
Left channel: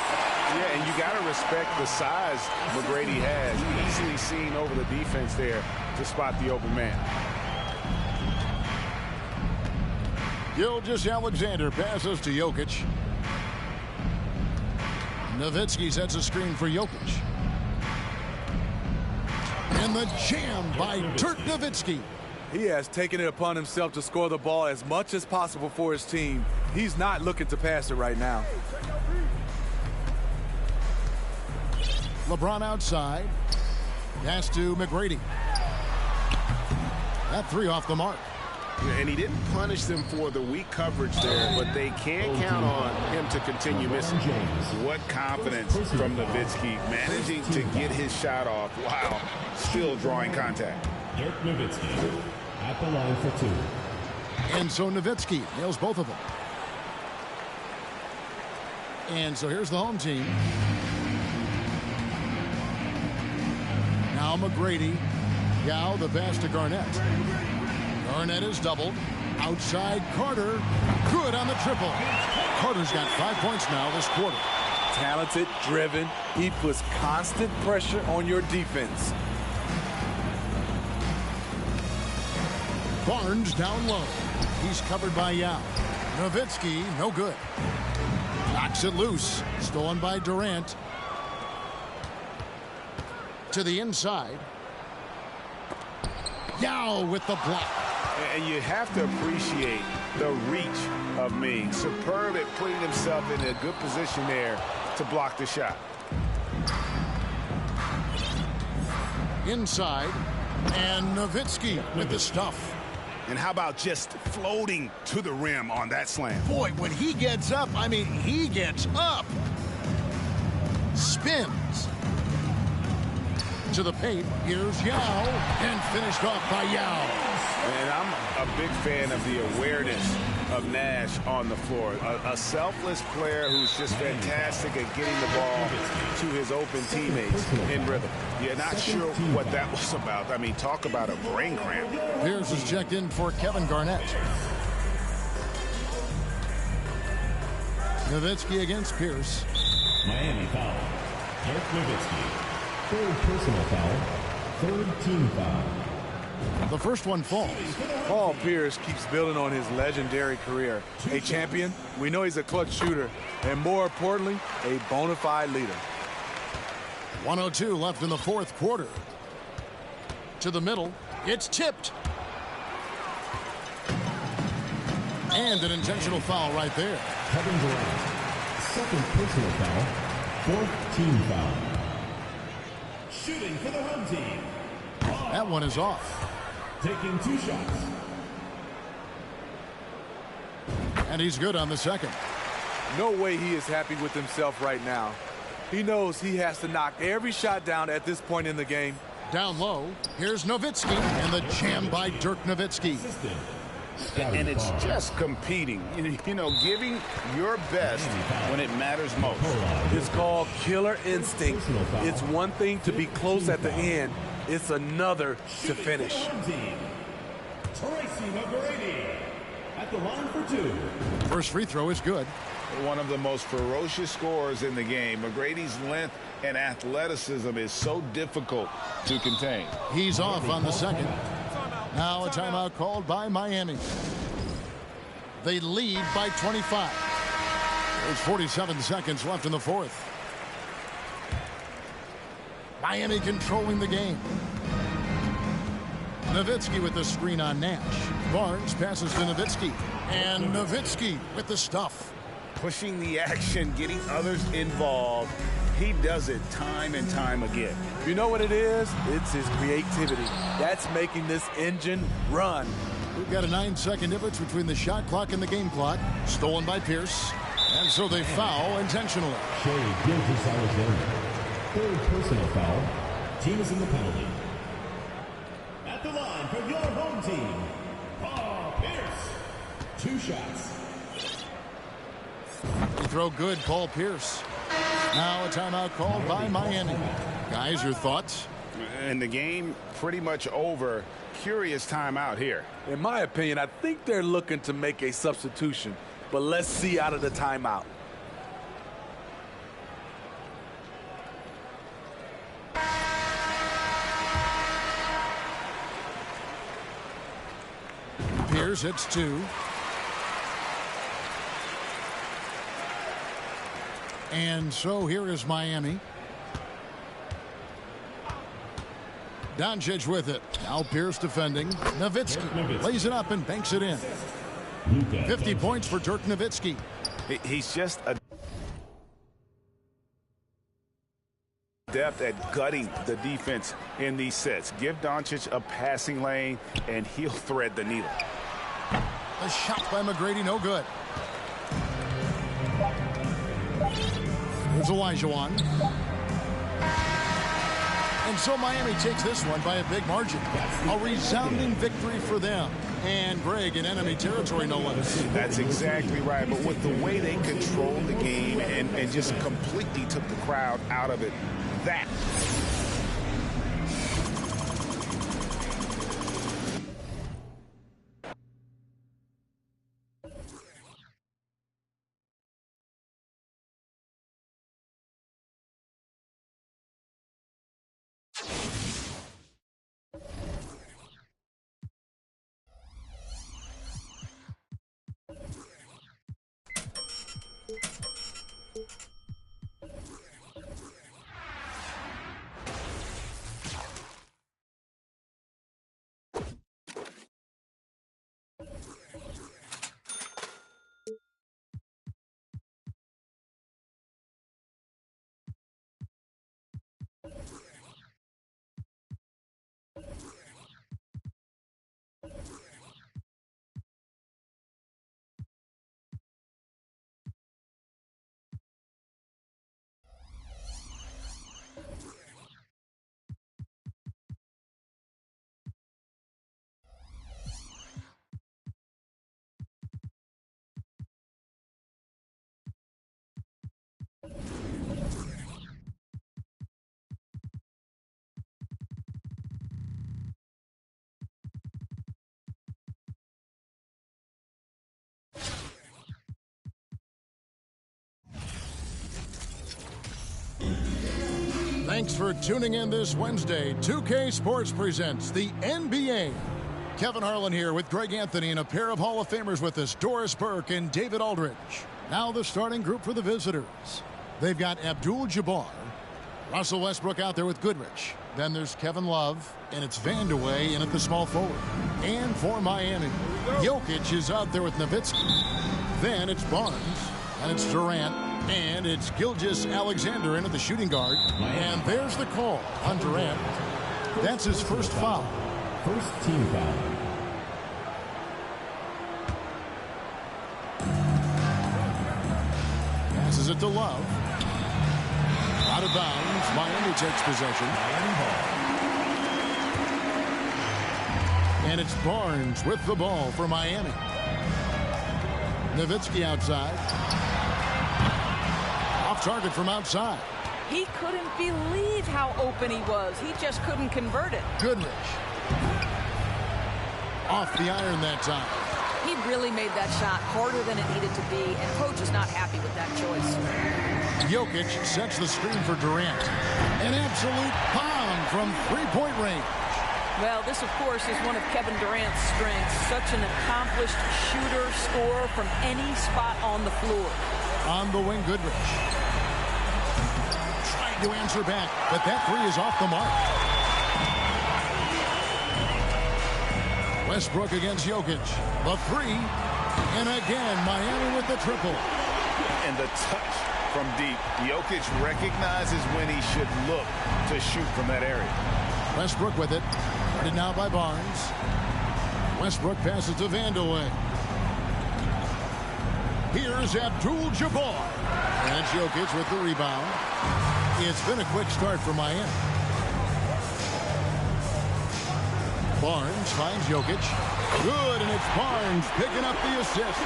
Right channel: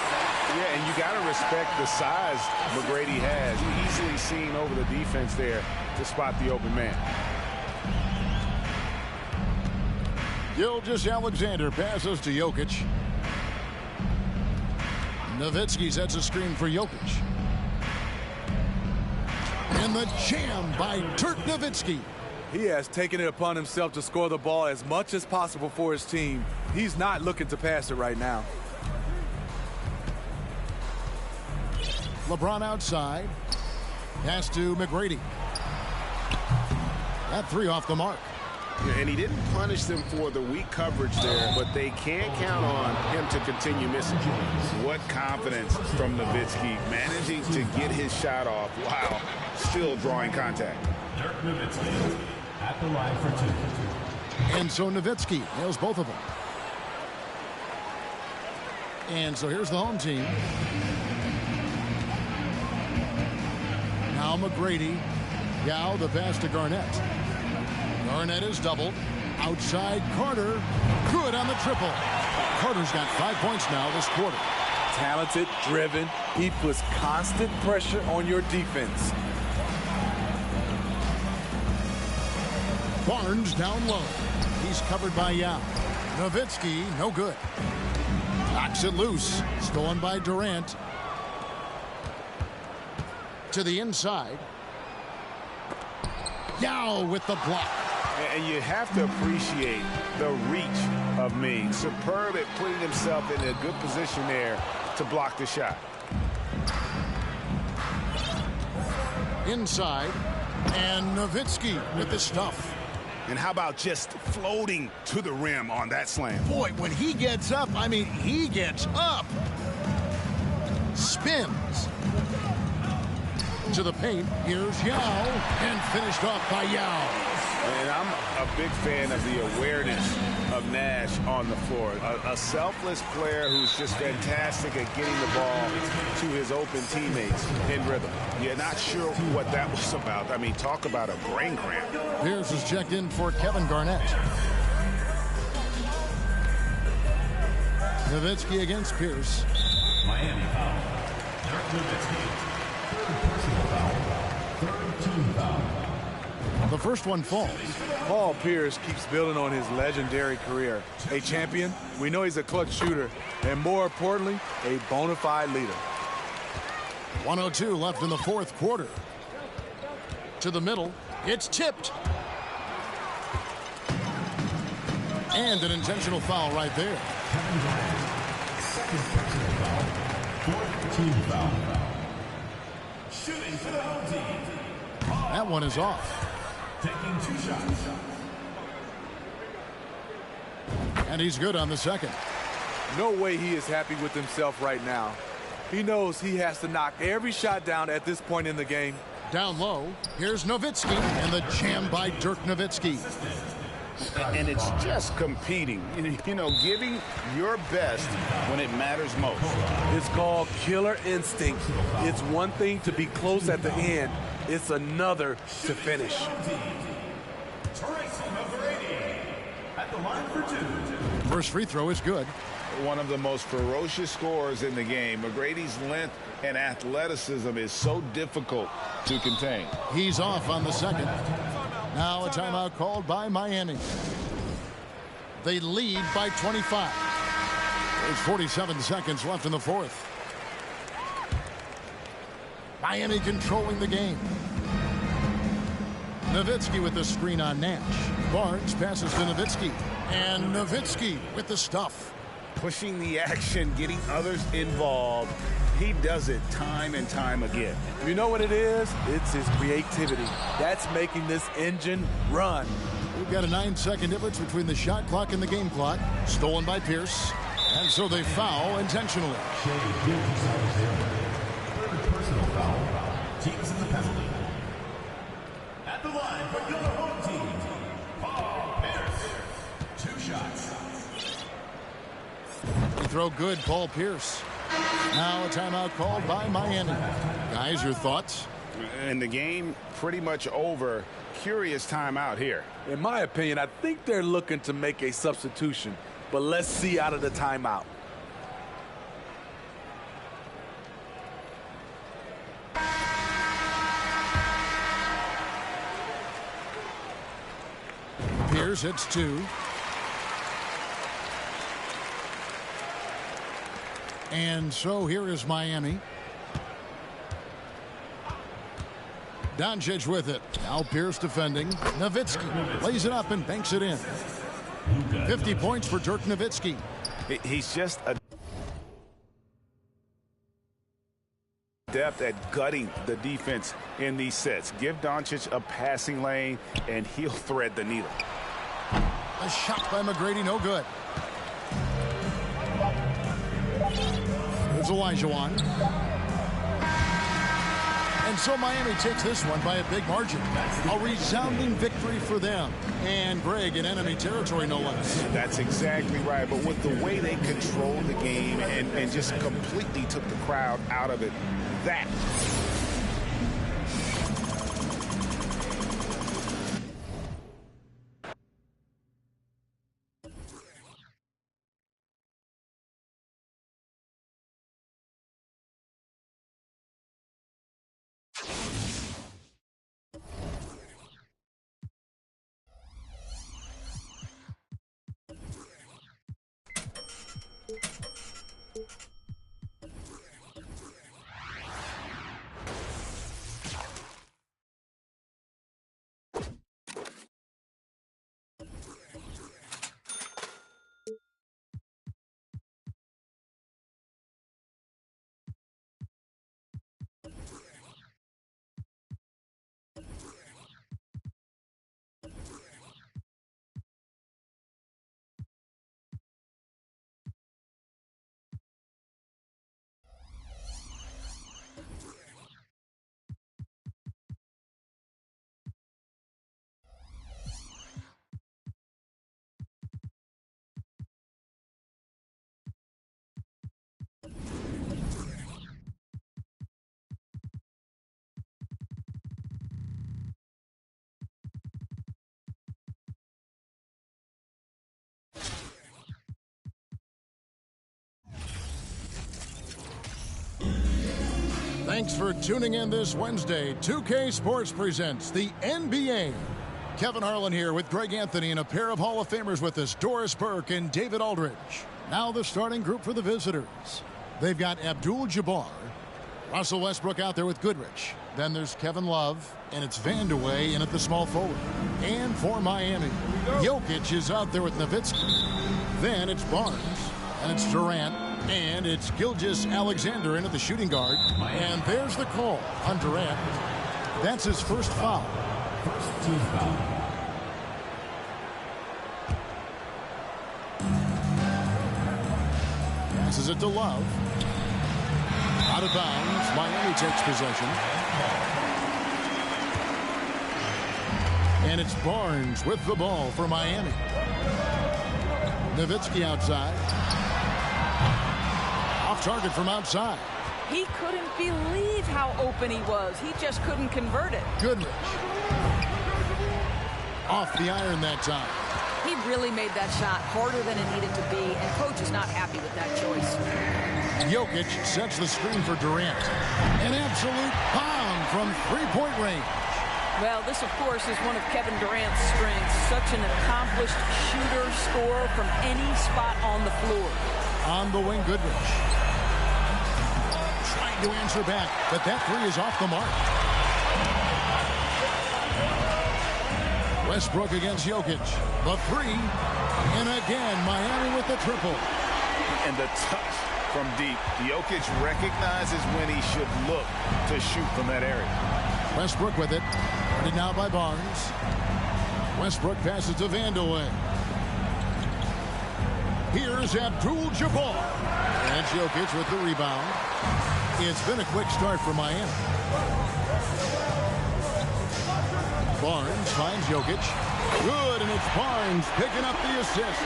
Yeah, and you got to respect the size McGrady has. Easily seen over the defense there. to spot the open man. Gilgeous-Alexander passes to Jokic. Nowitzki sets a screen for Jokic. And the jam by Dirk Nowitzki. He has taken it upon himself to score the ball as much as possible for his team. He's not looking to pass it right now. LeBron outside. Pass to McGrady. That three off the mark. Yeah, and he didn't punish them for the weak coverage there, but they can't count on him to continue missing. What confidence from Nowitzki, managing to get his shot off while still drawing contact. Dirk Nowitzki at the line for two. And so Nowitzki nails both of them. And so here's the home team. Now McGrady. Yao, the pass to Garnett. Garnett is doubled. Outside Carter. Good on the triple. Carter's got 5 points now this quarter. Talented, driven. He puts constant pressure on your defense. Barnes down low. He's covered by Yao. Nowitzki, no good. Knocks it loose. Stolen by Durant. To the inside. Yao with the block. And you have to appreciate the reach of Ming. Superb at putting himself in a good position there to block the shot. Inside. And Nowitzki with the stuff. And how about just floating to the rim on that slam? Boy, when he gets up, I mean, he gets up. Spins. To the paint. Here's Yao. And finished off by Yao. And I'm a big fan of the awareness of Nash on the floor. A selfless player who's just fantastic at getting the ball to his open teammates in rhythm. You're not sure what that was about. I mean, talk about a brain cramp. Pierce is checked in for Kevin Garnett. Nowitzki against Pierce. Miami foul. Dirk Nowitzki. Third personal foul. Third team foul. The first one falls. Paul Pierce keeps building on his legendary career. A champion, we know he's a clutch shooter, and more importantly, a bona fide leader. 1:02 left in the fourth quarter. To the middle. It's tipped. And an intentional foul right there. Kevin Durant. Second personal foul. Fourth team foul. Shooting for the home team. That one is off. Taking 2 shots. And he's good on the second. No way he is happy with himself right now. He knows he has to knock every shot down at this point in the game. Down low, here's Nowitzki, and the jam by Dirk Nowitzki. And it's just competing, you know, giving your best when it matters most. It's called killer instinct. It's one thing to be close at the end. It's another to finish. Tracy McGrady at the line for 2. First free throw is good. One of the most ferocious scorers in the game. McGrady's length and athleticism is so difficult to contain. He's off on the second. Now a timeout called by Miami. They lead by 25. There's 47 seconds left in the fourth. Miami controlling the game. Nowitzki with the screen on Nash. Barnes passes to Nowitzki. And Nowitzki with the stuff. Pushing the action, getting others involved. He does it time and time again. You know what it is? It's his creativity. That's making this engine run. We've got a 9-second difference between the shot clock and the game clock. Stolen by Pierce. And so they foul intentionally. Shea Gilgeous-Alexander. Third personal foul. Team is in the penalty. At the line for your home team, Paul Pierce. 2 shots. They throw good, Paul Pierce. Now a timeout called by Miami. Guys, your thoughts? And the game pretty much over. Curious timeout here. In my opinion, I think they're looking to make a substitution. But let's see out of the timeout. Pierce hits 2. And so here is Miami. Doncic with it. Now Pierce defending. Nowitzki lays it up and banks it in. 50 points for Dirk Nowitzki. He's just a depth at gutting the defense in these sets. Give Doncic a passing lane, and he'll thread the needle. A shot by McGrady, no good. Here's Olajuwon. And so Miami takes this one by a big margin. A resounding victory for them. And Greg in enemy territory, no less. That's exactly right. But with the way they controlled the game and just completely took the crowd out of it, that Thanks for tuning in this Wednesday. 2K Sports presents the NBA. Kevin Harlan here with Greg Anthony and a pair of Hall of Famers with us, Doris Burke and David Aldridge. Now the starting group for the visitors. They've got Abdul-Jabbar, Russell Westbrook out there with Goodrich. Then there's Kevin Love, and it's Vandeweghe in at the small forward. And for Miami, Jokic is out there with Nowitzki. Then it's Barnes, and it's Durant. And it's Gilgeous-Alexander in at the shooting guard. And there's the call on Durant. That's his first foul. First team foul. Passes it to Love. Out of bounds. Miami takes possession. And it's Barnes with the ball for Miami. Nowitzki outside. Off target from outside. He couldn't believe how open he was. He just couldn't convert it. Goodrich. Off the iron that time. He really made that shot harder than it needed to be, and coach is not happy with that choice. Jokic sets the screen for Durant. An absolute bomb from three-point range. Well, this, of course, is one of Kevin Durant's strengths. Such an accomplished shooter, scorer from any spot on the floor. On the wing, Goodrich. Trying to answer back, but that three is off the mark. Westbrook against Jokic. The three. And again, Miami with the triple. And the touch from deep. Jokic recognizes when he should look to shoot from that area. Westbrook with it. Guarded now by Barnes. Westbrook passes to Vandeweghe. Here's Abdul-Jabbar. And it's Jokic with the rebound. It's been a quick start for Miami. Barnes finds Jokic. Good, and it's Barnes picking up the assist.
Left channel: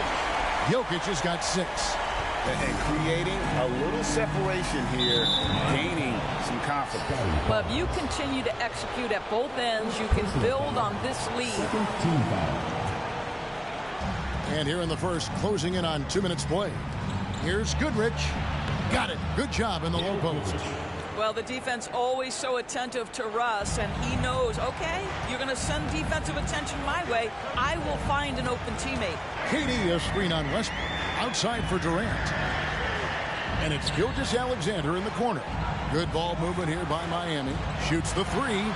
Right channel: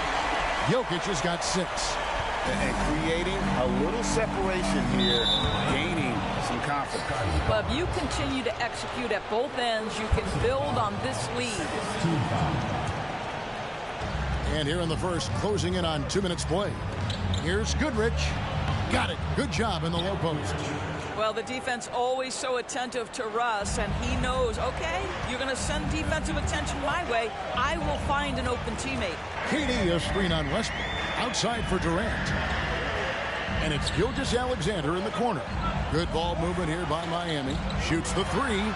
Jokic has got 6. And creating a little separation here, gaining some confidence. Well, if you continue to execute at both ends, you can build on this lead. And here in the first, closing in on 2 minutes played. Here's Goodrich. Got it. Good job in the low post. Well, the defense always so attentive to Russ, and he knows, okay, you're going to send defensive attention my way. I will find an open teammate. KD, a screen on Westbrook. Outside for Durant. And it's Gilgeous-Alexander in the corner. Good ball movement here by Miami. Shoots the three.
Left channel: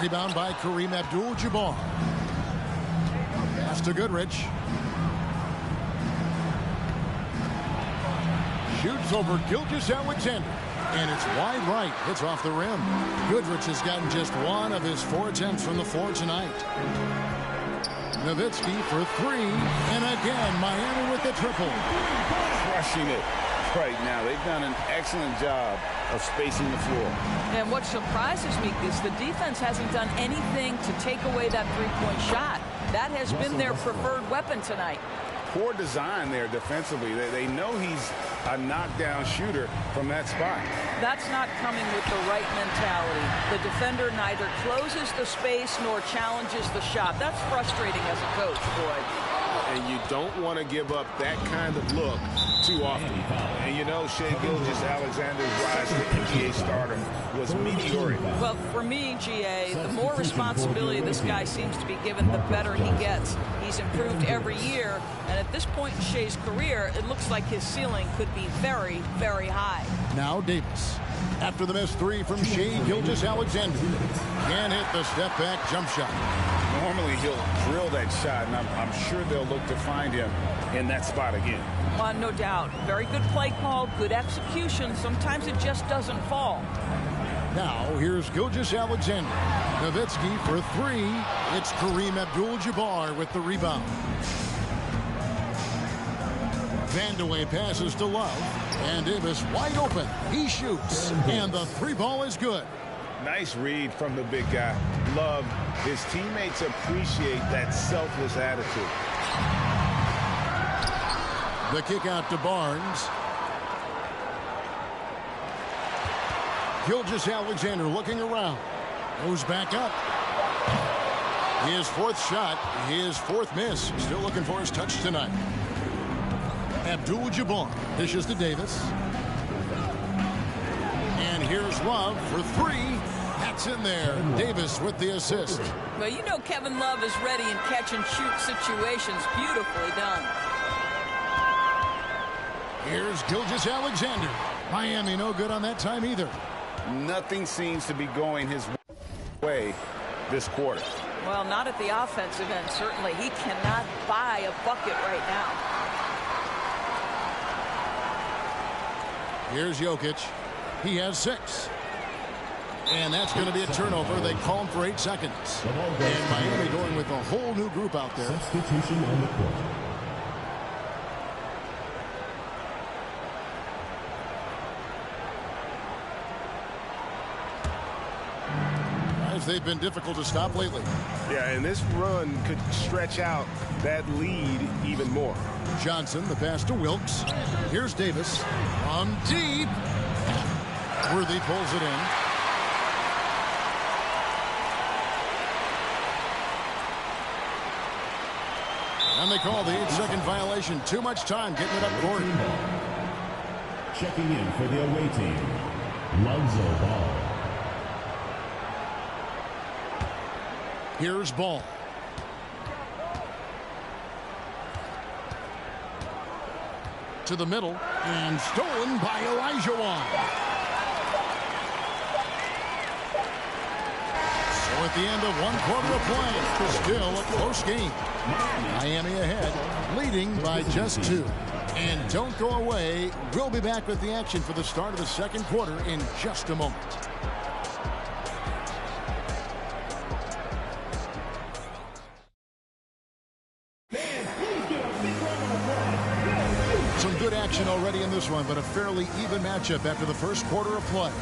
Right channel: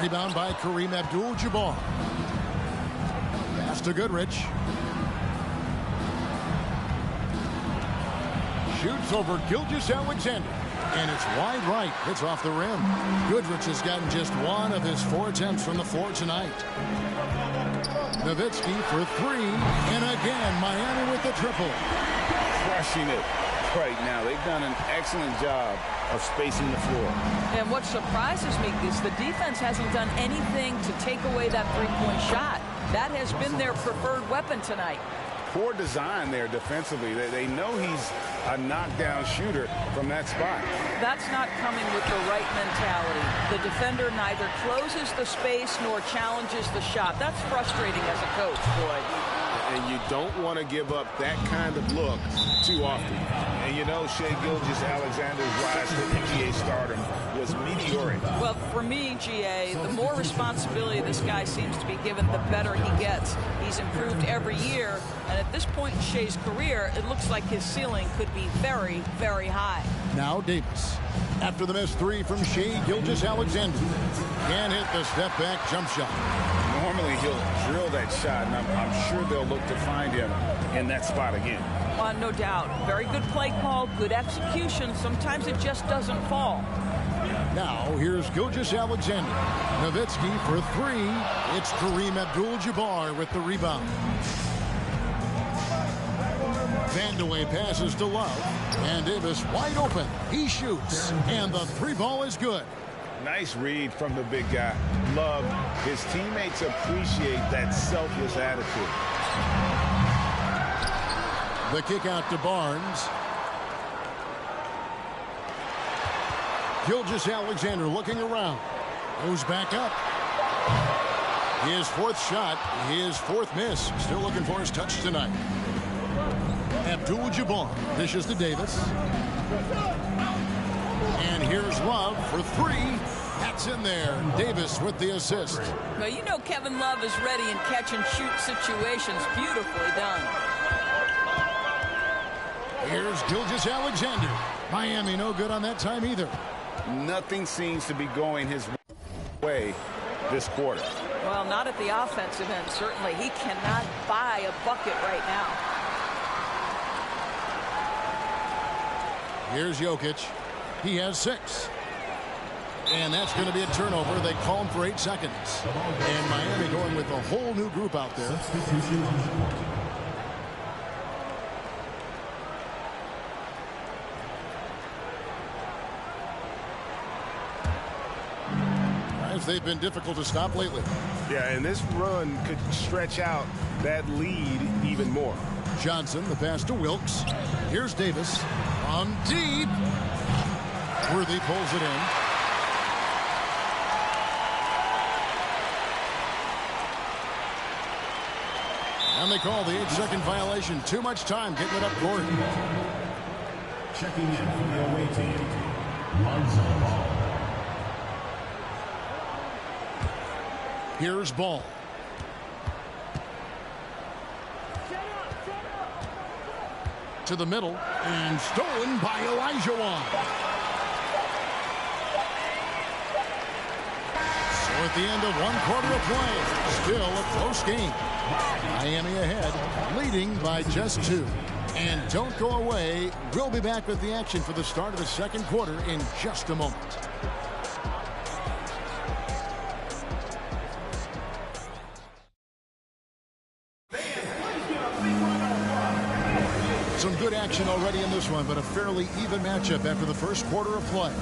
Rebound by Kareem Abdul-Jabbar. Pass to Goodrich. Shoots over Gilgeous-Alexander. And it's wide right. Hits off the rim. Goodrich has gotten just one of his 4 attempts from the floor tonight. Nowitzki for three. And again, Miami with the triple. Crushing it right now. They've done an excellent job of spacing the floor. And what surprises me is the defense hasn't done anything to take away that three-point shot. That has been their preferred weapon tonight. Poor design there defensively. They know he's a knockdown shooter from that spot. That's not coming with the right mentality. The defender neither closes the space nor challenges the shot. That's frustrating as a coach, boy. And you don't want to give up that kind of look too often. And you know, Shai Gilgeous-Alexander's rise to NBA stardom was meteoric. Well, for me, GA, the more responsibility this guy seems to be given, the better he gets. He's improved every year, and at this point in Shai's career, it looks like his ceiling could be very, very high. Now Davis. After the missed three from Shai Gilgeous-Alexander. Can't hit the step-back jump shot. Normally he'll drill that shot, and I'm sure they'll look to find him in that spot again. No doubt. Very good play call, good execution. Sometimes it just doesn't fall. Now here's Gilgeous-Alexander. Nowitzki for three. It's Kareem Abdul-Jabbar with the rebound. Vandeweghe passes to Love. And Davis wide open. He shoots. And the three ball is good. Nice read from the big guy. Love. His teammates appreciate that selfless attitude. The kick out to Barnes. Gilgeous-Alexander looking around. Goes back up. His fourth shot, his fourth miss. Still looking for his touch tonight. Abdul-Jabbar dishes to Davis. And here's Love for three. That's in there. Davis with the assist. Well, you know Kevin Love is ready in catch-and-shoot situations. Beautifully done. Here's Gilgeous-Alexander. Miami no good on that time either. Nothing seems to be going his way this quarter. Well, not at the offensive end, certainly. He cannot buy a bucket right now. Here's Jokic. He has 6. And that's going to be a turnover. They call him for 8 seconds. And Miami going with a whole new group out there. Substitution on the court. Guys, they've been difficult to stop lately. Yeah, and this run could stretch out that lead even more. Johnson, the pass to Wilkes. Here's Davis from deep. Worthy pulls it in. And they call the 8-second violation. Too much time getting it up court. Checking in for the away team, Lonzo Ball. Here's Ball. To the middle and stolen by Olajuwon. So at the end of 1 quarter of play, still a close game. Miami ahead, leading by just 2. And don't go away. We'll be back with the action for the start of the second quarter in just a moment. Some good action already in this one, but a fairly even matchup after the first quarter of play.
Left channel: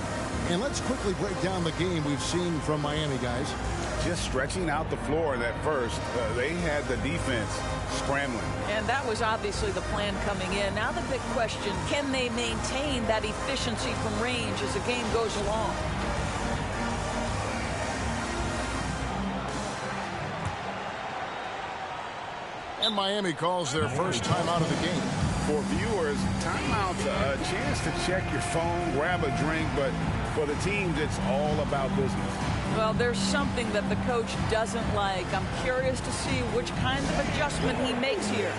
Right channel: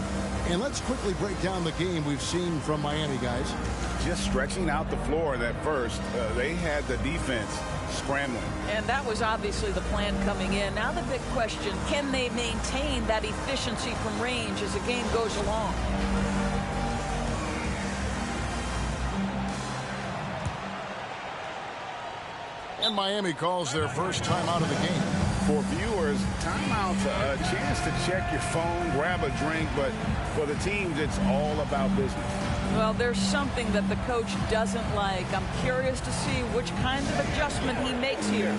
And let's quickly break down the game we've seen from Miami, guys. Just stretching out the floor that first. They had the defense scrambling. And that was obviously the plan coming in. Now the big question, can they maintain that efficiency from range as the game goes along? And Miami calls their first time out of the game. For viewers, timeout's a chance to check your phone, grab a drink, but for the teams, it's all about business. Well, there's something that the coach doesn't like. I'm curious to see which kind of adjustment he makes here.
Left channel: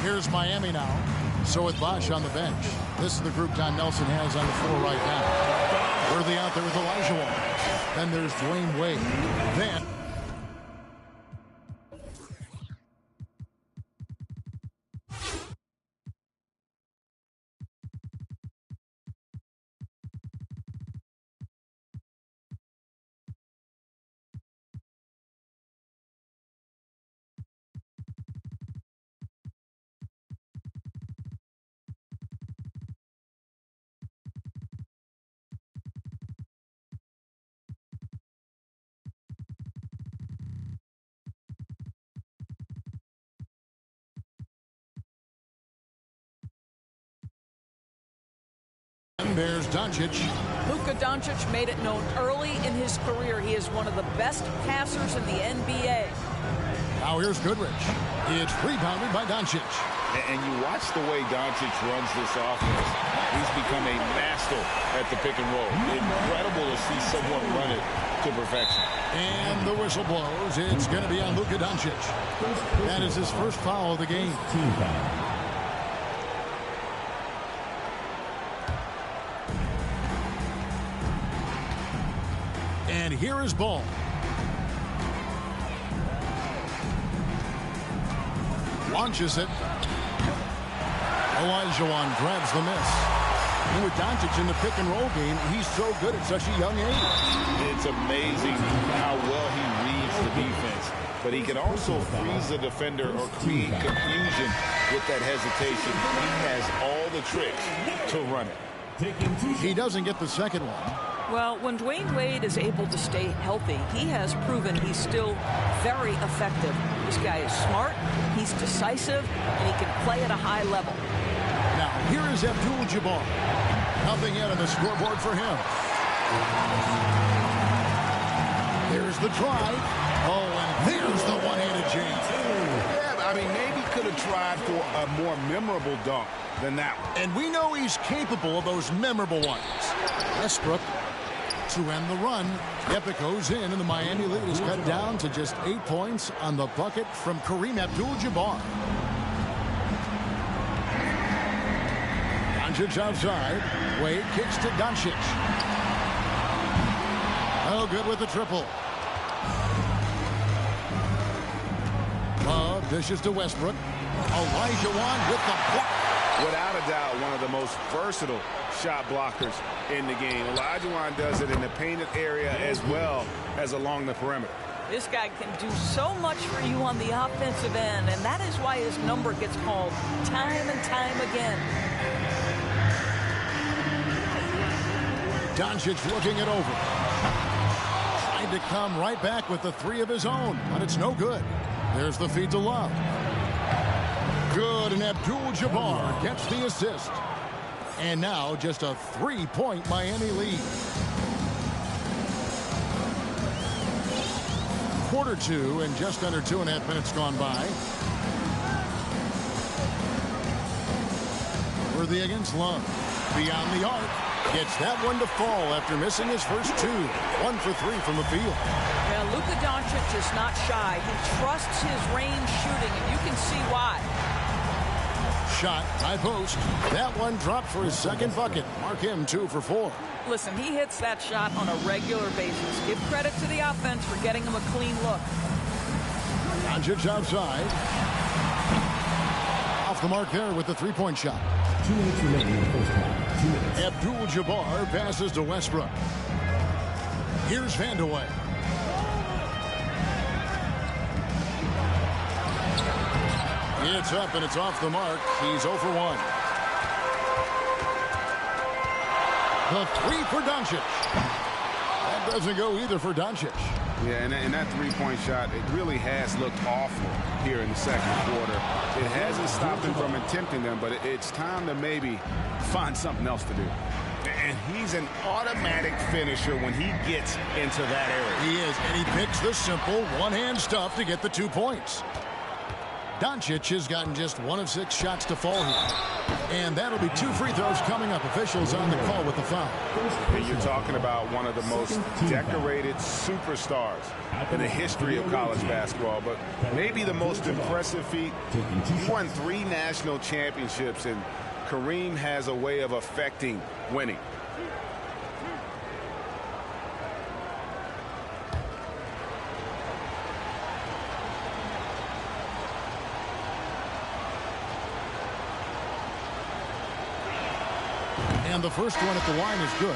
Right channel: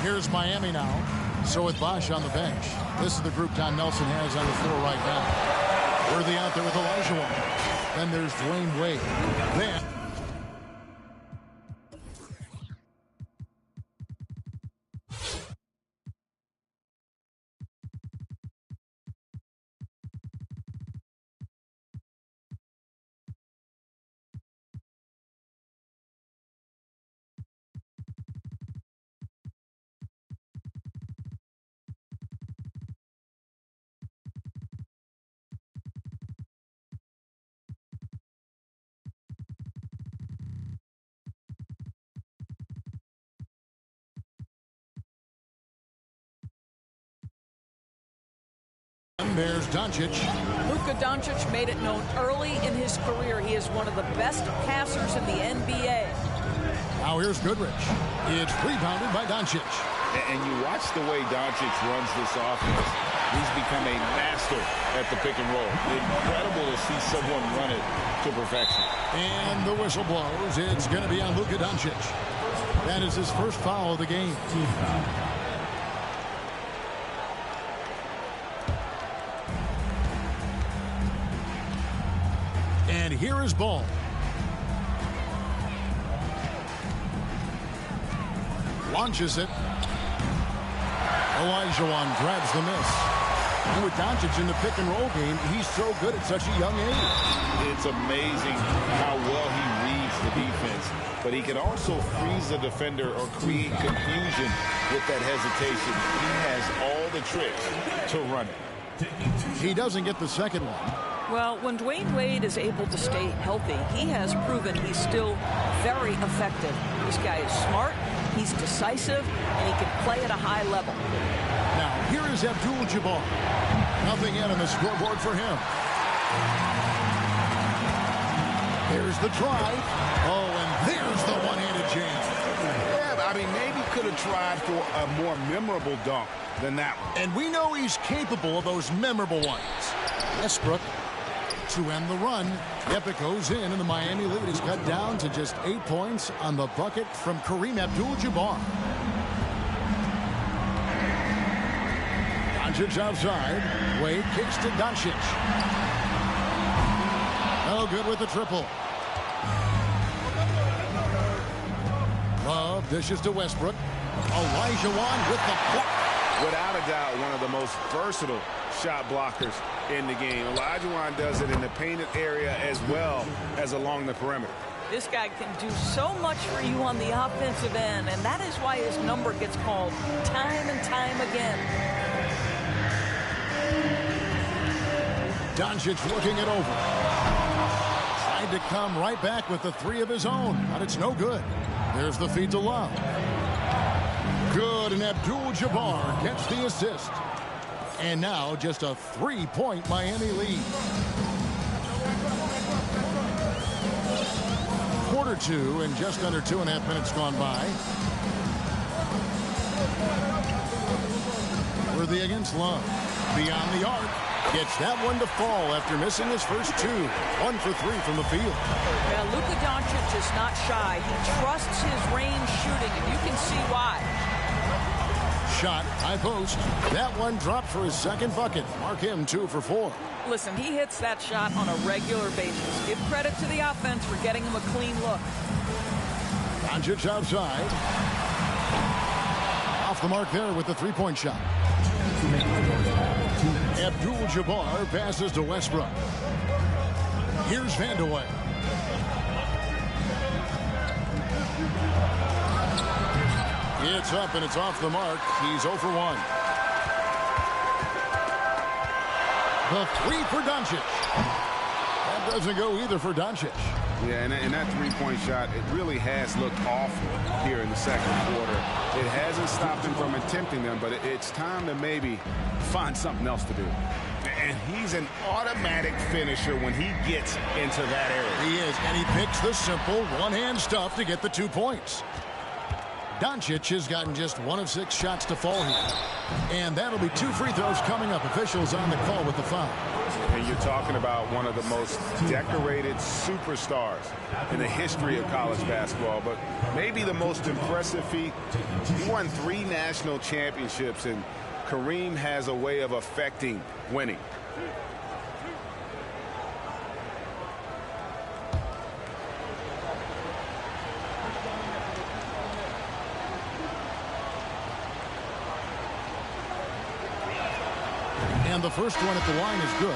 Here's Miami now. So with Bosch on the bench, this is the group Don Nelson has on the floor right now. Worthy out there with Elijah. Then there's Dwayne Wade. Then there's Doncic. Luka Doncic made it known early in his career he is one of the best passers in the NBA. Now here's Goodrich. It's rebounded by Doncic. And you watch the way Doncic runs this offense. He's become a master at the pick and roll. Incredible to see someone run it to perfection. And the whistle blows. It's going to be on Luka Doncic. That is his first foul of the game. Team foul. And here is Ball. Launches it. Elijah grabs the miss. And with Doncic in the pick and roll game, he's so good at such a young age. It's amazing how well he reads the defense. But he can also freeze the defender or create confusion with that hesitation. He has all the tricks to run it. He doesn't get the second one. Well, when Dwayne Wade is able to stay healthy, he has proven he's still very effective. This guy is smart, he's decisive, and he can play at a high level. Now, here is Abdul-Jabbar. Nothing yet on the scoreboard for him. There's the drive. Oh, and there's the one-handed jam. Yeah, I mean, maybe could have tried for a more memorable dunk than that one. And we know he's capable of those memorable ones. Westbrook to end the run. Yep, it goes in, and the Miami lead is cut down to just 8 points on the bucket from Kareem Abdul-Jabbar. Doncic outside. Wade kicks to Doncic. Oh, good with the triple. Love dishes to Westbrook. Elijah with the block. Without a doubt, one of the most versatile shot blockers in the game. Elijah does it in the painted area as well as along the perimeter. This guy can do so much for you on the offensive end, and that is why his number gets called time and time again. Doncic looking it over. Tried to come right back with the three of his own, but it's no good. There's the feed to Love. Good, and Abdul-Jabbar gets the assist. And now just a 3-point Miami lead. Quarter two and just under 2.5 minutes gone by. Worthy against Love. Beyond the arc. Gets that one to fall after missing his first two. 1 for 3 from the field. Well, Luka Doncic is not shy. He trusts his range shooting, and you can see why. Shot, high post. That one dropped for his second bucket. Mark him 2 for 4. Listen, he hits that shot on a regular basis. Give credit to the offense for getting him a clean look. Doncic outside. Off the mark there with the three-point shot. 2 minutes remaining in the first half. 2 minutes. Abdul-Jabbar passes to Westbrook. Here's Vandeweghe. It's up and it's off the mark. He's 0 for 1. The three for Doncic. That doesn't go either for Doncic. Yeah, and that three-point shot, it really has looked awful here in the second quarter. It hasn't stopped him from attempting them, but it's time to maybe find something else to do. And he's an automatic finisher when he gets into that area. He is, and he picks the simple one-hand stuff to get the 2 points. Doncic has gotten just 1 of 6 shots to fall here. And that'll be 2 free throws coming up. Officials on the call with the foul. And you're talking about one of the most decorated superstars in the history of college basketball, but maybe the most impressive feat. He won 3 national championships, and Kareem has a way of affecting winning. And the first one at the line is good.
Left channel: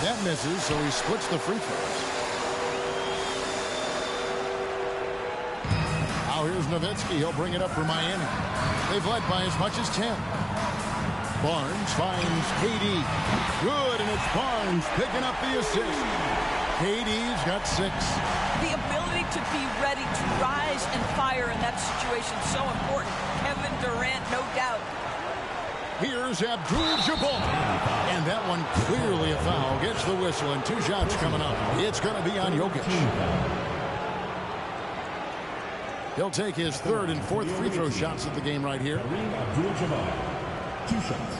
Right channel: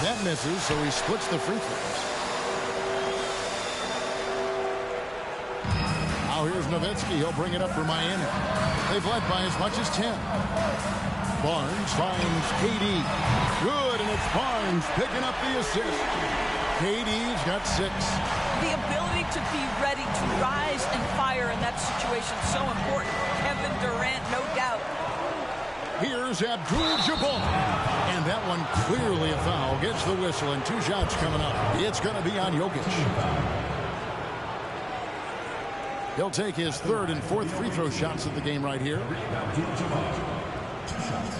That misses, so he splits the free throws. Now here's Nowitzki. He'll bring it up for Miami. They've led by as much as 10. Barnes finds KD. Good, and it's Barnes picking up the assist. KD's got 6. The ability to be ready to rise and fire in that situation is so important. Kevin Durant, no doubt. Here's Abdul-Jabbar. And that one clearly a foul. Gets the whistle, and 2 shots coming up. It's going to be on Jokic. He'll take his 3rd and 4th free throw shots of the game right here. Abdul-Jabbar, 2 shots.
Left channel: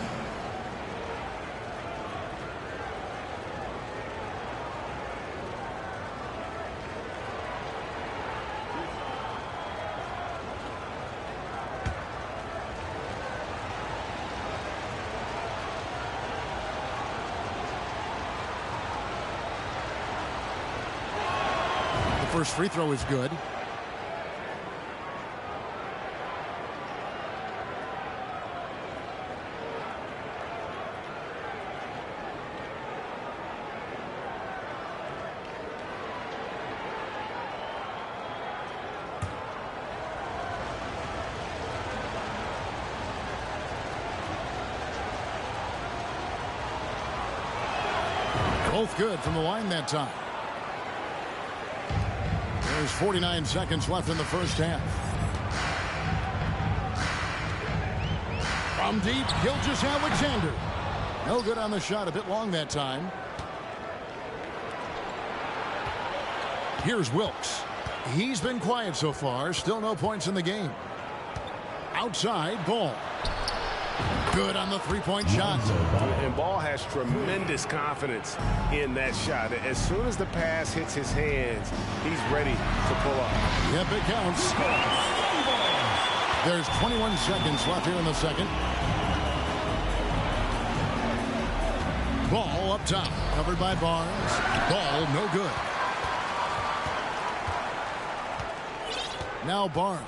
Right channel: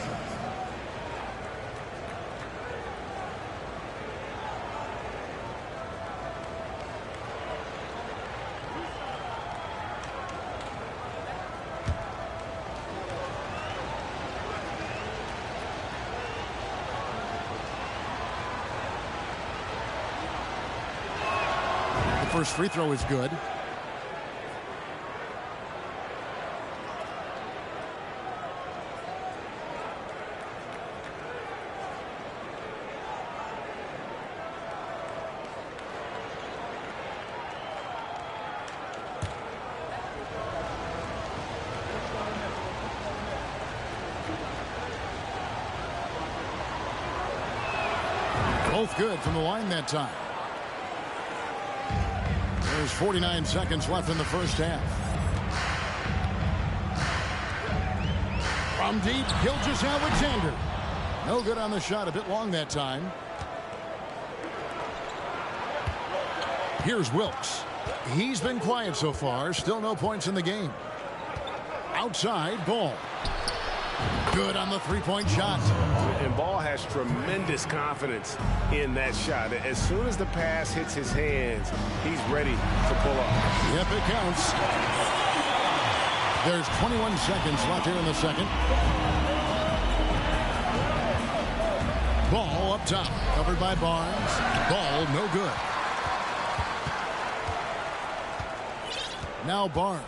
The first free throw is good. Both good from the line that time. There's 49 seconds left in the first half. From deep, Gilgeous-Alexander. No good on the shot, a bit long that time. Here's Wilkes. He's been quiet so far, still no points in the game. Outside, Ball. Good on the three-point shot. And Ball has tremendous confidence in that shot. As soon as the pass hits his hands, he's ready to pull up. Yep, it counts. There's 21 seconds left here in the second. Ball up top, covered by Barnes. Ball no good. Now Barnes.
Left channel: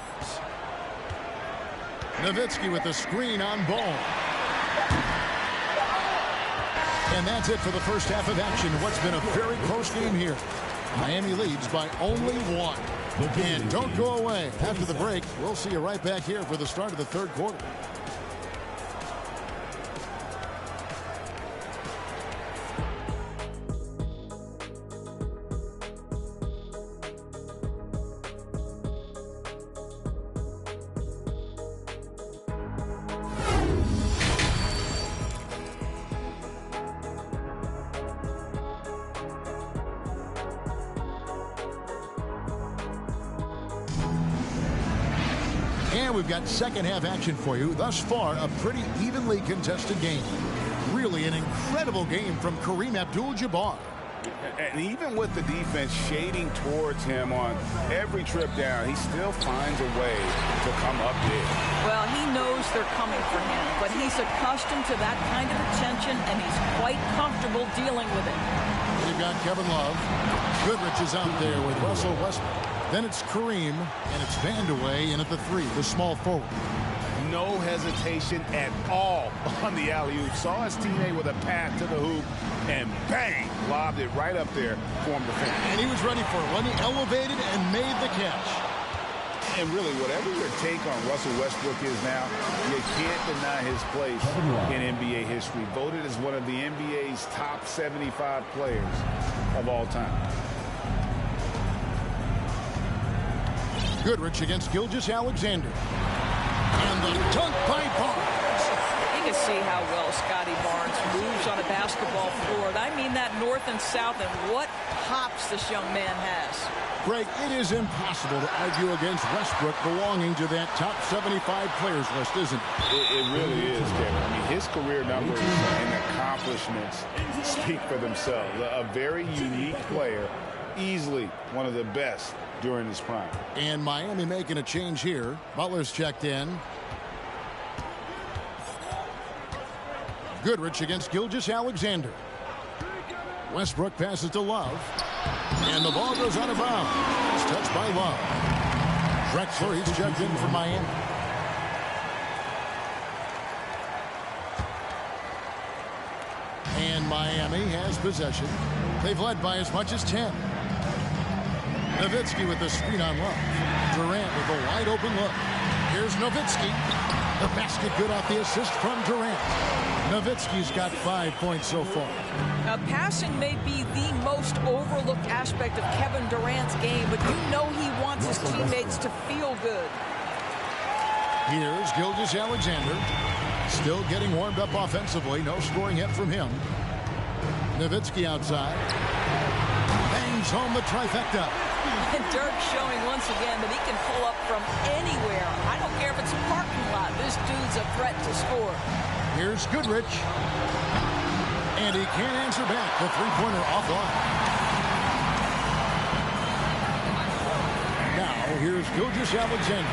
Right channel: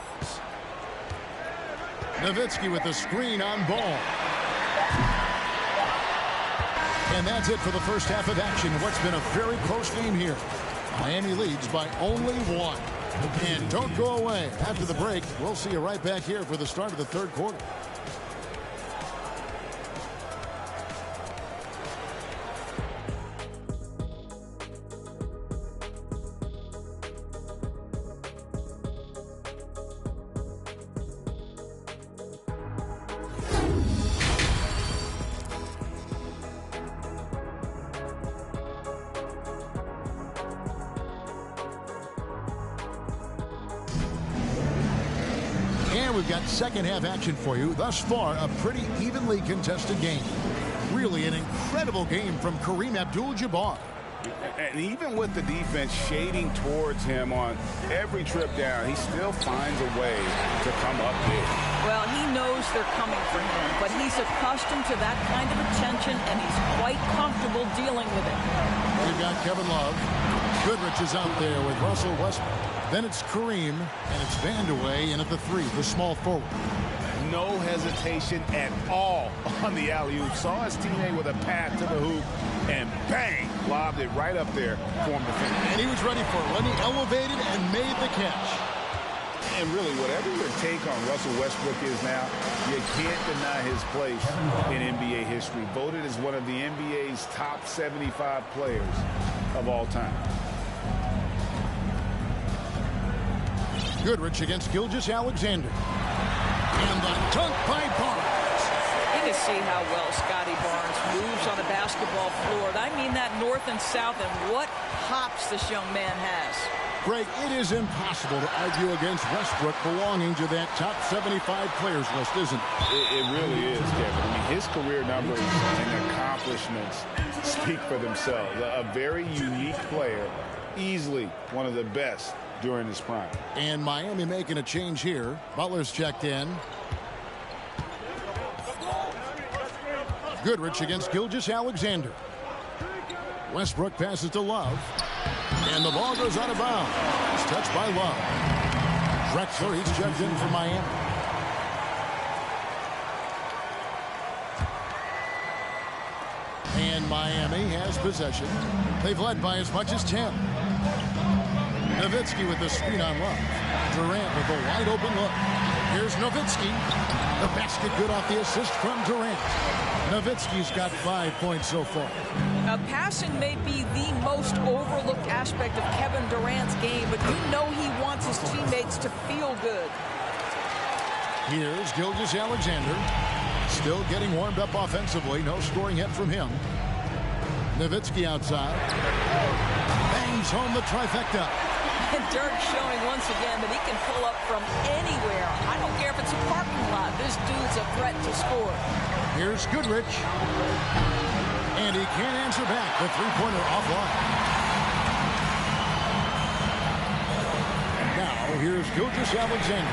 Nowitzki with the screen on Ball. And that's it for the first half of action. What's been a very close game here. Miami leads by only 1. And don't go away. After the break, we'll see you right back here for the start of the third quarter. And we've got second half action for you. Thus far, a pretty evenly contested game. Really an incredible game from Kareem Abdul-Jabbar. And even with the defense shading towards him on every trip down, he still finds a way to come up big. Well, he knows they're coming for him, but he's accustomed to that kind of attention, and he's quite comfortable dealing with it. We've got Kevin Love. Goodrich is out there with Russell Westbrook. Then it's Kareem, and it's Vandeweghe in at the 3, the small forward. No hesitation at all on the alley-oop. Saw his teammate with a path to the hoop, and bang, lobbed it right up there for him to finish. And he was ready for it when he elevated and made the catch. And really, whatever your take on Russell Westbrook is now, you can't deny his place in NBA history. Voted as one of the NBA's top 75 players of all time. Goodrich against Gilgeous-Alexander. And the dunk by Barnes. You can see how well Scotty Barnes moves on a basketball floor. I mean that north and south, and what hops this young man has. Greg, it is impossible to argue against Westbrook belonging to that top 75 players list, isn't it? It really is, Kevin. I mean, his career numbers and accomplishments speak for themselves. A very unique player, easily one of the best during his prime. And Miami making a change here. Butler's checked in. Goodrich against Gilgeous-Alexander. Westbrook passes to Love. And the ball goes out of bounds. It's touched by Love. Drexler, he's checked in for Miami. And Miami has possession. They've led by as much as 10. Nowitzki with the screen on Love. Durant with a wide open look. Here's Nowitzki. The basket good off the assist from Durant. Nowitzki's got 5 points so far. Now, passing may be the most overlooked aspect of Kevin Durant's game, but you know he wants his teammates to feel good. Here's Gilgeous-Alexander. Still getting warmed up offensively. No scoring hit from him. Nowitzki outside. Bangs home the trifecta. And Dirk showing once again that he can pull up from anywhere. I don't care if it's a parking lot. This dude's a threat to score. Here's Goodrich. And he can't answer back. The three-pointer offline. Now, here's Gilgeous-Alexander.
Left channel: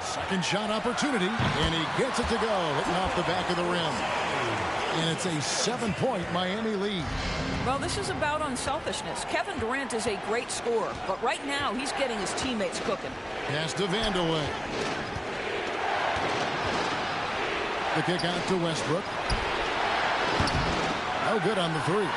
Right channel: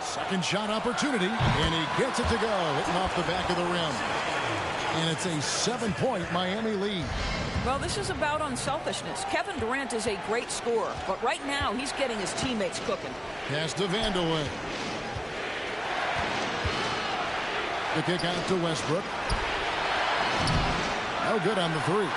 Second shot opportunity. And he gets it to go. Hitting off the back of the rim. And it's a 7-point Miami lead. Well, this is about unselfishness. Kevin Durant is a great scorer, but right now he's getting his teammates cooking. Pass to Vandeweghe. The kick out to Westbrook. No good on the 3.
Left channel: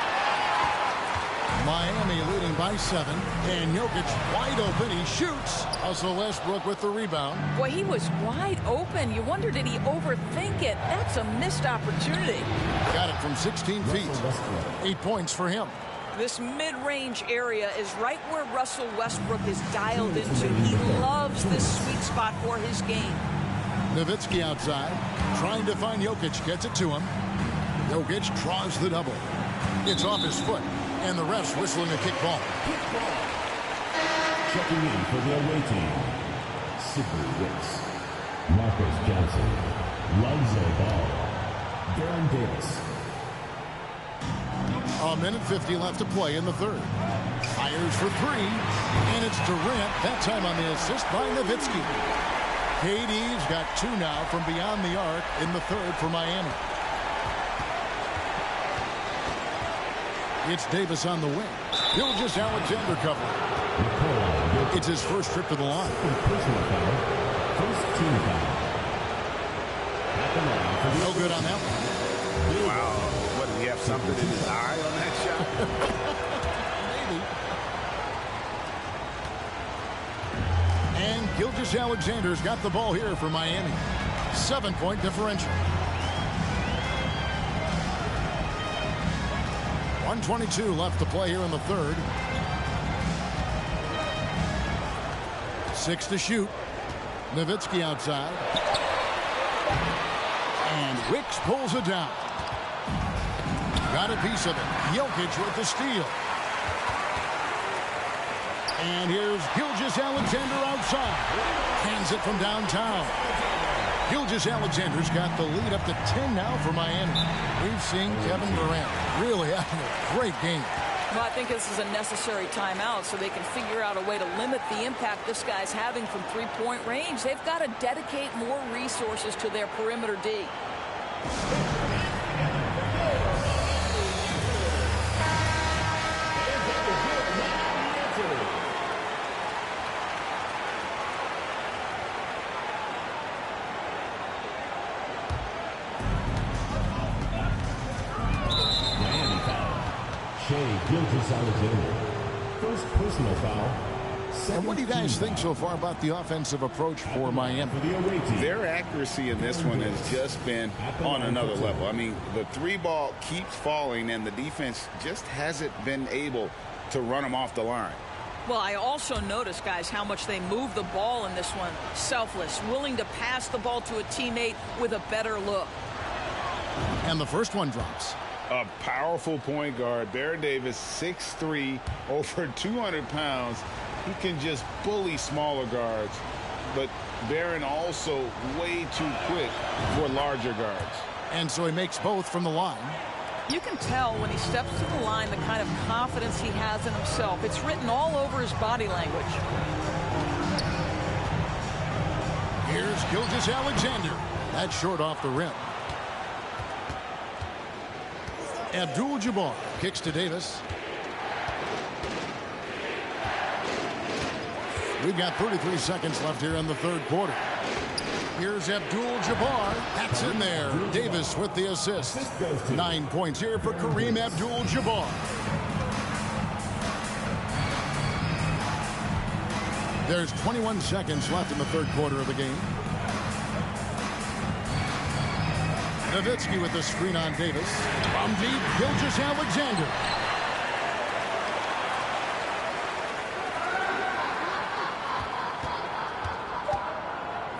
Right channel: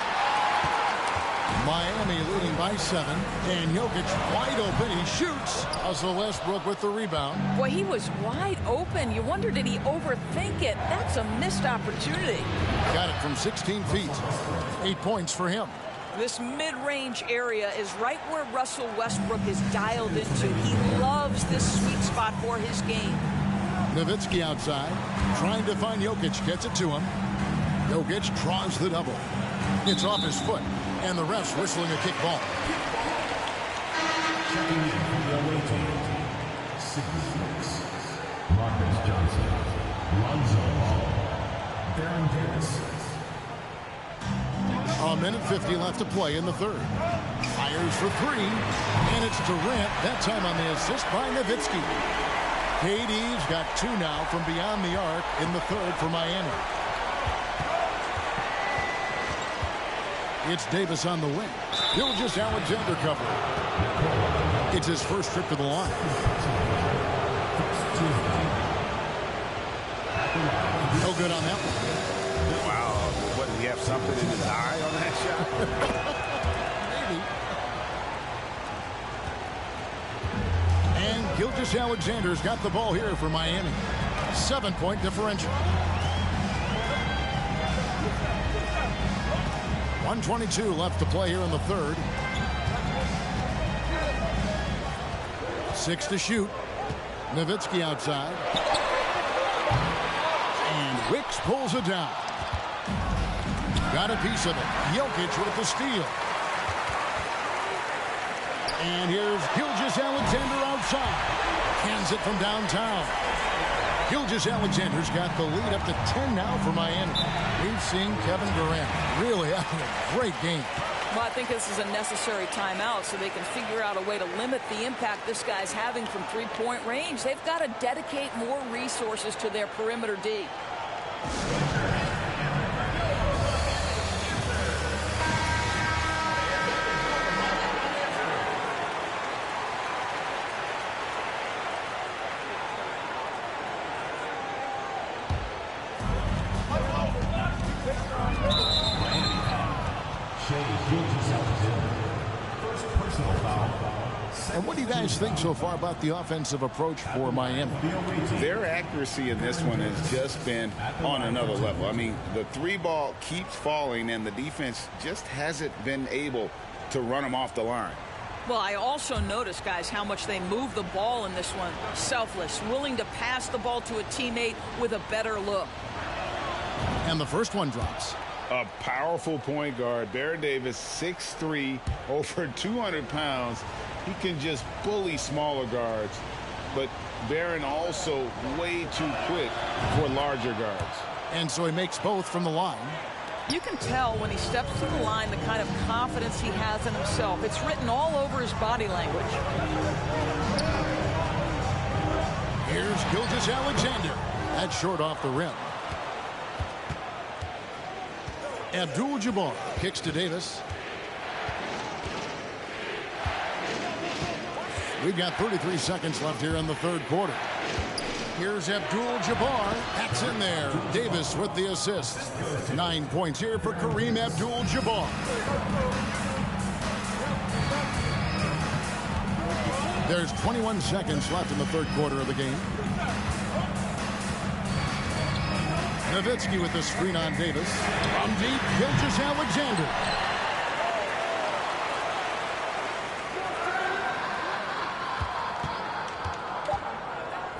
Miami leading by 7. And Jokic wide open. He shoots. Also Westbrook with the rebound. Boy, he was wide open. You wonder, did he overthink it? That's a missed opportunity. Got it from 16 feet. 8 points for him. This mid-range area is right where Russell Westbrook is dialed into. He loves this sweet spot for his game. Nowitzki outside, trying to find Jokic, gets it to him. Jokic draws the double. It's off his foot, and the ref's whistling a kick ball. Checking in for the away team, Sidney Wicks, Marcus Johnson, Lonzo Ball, Baron Davis. A minute 50 left to play in the third. Fires for 3, and it's Durant, that time on the assist by Nowitzki. KD's got 2 now from beyond the arc in the third for Miami. It's Davis on the wing. Gilgeous-Alexander covering. It's his first trip to the line. No good on that one. Wow. What, did he have something in his eye on that shot? Maybe. And Gilgeous-Alexander's got the ball here for Miami. 7-point differential. 1:22 left to play here in the third. 6 to shoot. Nowitzki outside. And Wicks pulls it down. Got a piece of it. Jokic with the steal. And here's Gilgeous-Alexander outside. Cans it from downtown. Gilgeous-Alexander's got the lead up to 10 now for Miami. We've seen Kevin Durant really having a great game. Well, I think this is a necessary timeout so they can figure out a way to limit the impact this guy's having from three-point range. They've got to dedicate more resources to their perimeter D. Gilgeous-Alexander. First personal foul. And what do you guys think so far about the offensive approach for Miami? Their accuracy in this one has just been on another level. I mean, the three ball keeps falling, and the defense just hasn't been able to run them off the line. Well, I also noticed, guys, how much they move the ball in this one. Selfless, willing to pass the ball to a teammate with a better look. And the first one drops. A powerful point guard. Baron Davis, 6'3", over 200 pounds. He can just bully smaller guards. But Baron also way too quick for larger guards. And so he makes both from the line. You can tell when he steps to the line the kind of confidence he has in himself. It's written all over his body language. Here's Gilgeous-Alexander. That's short off the rim. Abdul-Jabbar kicks to Davis. We've got 33 seconds left here in the third quarter. Here's Abdul-Jabbar. That's in there. Davis with the assist. 9 points here for Kareem Abdul-Jabbar. There's 21 seconds left in the third quarter of the game. Nowitzki with the screen on Davis. From deep, Gilgeous-Alexander.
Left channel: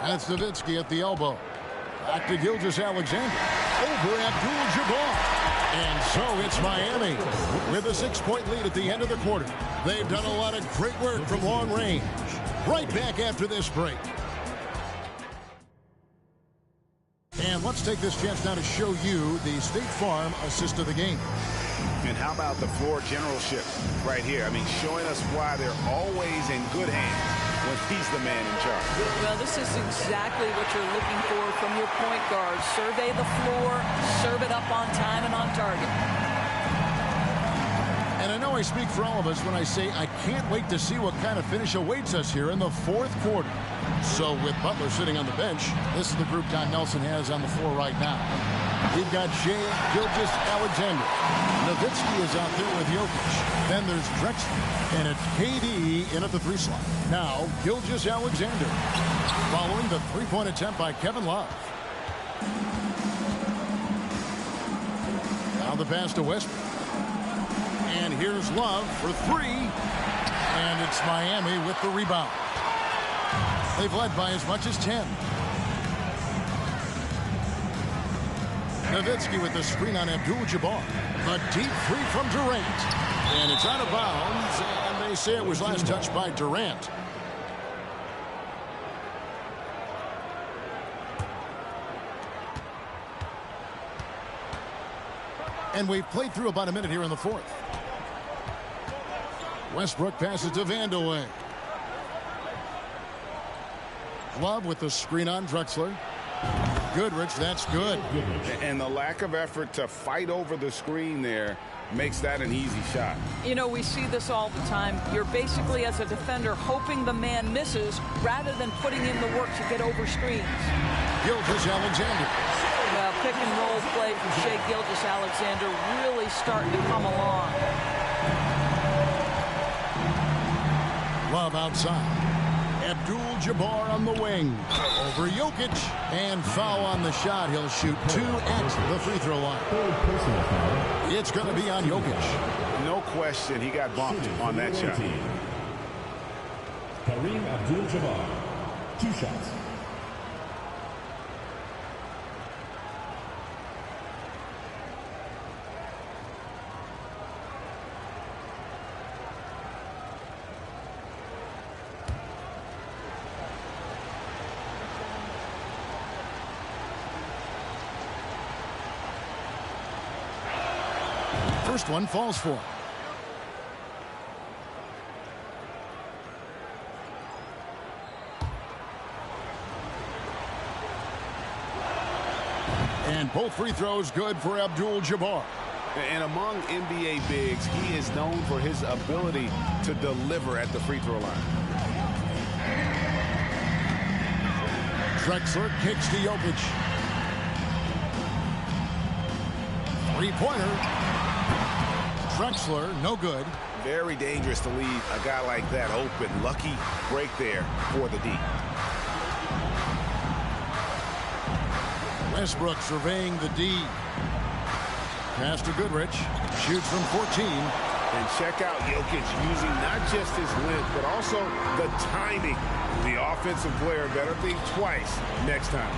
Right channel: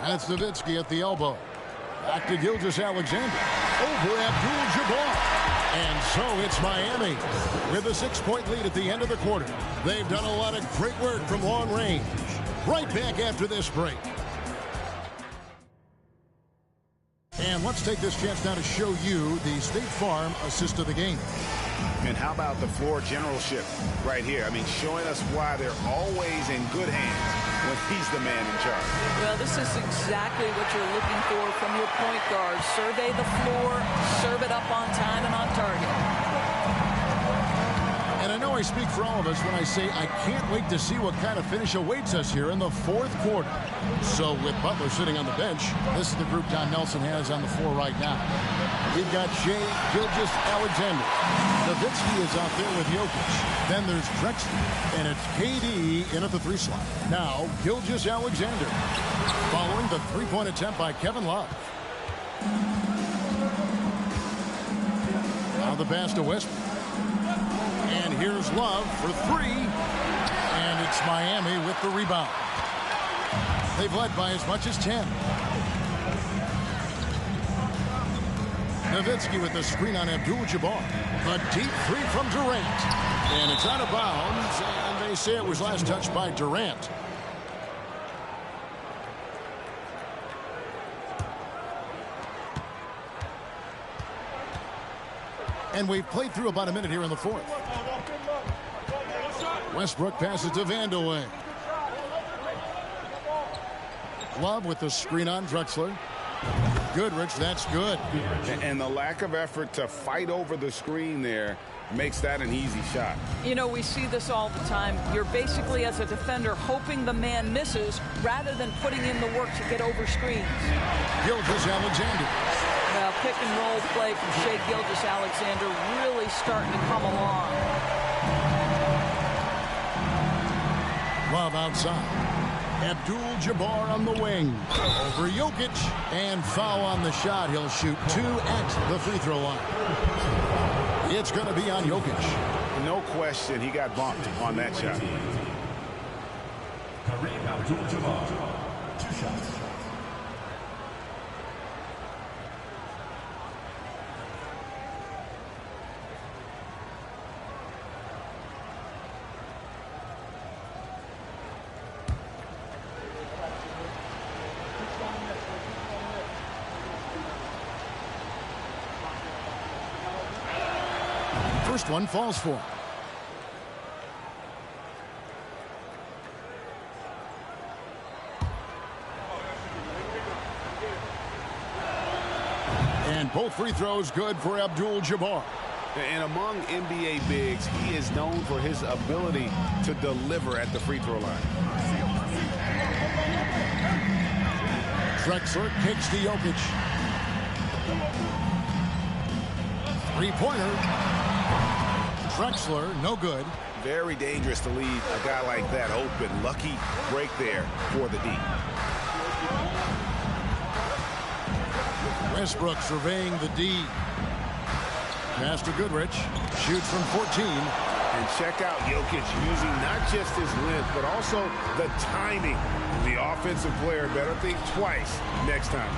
And it's Nowitzki at the elbow. Back to Gilgeous-Alexander. Over Abdul-Jabbar. And so it's Miami with a 6-point lead at the end of the quarter. They've done a lot of great work from long range. Right back after this break. And let's take this chance now to show you the State Farm assist of the game. And how about the floor generalship right here? I mean, showing us why they're always in good hands when he's the man in charge. Well, this is exactly what you're looking for from your point guard. Survey the floor, serve it up on time and on target. And I know I speak for all of us when I say I can't wait to see what kind of finish awaits us here in the fourth quarter. So with Butler sitting on the bench, this is the group Don Nelson has on the floor right now. We've got Shea Gilgeous-Alexander. Nowitzki is out there with Jokic. Then there's Drexler, and it's KD in at the 3 slot. Now, Gilgeous-Alexander, following the three-point attempt by Kevin Love. Now the pass to Westbrook. And here's Love for 3. And it's Miami with the rebound. They've led by as much as 10. Nowitzki with the screen on Abdul-Jabbar. A deep 3 from Durant. And it's out of bounds, and they say it was last touched by Durant. And we've played through about a minute here in the fourth. Westbrook passes to Vandeweghe. Love with the screen on Drexler. Goodrich, that's good. And the lack of effort to fight over the screen there makes that an easy shot. You know, we see this all the time. You're basically, as a defender, hoping the man misses rather than putting in the work to get over screens. Gilgeous-Alexander. Well, pick and roll play from Shea Gilgeous-Alexander really starting to come along. Love outside. Abdul-Jabbar on the wing. Over Jokic. And foul on the shot. He'll shoot 2 at the free throw line. It's going to be on Jokic. No question he got bumped on that shot. Kareem Abdul-Jabbar. 2 shots. First one falls for him. And both free throws good for Abdul-Jabbar. And among NBA bigs, he is known for his ability to deliver at the free throw line. Drexler kicks to Jokic. Three-pointer. Drexler, no good. Very dangerous to leave a guy like that open. Lucky break there for the D. Westbrook surveying the D. Pass to Goodrich. Shoots from 14. And check out Jokic using not just his length, but also the timing. The offensive player better think twice next time.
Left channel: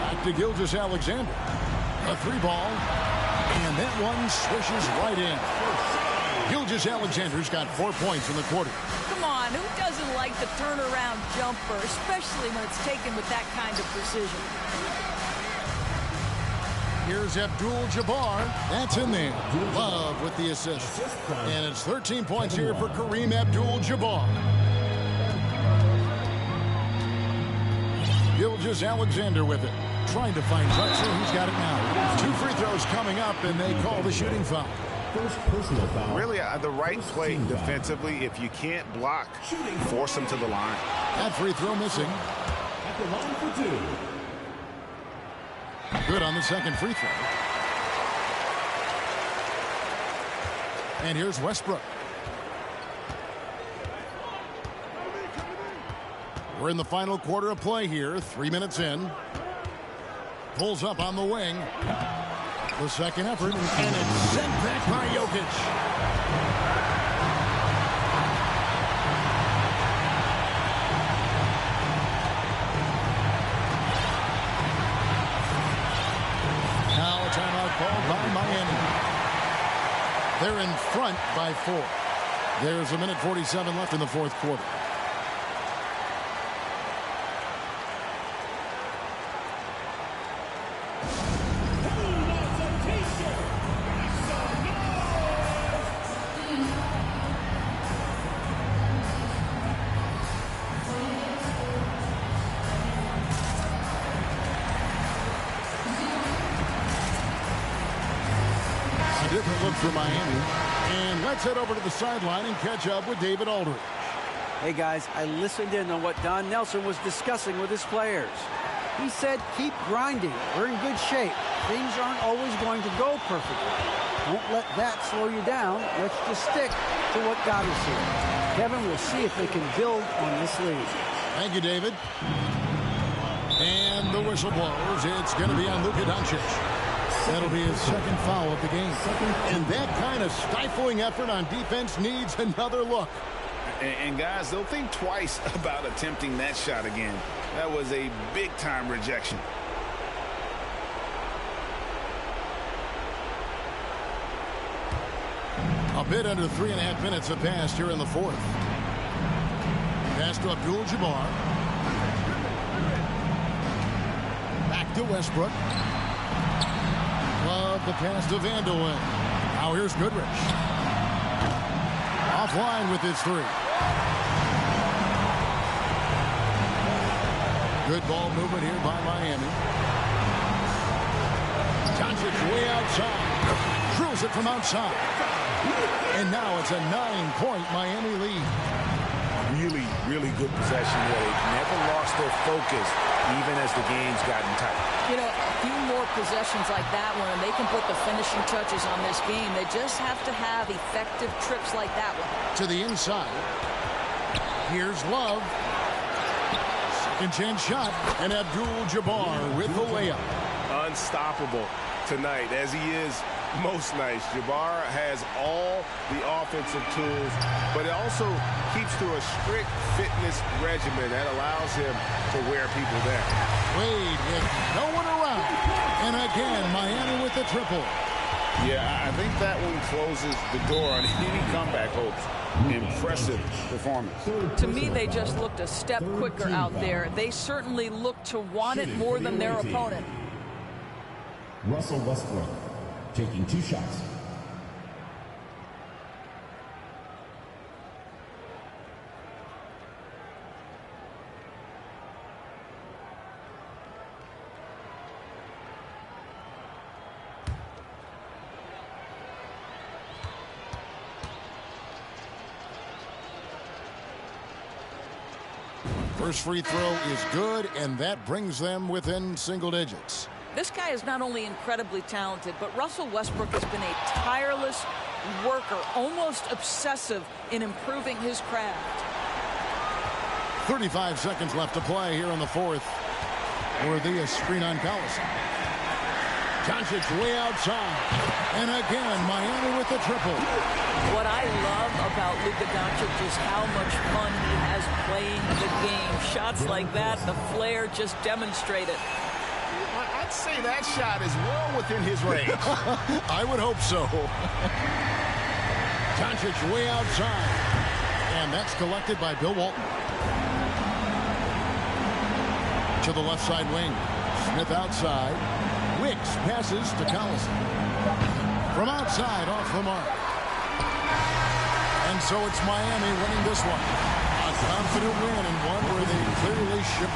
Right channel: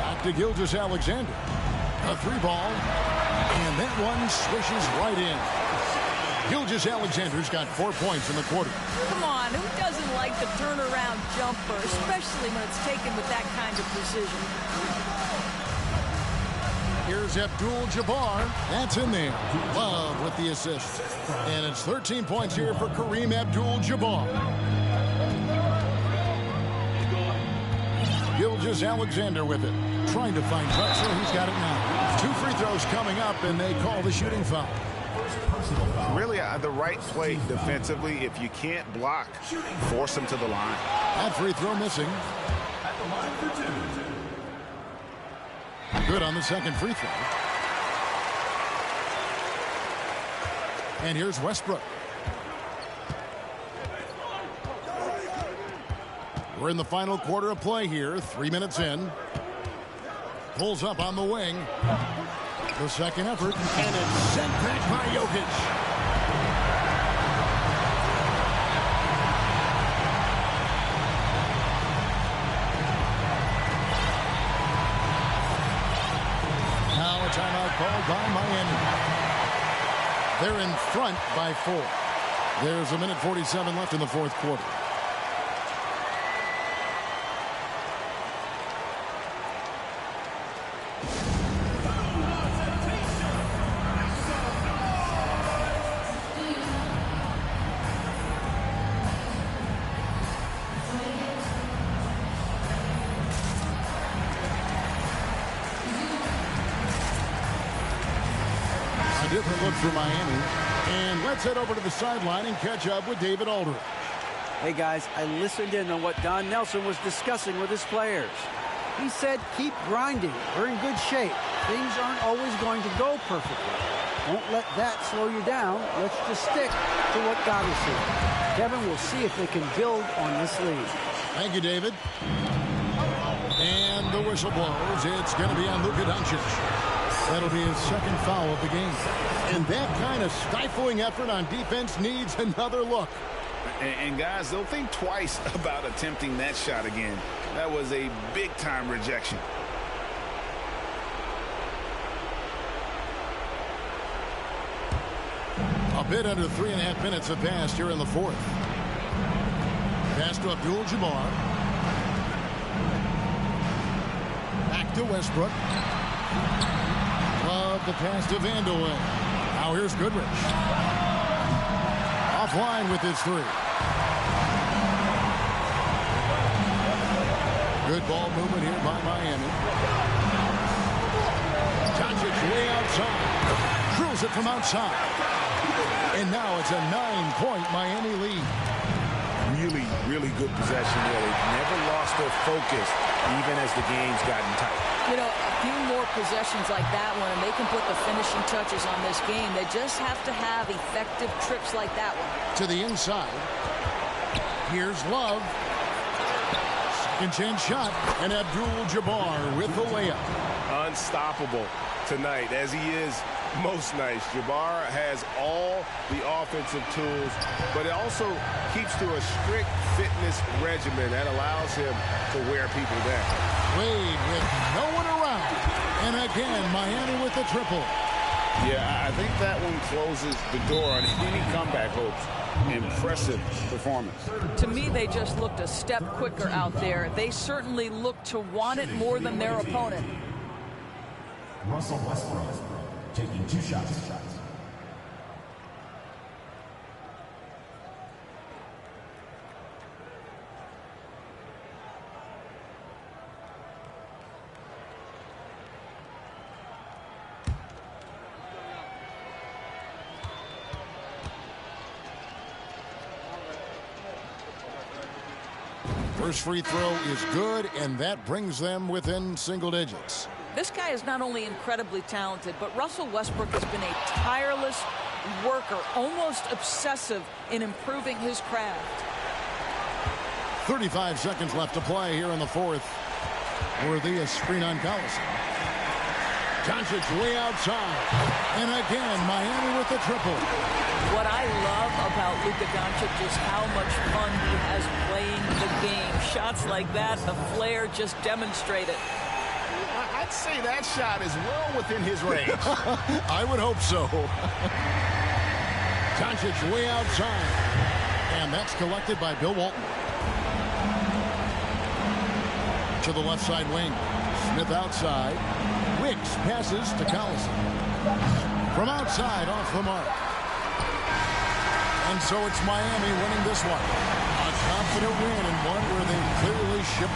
Back to Gilgeous-Alexander. A three ball. And that one swishes right in. Gilgeous-Alexander's got 4 points in the quarter. Come on, who doesn't like the turnaround jumper, especially when it's taken with that kind of precision? Here's Abdul-Jabbar. That's in there. Love with the assist. And it's 13 points here for Kareem Abdul-Jabbar. Gilgeous-Alexander with it. Trying to find Drexler. He's got it now. 2 free throws coming up, and they call the shooting foul. First personal foul. Really, the right play defensively. If you can't block, force them to the line. That free throw missing. At the line for 2. Good on the second free throw. And here's Westbrook. We're in the final quarter of play here. 3 minutes in. Pulls up on the wing. The second effort. And it's sent back by Jokic. Now a timeout called by Miami. They're in front by 4. There's a minute 47 left in the fourth quarter. Different look for Miami. And let's head over to the sideline and catch up with David Aldridge. Hey, guys, I listened in on what Don Nelson was discussing with his players. He said, keep grinding. We're in good shape. Things aren't always going to go perfectly. Don't let that slow you down. Let's just stick to what got us here. Kevin, we'll see if they can build on this lead. Thank you, David. And the whistle blows. It's going to be on Luka Doncic. That'll be his second foul of the game. And that kind of stifling effort on defense needs another look. And guys, they'll think twice about attempting that shot again. That was a big-time rejection. A bit under 3.5 minutes have passed here in the fourth. Pass to Abdul-Jabbar. Back to Westbrook. Love the pass to Vandeweghe. Now here's Goodrich. Offline with his 3. Good ball movement here by Miami. Doncic way outside. Drills it from outside. And now it's a 9-point Miami lead. Really, really good possession there. They've never lost their focus, even as the game's gotten tight. You know, a few more possessions like that one, and they can put the finishing touches on this game. They just have to have effective trips like that one. To the inside. Here's Love. Second chance shot. And Abdul-Jabbar with the layup. Unstoppable tonight, as he is most nights. Jabbar has all the offensive tools, but it also keeps to a strict fitness regimen that allows him to wear people down. Wade with no one around. And again, Miami with the triple. Yeah, I think that one closes the door on any comeback hopes. Impressive performance. To me, they just looked a step quicker out there. They certainly looked to want it more than their opponent. Russell Westbrook. taking 2 shots. First free throw is good, and that brings them within single digits. This guy is not only incredibly talented, but Russell Westbrook has been a tireless worker, almost obsessive in improving his craft. 35 seconds left to play here in the fourth. Worthy screen on Collison. Doncic way outside. And again, Miami with the triple. What I love about Luka Doncic is how much fun he has playing the game. Shots like that, the flair just demonstrate it. I'd say that shot is well within his range. I would hope so. Doncic way outside. And that's collected by Bill Walton. To the left side wing. Smith outside. Wicks passes to Collison. From outside, off the mark. And so it's Miami winning this one. A confident win and one where they clearly shipped.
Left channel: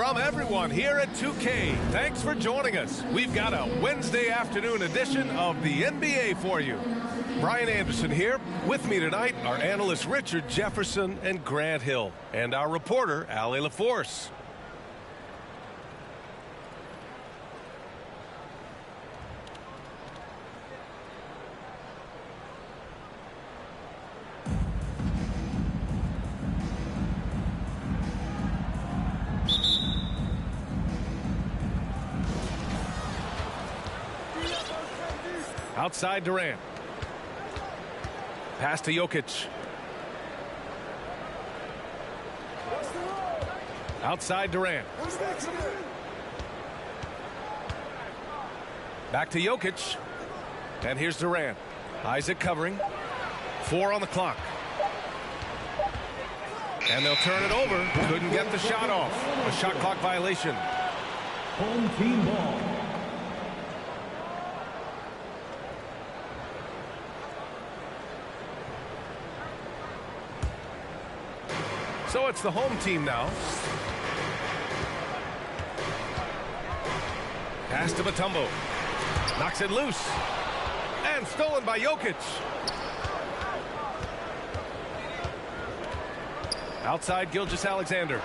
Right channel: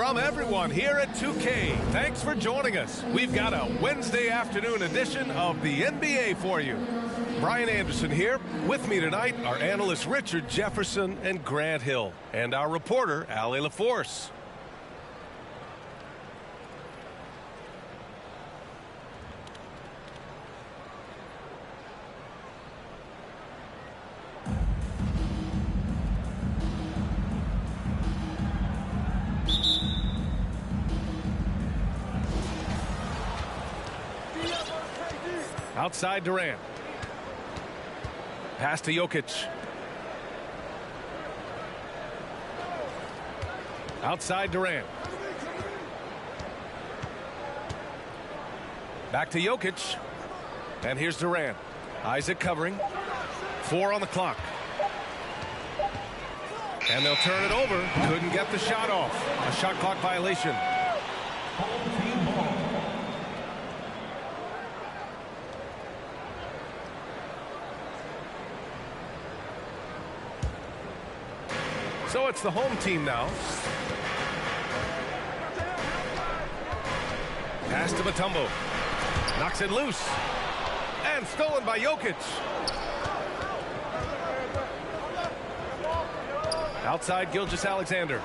From everyone here at 2K, thanks for joining us. We've got a Wednesday afternoon edition of the NBA for you. Brian Anderson here. With me tonight are analysts Richard Jefferson and Grant Hill, and our reporter, Allie LaForce. Outside Durant. Pass to Jokic. Outside Durant. Back to Jokic. And here's Durant. Isaac covering. 4 on the clock. And they'll turn it over. Couldn't get the shot off. A shot clock violation. Home team ball. So it's the home team now. Pass to Mutombo. Knocks it loose. And stolen by Jokic. Outside Gilgeous-Alexander.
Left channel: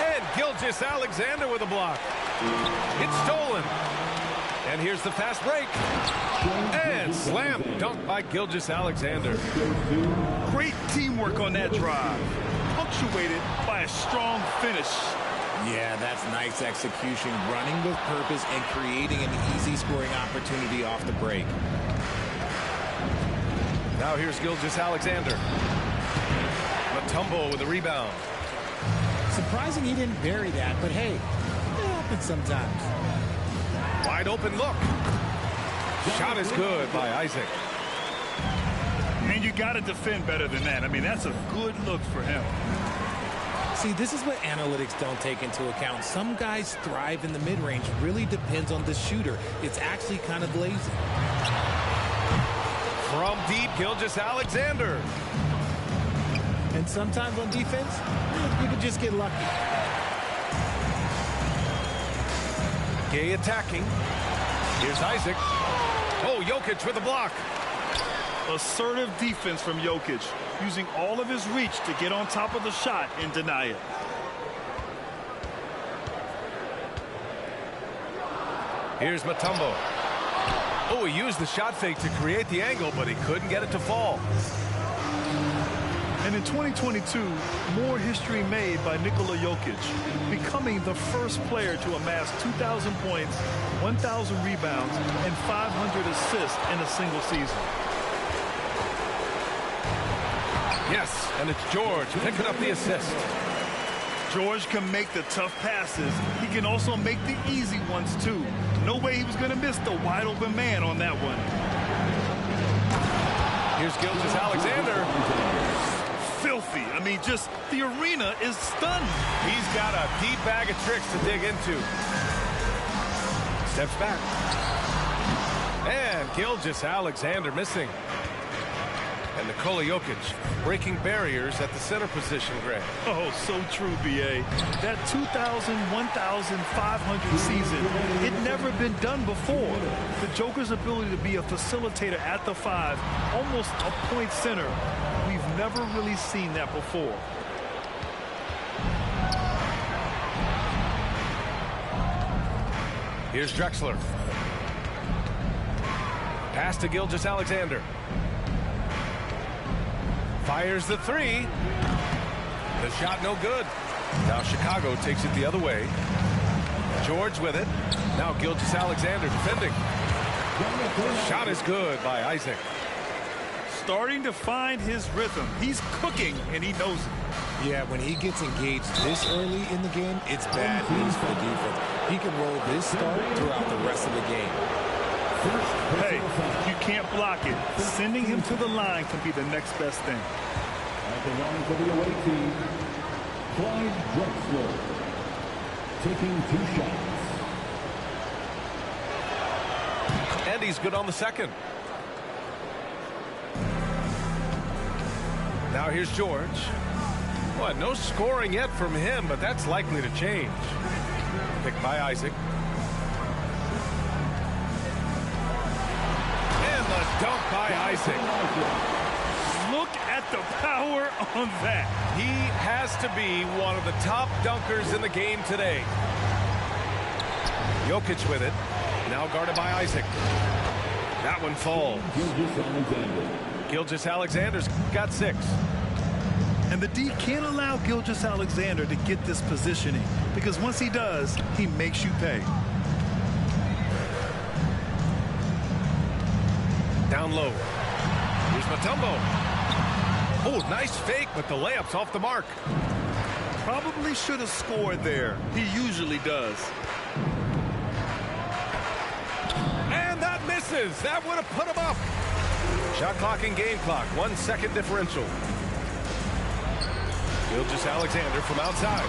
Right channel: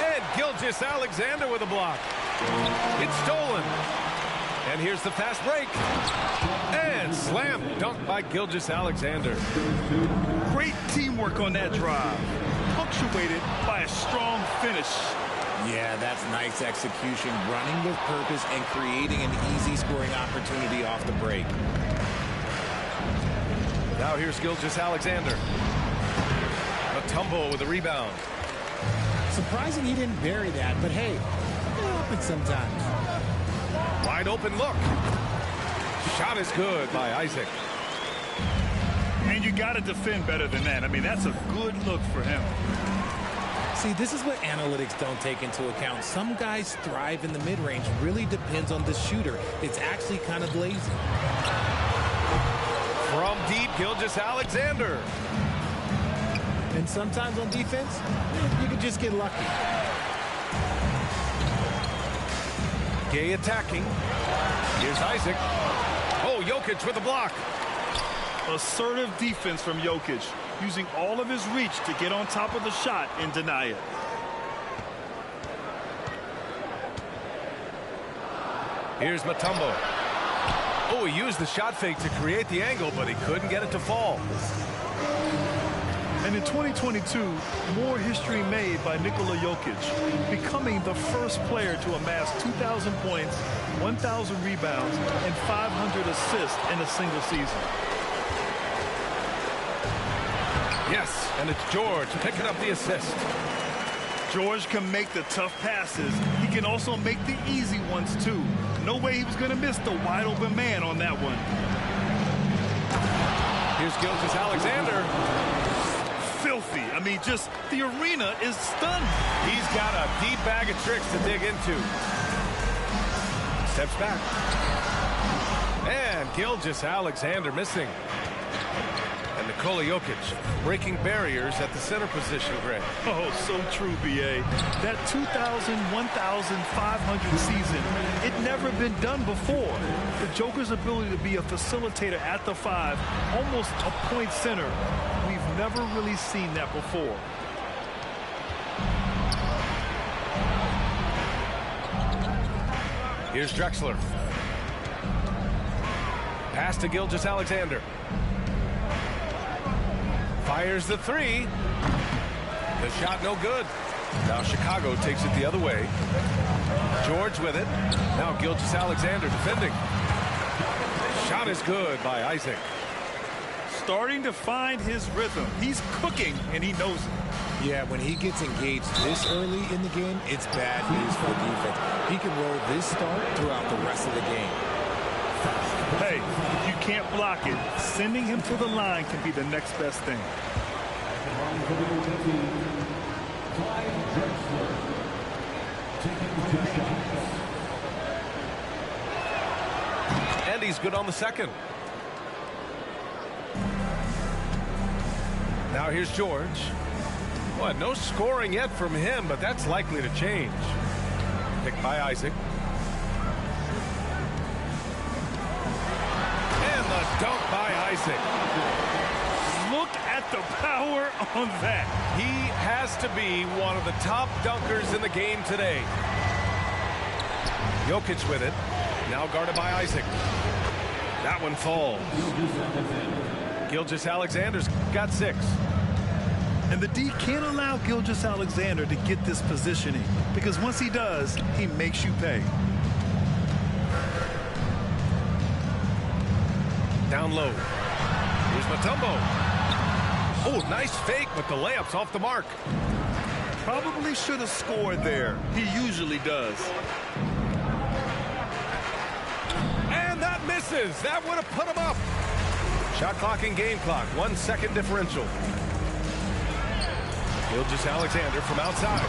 And Gilgeous-Alexander with a block. It's stolen. And here's the fast break. And slam dunk by Gilgeous-Alexander. Great teamwork on that drive, punctuated by a strong finish. Yeah, that's nice execution, running with purpose and creating an easy scoring opportunity off the break. Now here's Gilgeous-Alexander. Mutombo with a rebound. Surprising he didn't bury that, but hey, it happens sometimes. Wide open look. Shot is good by Isaac. And you got to defend better than that. I mean, that's a good look for him. See, this is what analytics don't take into account. Some guys thrive in the mid-range. Really depends on the shooter. It's actually kind of lazy. From deep, Gilgeous-Alexander. And sometimes on defense, you can just get lucky. Gay attacking. Here's Isaac. Oh, Jokic with a block. Assertive defense from Jokic, using all of his reach to get on top of the shot and deny it. Here's Mutombo. Oh, he used the shot fake to create the angle, but he couldn't get it to fall. And in 2022, more history made by Nikola Jokic, becoming the first player to amass 2,000 points, 1,000 rebounds, and 500 assists in a single season. Yes, and it's George picking up the assist. George can make the tough passes. He can also make the easy ones, too. No way he was going to miss the wide open man on that one. Here's Gilgeous-Alexander. Filthy. I mean, just the arena is stunned. He's got a deep bag of tricks to dig into. Steps back. And Gilgeous-Alexander missing. And Nikola Jokic breaking barriers at the center position, Grant. Oh, so true, B.A. That 2,000, 1,500 season, it never been done before. The Joker's ability to be a facilitator at the 5, almost a point center, we've never really seen that before. Here's Drexler. Pass to Gilgeous-Alexander. Fires the 3. The shot no good. Now Chicago takes it the other way. George with it. Now Gilgeous-Alexander defending. Shot is good by Isaac. Starting to find his rhythm. He's cooking, and he knows it. Yeah, when he gets engaged this early in the game, it's bad news for the defense. He can roll this start throughout the rest of the game. Hey, if you can't block it, sending him to the line can be the next best thing. At the line for the away team, Clyde Drexler, taking 2 shots. And he's good on the second. Now here's George. Well, no scoring yet from him, but that's likely to change. Picked by Isaac. And the dunk by Isaac. Look at the power on that. He has to be one of the top dunkers in the game today. Jokic with it. Now guarded by Isaac. That one falls. Gilgeous-Alexander's got 6. And the D can't allow Gilgeous-Alexander to get this positioning, because once he does, he makes you pay. Down low. Here's Mutombo. Oh, nice fake, but the layup's off the mark. Probably should have scored there. He usually does. And that misses. That would have put him up. Shot clock and game clock. 1 second differential. Gilgeous-Alexander from outside.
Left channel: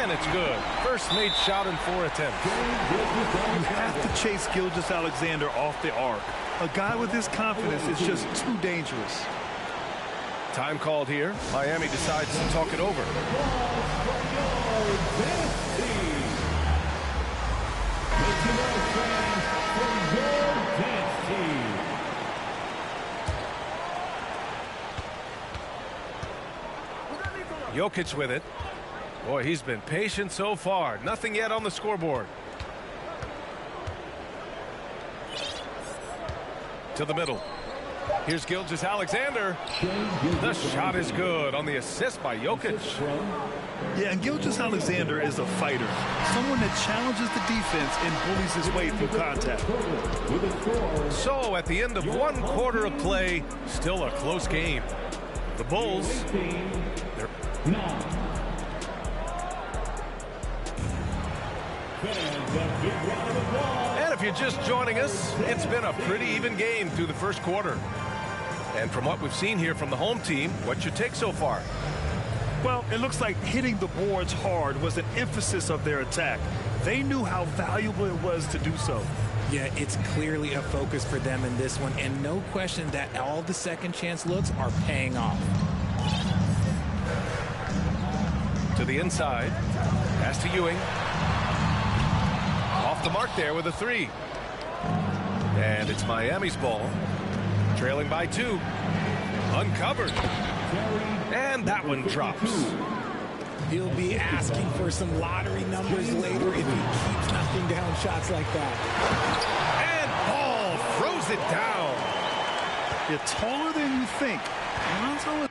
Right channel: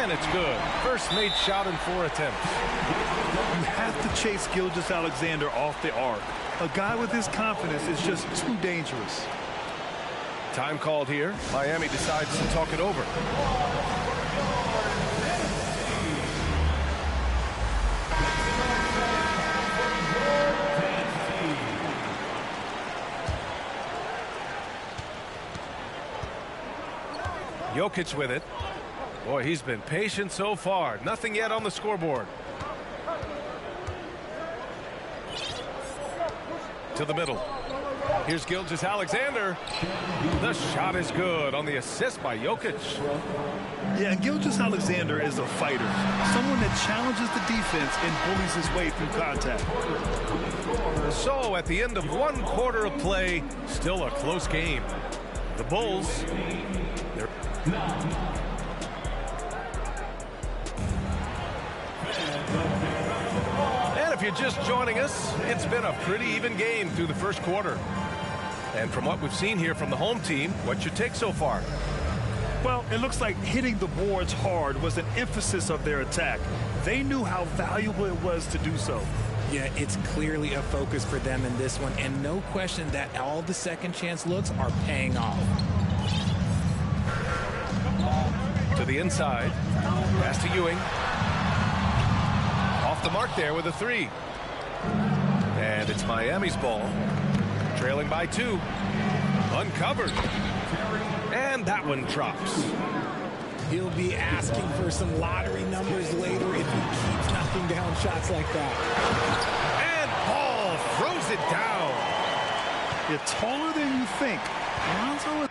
And it's good. First made shot in 4 attempts. You have to chase Gilgeous-Alexander off the arc. A guy with his confidence is just too dangerous. Time called here. Miami decides to talk it over. Jokic with it. Boy, he's been patient so far. Nothing yet on the scoreboard. To the middle. Here's Gilgeous-Alexander. The shot is good on the assist by Jokic. Yeah, and Gilgeous-Alexander is a fighter. Someone that challenges the defense and bullies his way through contact. So at the end of 1 quarter of play, still a close game. The Bulls, they're... And if you're just joining us, it's been a pretty even game through the first quarter. And from what we've seen here from the home team, what's your take so far? Well, it looks like hitting the boards hard was an emphasis of their attack. They knew how valuable it was to do so. Yeah, it's clearly a focus for them in this one, and no question that all the second chance looks are paying off. To the inside. Pass to Ewing. Off the mark there with a 3. And it's Miami's ball. Trailing by 2. Uncovered. And that one drops. He'll be asking for some lottery numbers later if he keeps knocking down shots like that. And Ball throws it down. You're taller than you think. Lonzo is...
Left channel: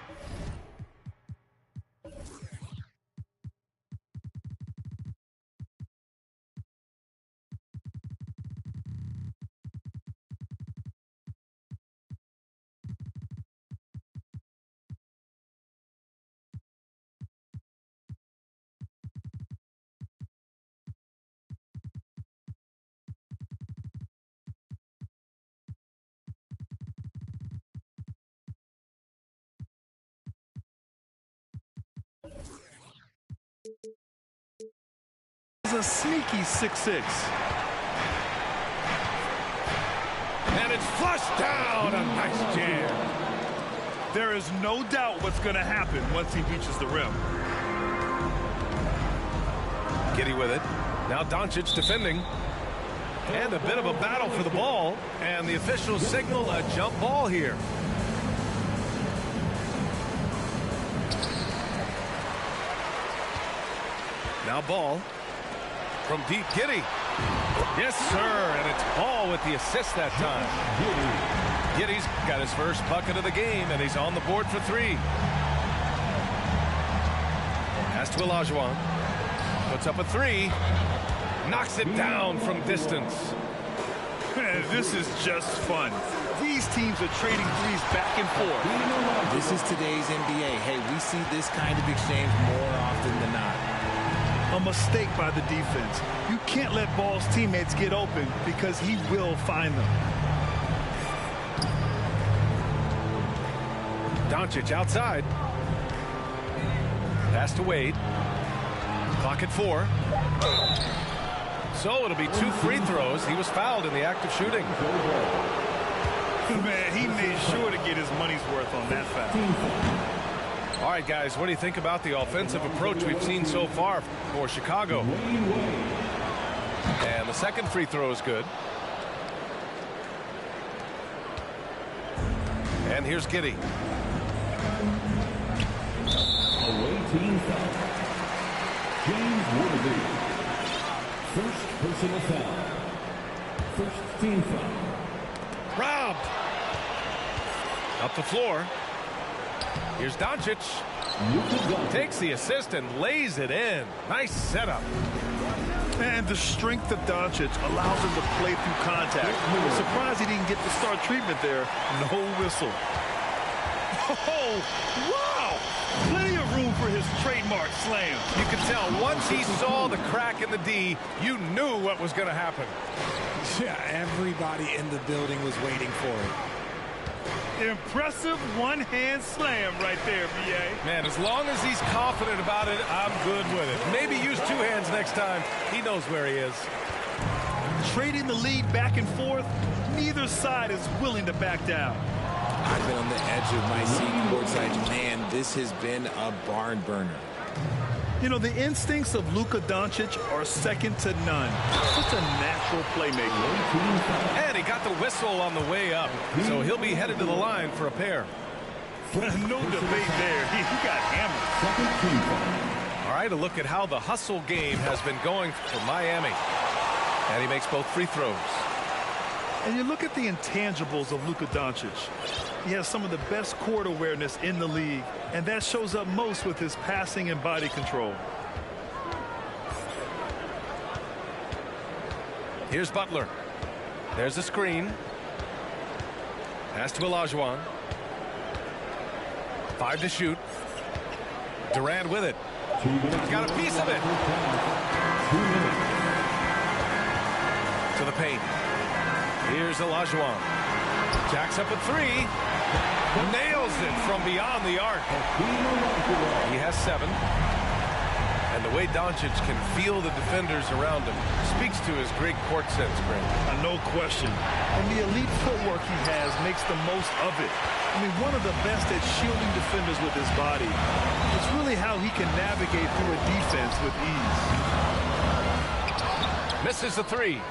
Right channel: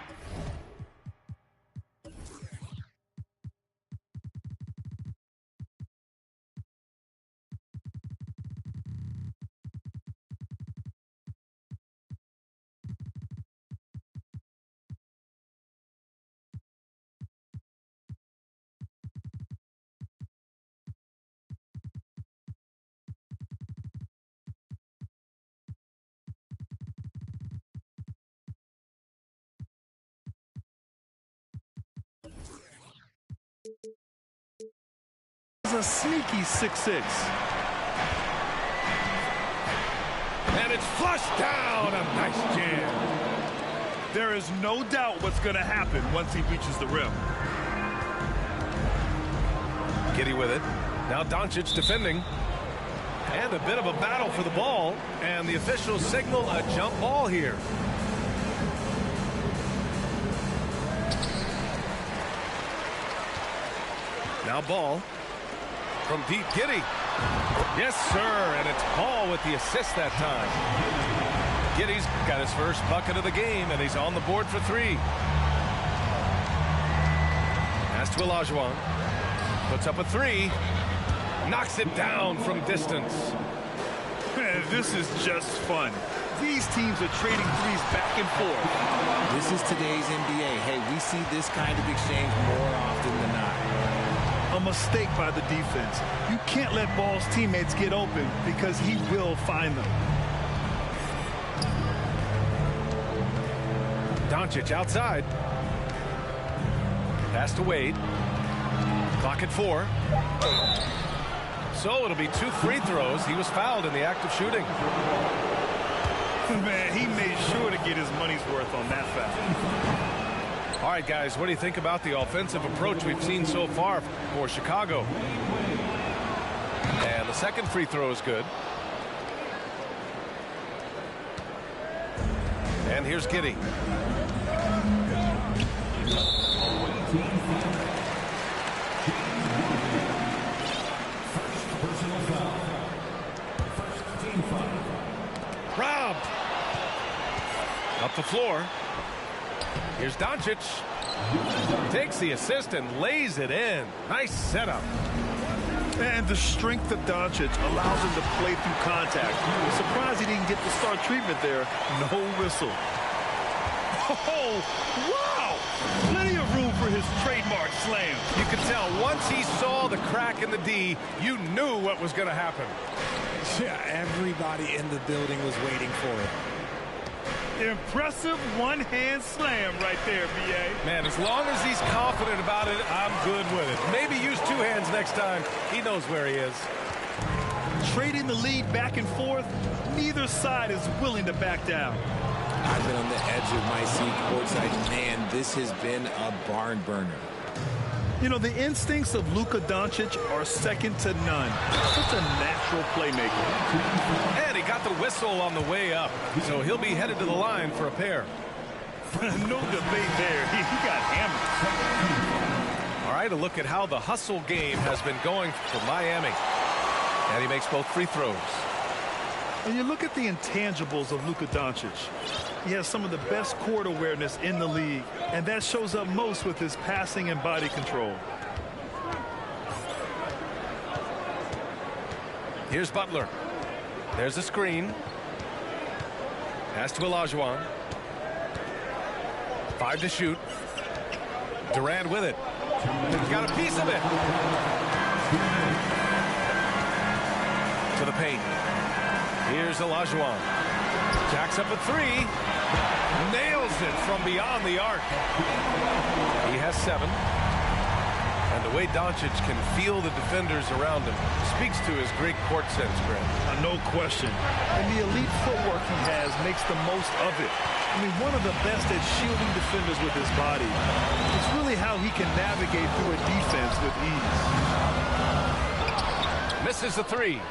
a sneaky 6'6". And it's flushed down. A nice jam. There is no doubt what's going to happen once he reaches the rim. Giddey with it. Now Doncic defending. And a bit of a battle for the ball. And the officials signal a jump ball here. Now Ball. From deep, Giddey. Yes, sir, and it's Ball with the assist that time. Giddey's got his first bucket of the game, and he's on the board for 3. Pass to Olajuwon. Puts up a 3. Knocks it down from distance. This is just fun. These teams are trading threes back and forth. This is today's NBA. Hey, we see this kind of exchange more often than not. A mistake by the defense. You can't let Ball's teammates get open because he will find them. Doncic outside. Pass to Wade. Clock at 4. So it'll be 2 free throws. He was fouled in the act of shooting. Man, he made sure to get his money's worth on that foul. All right, guys, what do you think about the offensive approach we've seen so far for Chicago? And the second free throw is good. And here's Giddey. Away team foul. James Worthy. First personal foul. First team foul. Robbed. Up the floor. Here's Doncic. Takes the assist and lays it in. Nice setup. And the strength of Doncic allows him to play through contact. Surprised he didn't get the star treatment there. No whistle. Oh, wow! Plenty of room for his trademark slam. You can tell once he saw the crack in the D, you knew what was going to happen. Yeah, everybody in the building was waiting for it. Impressive one-hand slam right there, B.A. Man, as long as he's confident about it, I'm good with it. Maybe use two hands next time. He knows where he is. Trading the lead back and forth, neither side is willing to back down. I've been on the edge of my seat courtside. Man, this has been a barn burner. You know, the instincts of Luka Doncic are second to none. Such a natural playmaker. And he got the whistle on the way up, so he'll be headed to the line for a pair. No debate there. He got hammered. All right, a look at how the hustle game has been going for Miami. And he makes both free throws. And you look at the intangibles of Luka Doncic. He has some of the best court awareness in the league, and that shows up most with his passing and body control. Here's Butler. There's a screen. Pass to Olajuwon. 5 to shoot. Durant with it. He's got a piece of it. To the paint. Here's Olajuwon. Jacks up a 3. Nails it from beyond the arc. He has 7. And the way Doncic can feel the defenders around him speaks to his great court sense, Grant. No question. And the elite footwork he has makes the most of it. I mean, one of the best at shielding defenders with his body. It's really how he can navigate through a defense with ease. Misses the 3.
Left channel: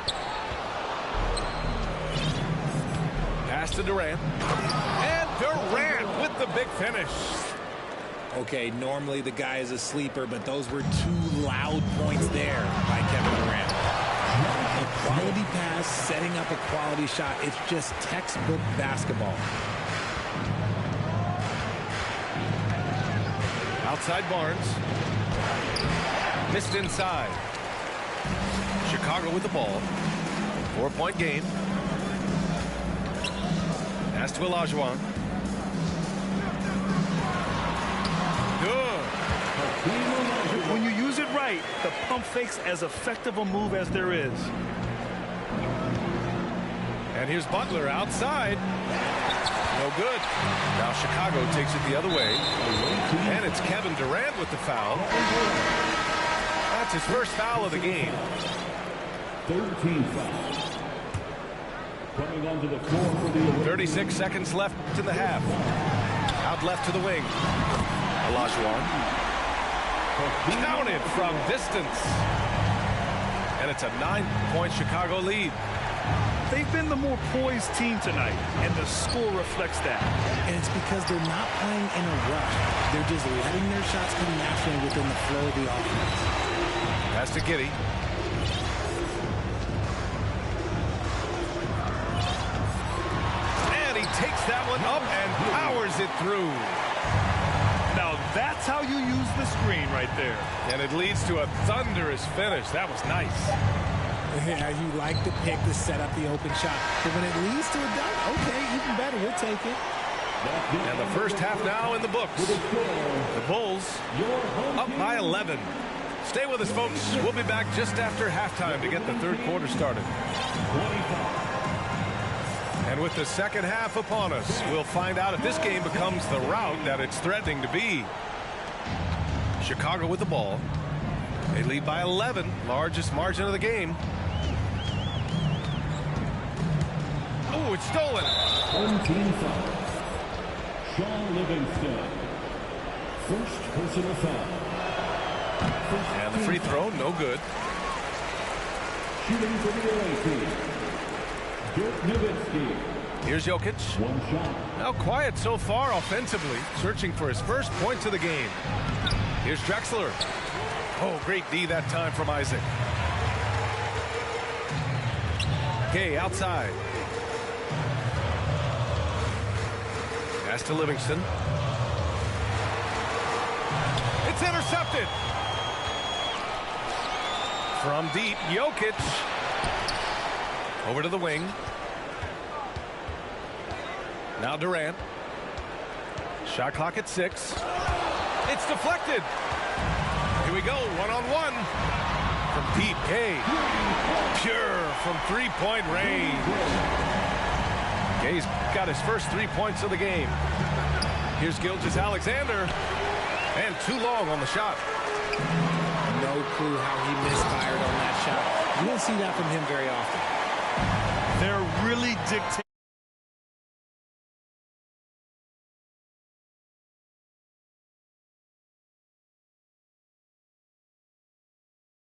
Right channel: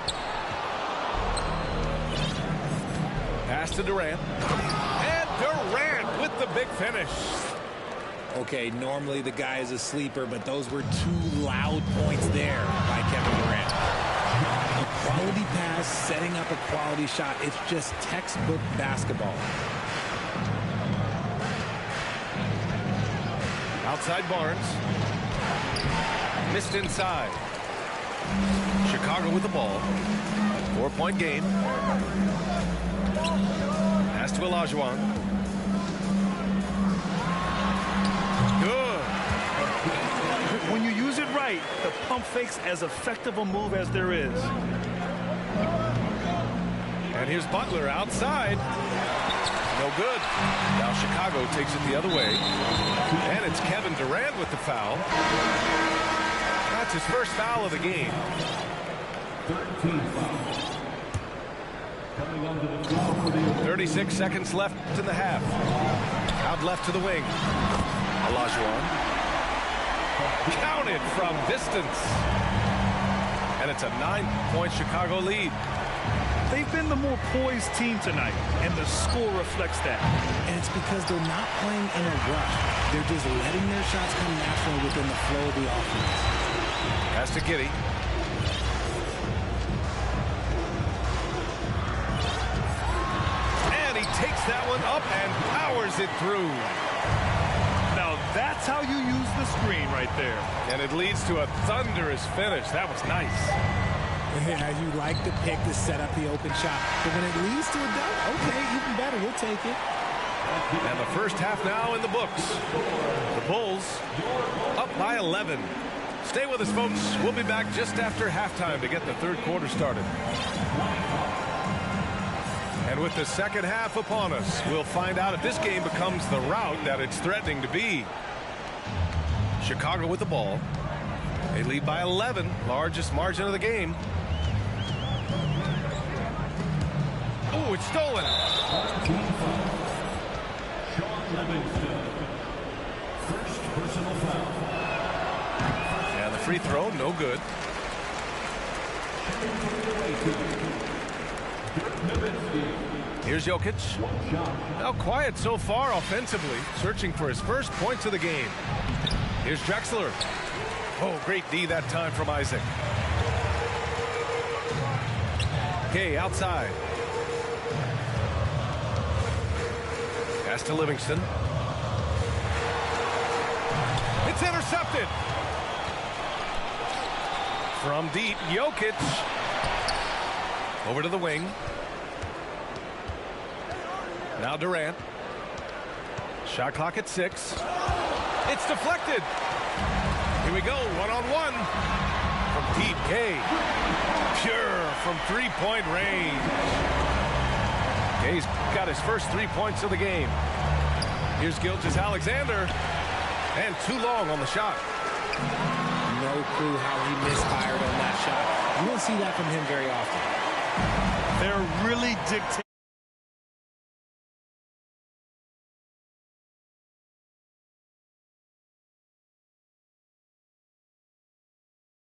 Pass to Durant. And Durant with the big finish. Okay, normally the guy is a sleeper, but those were 2 loud points there by Kevin Durant. A quality pass, setting up a quality shot. It's just textbook basketball. Outside Barnes. Missed inside. Chicago with the ball. 4-point game. Pass to Olajuwon. Good. When you use it right, the pump fake's as effective a move as there is. And here's Butler outside. No good. Now Chicago takes it the other way. And it's Kevin Durant with the foul. That's his first foul of the game. 13 fouls. Coming onto the floor for the 36 seconds left in the half. Out left to the wing. Olajuwon. Counted from distance. And it's a 9-point Chicago lead. They've been the more poised team tonight, and the score reflects that. And it's because they're not playing in a rush. They're just letting their shots come naturally within the flow of the offense. Pass to Giddey. And he takes that one up and powers it through. Now that's how you use the screen right there. And it leads to a thunderous finish. That was nice. Yeah, you like the pick to set up the open shot. But when it leads to a dunk, okay, even better. You'll take it. And the first half now in the books. The Bulls up by 11. Stay with us, folks. We'll be back just after halftime to get the third quarter started. And with the second half upon us, we'll find out if this game becomes the rout that it's threatening to be. Chicago with the ball. They lead by 11, largest margin of the game. Oh, it's stolen. 17 fouls. Sean Livingston. First personal foul. And the free throw, no good. Shooting from the away team, Dirk Nowitzki. Here's Jokic. One shot. Now quiet so far offensively, searching for his first points of the game. Here's Drexler. Oh, great D that time from Isaac. Gay outside. Pass to Livingston. It's intercepted. From deep, Jokic. Over to the wing. Now Durant. Shot clock at 6. It's deflected. Here we go, one-on-one. From deep, Gay. Pure from three-point range. Gay's got his first 3 points of the game. Here's Gilgeous-Alexander. And too long on the shot. No clue how he misfired on that shot. You don't see that from him very often. They're really dictating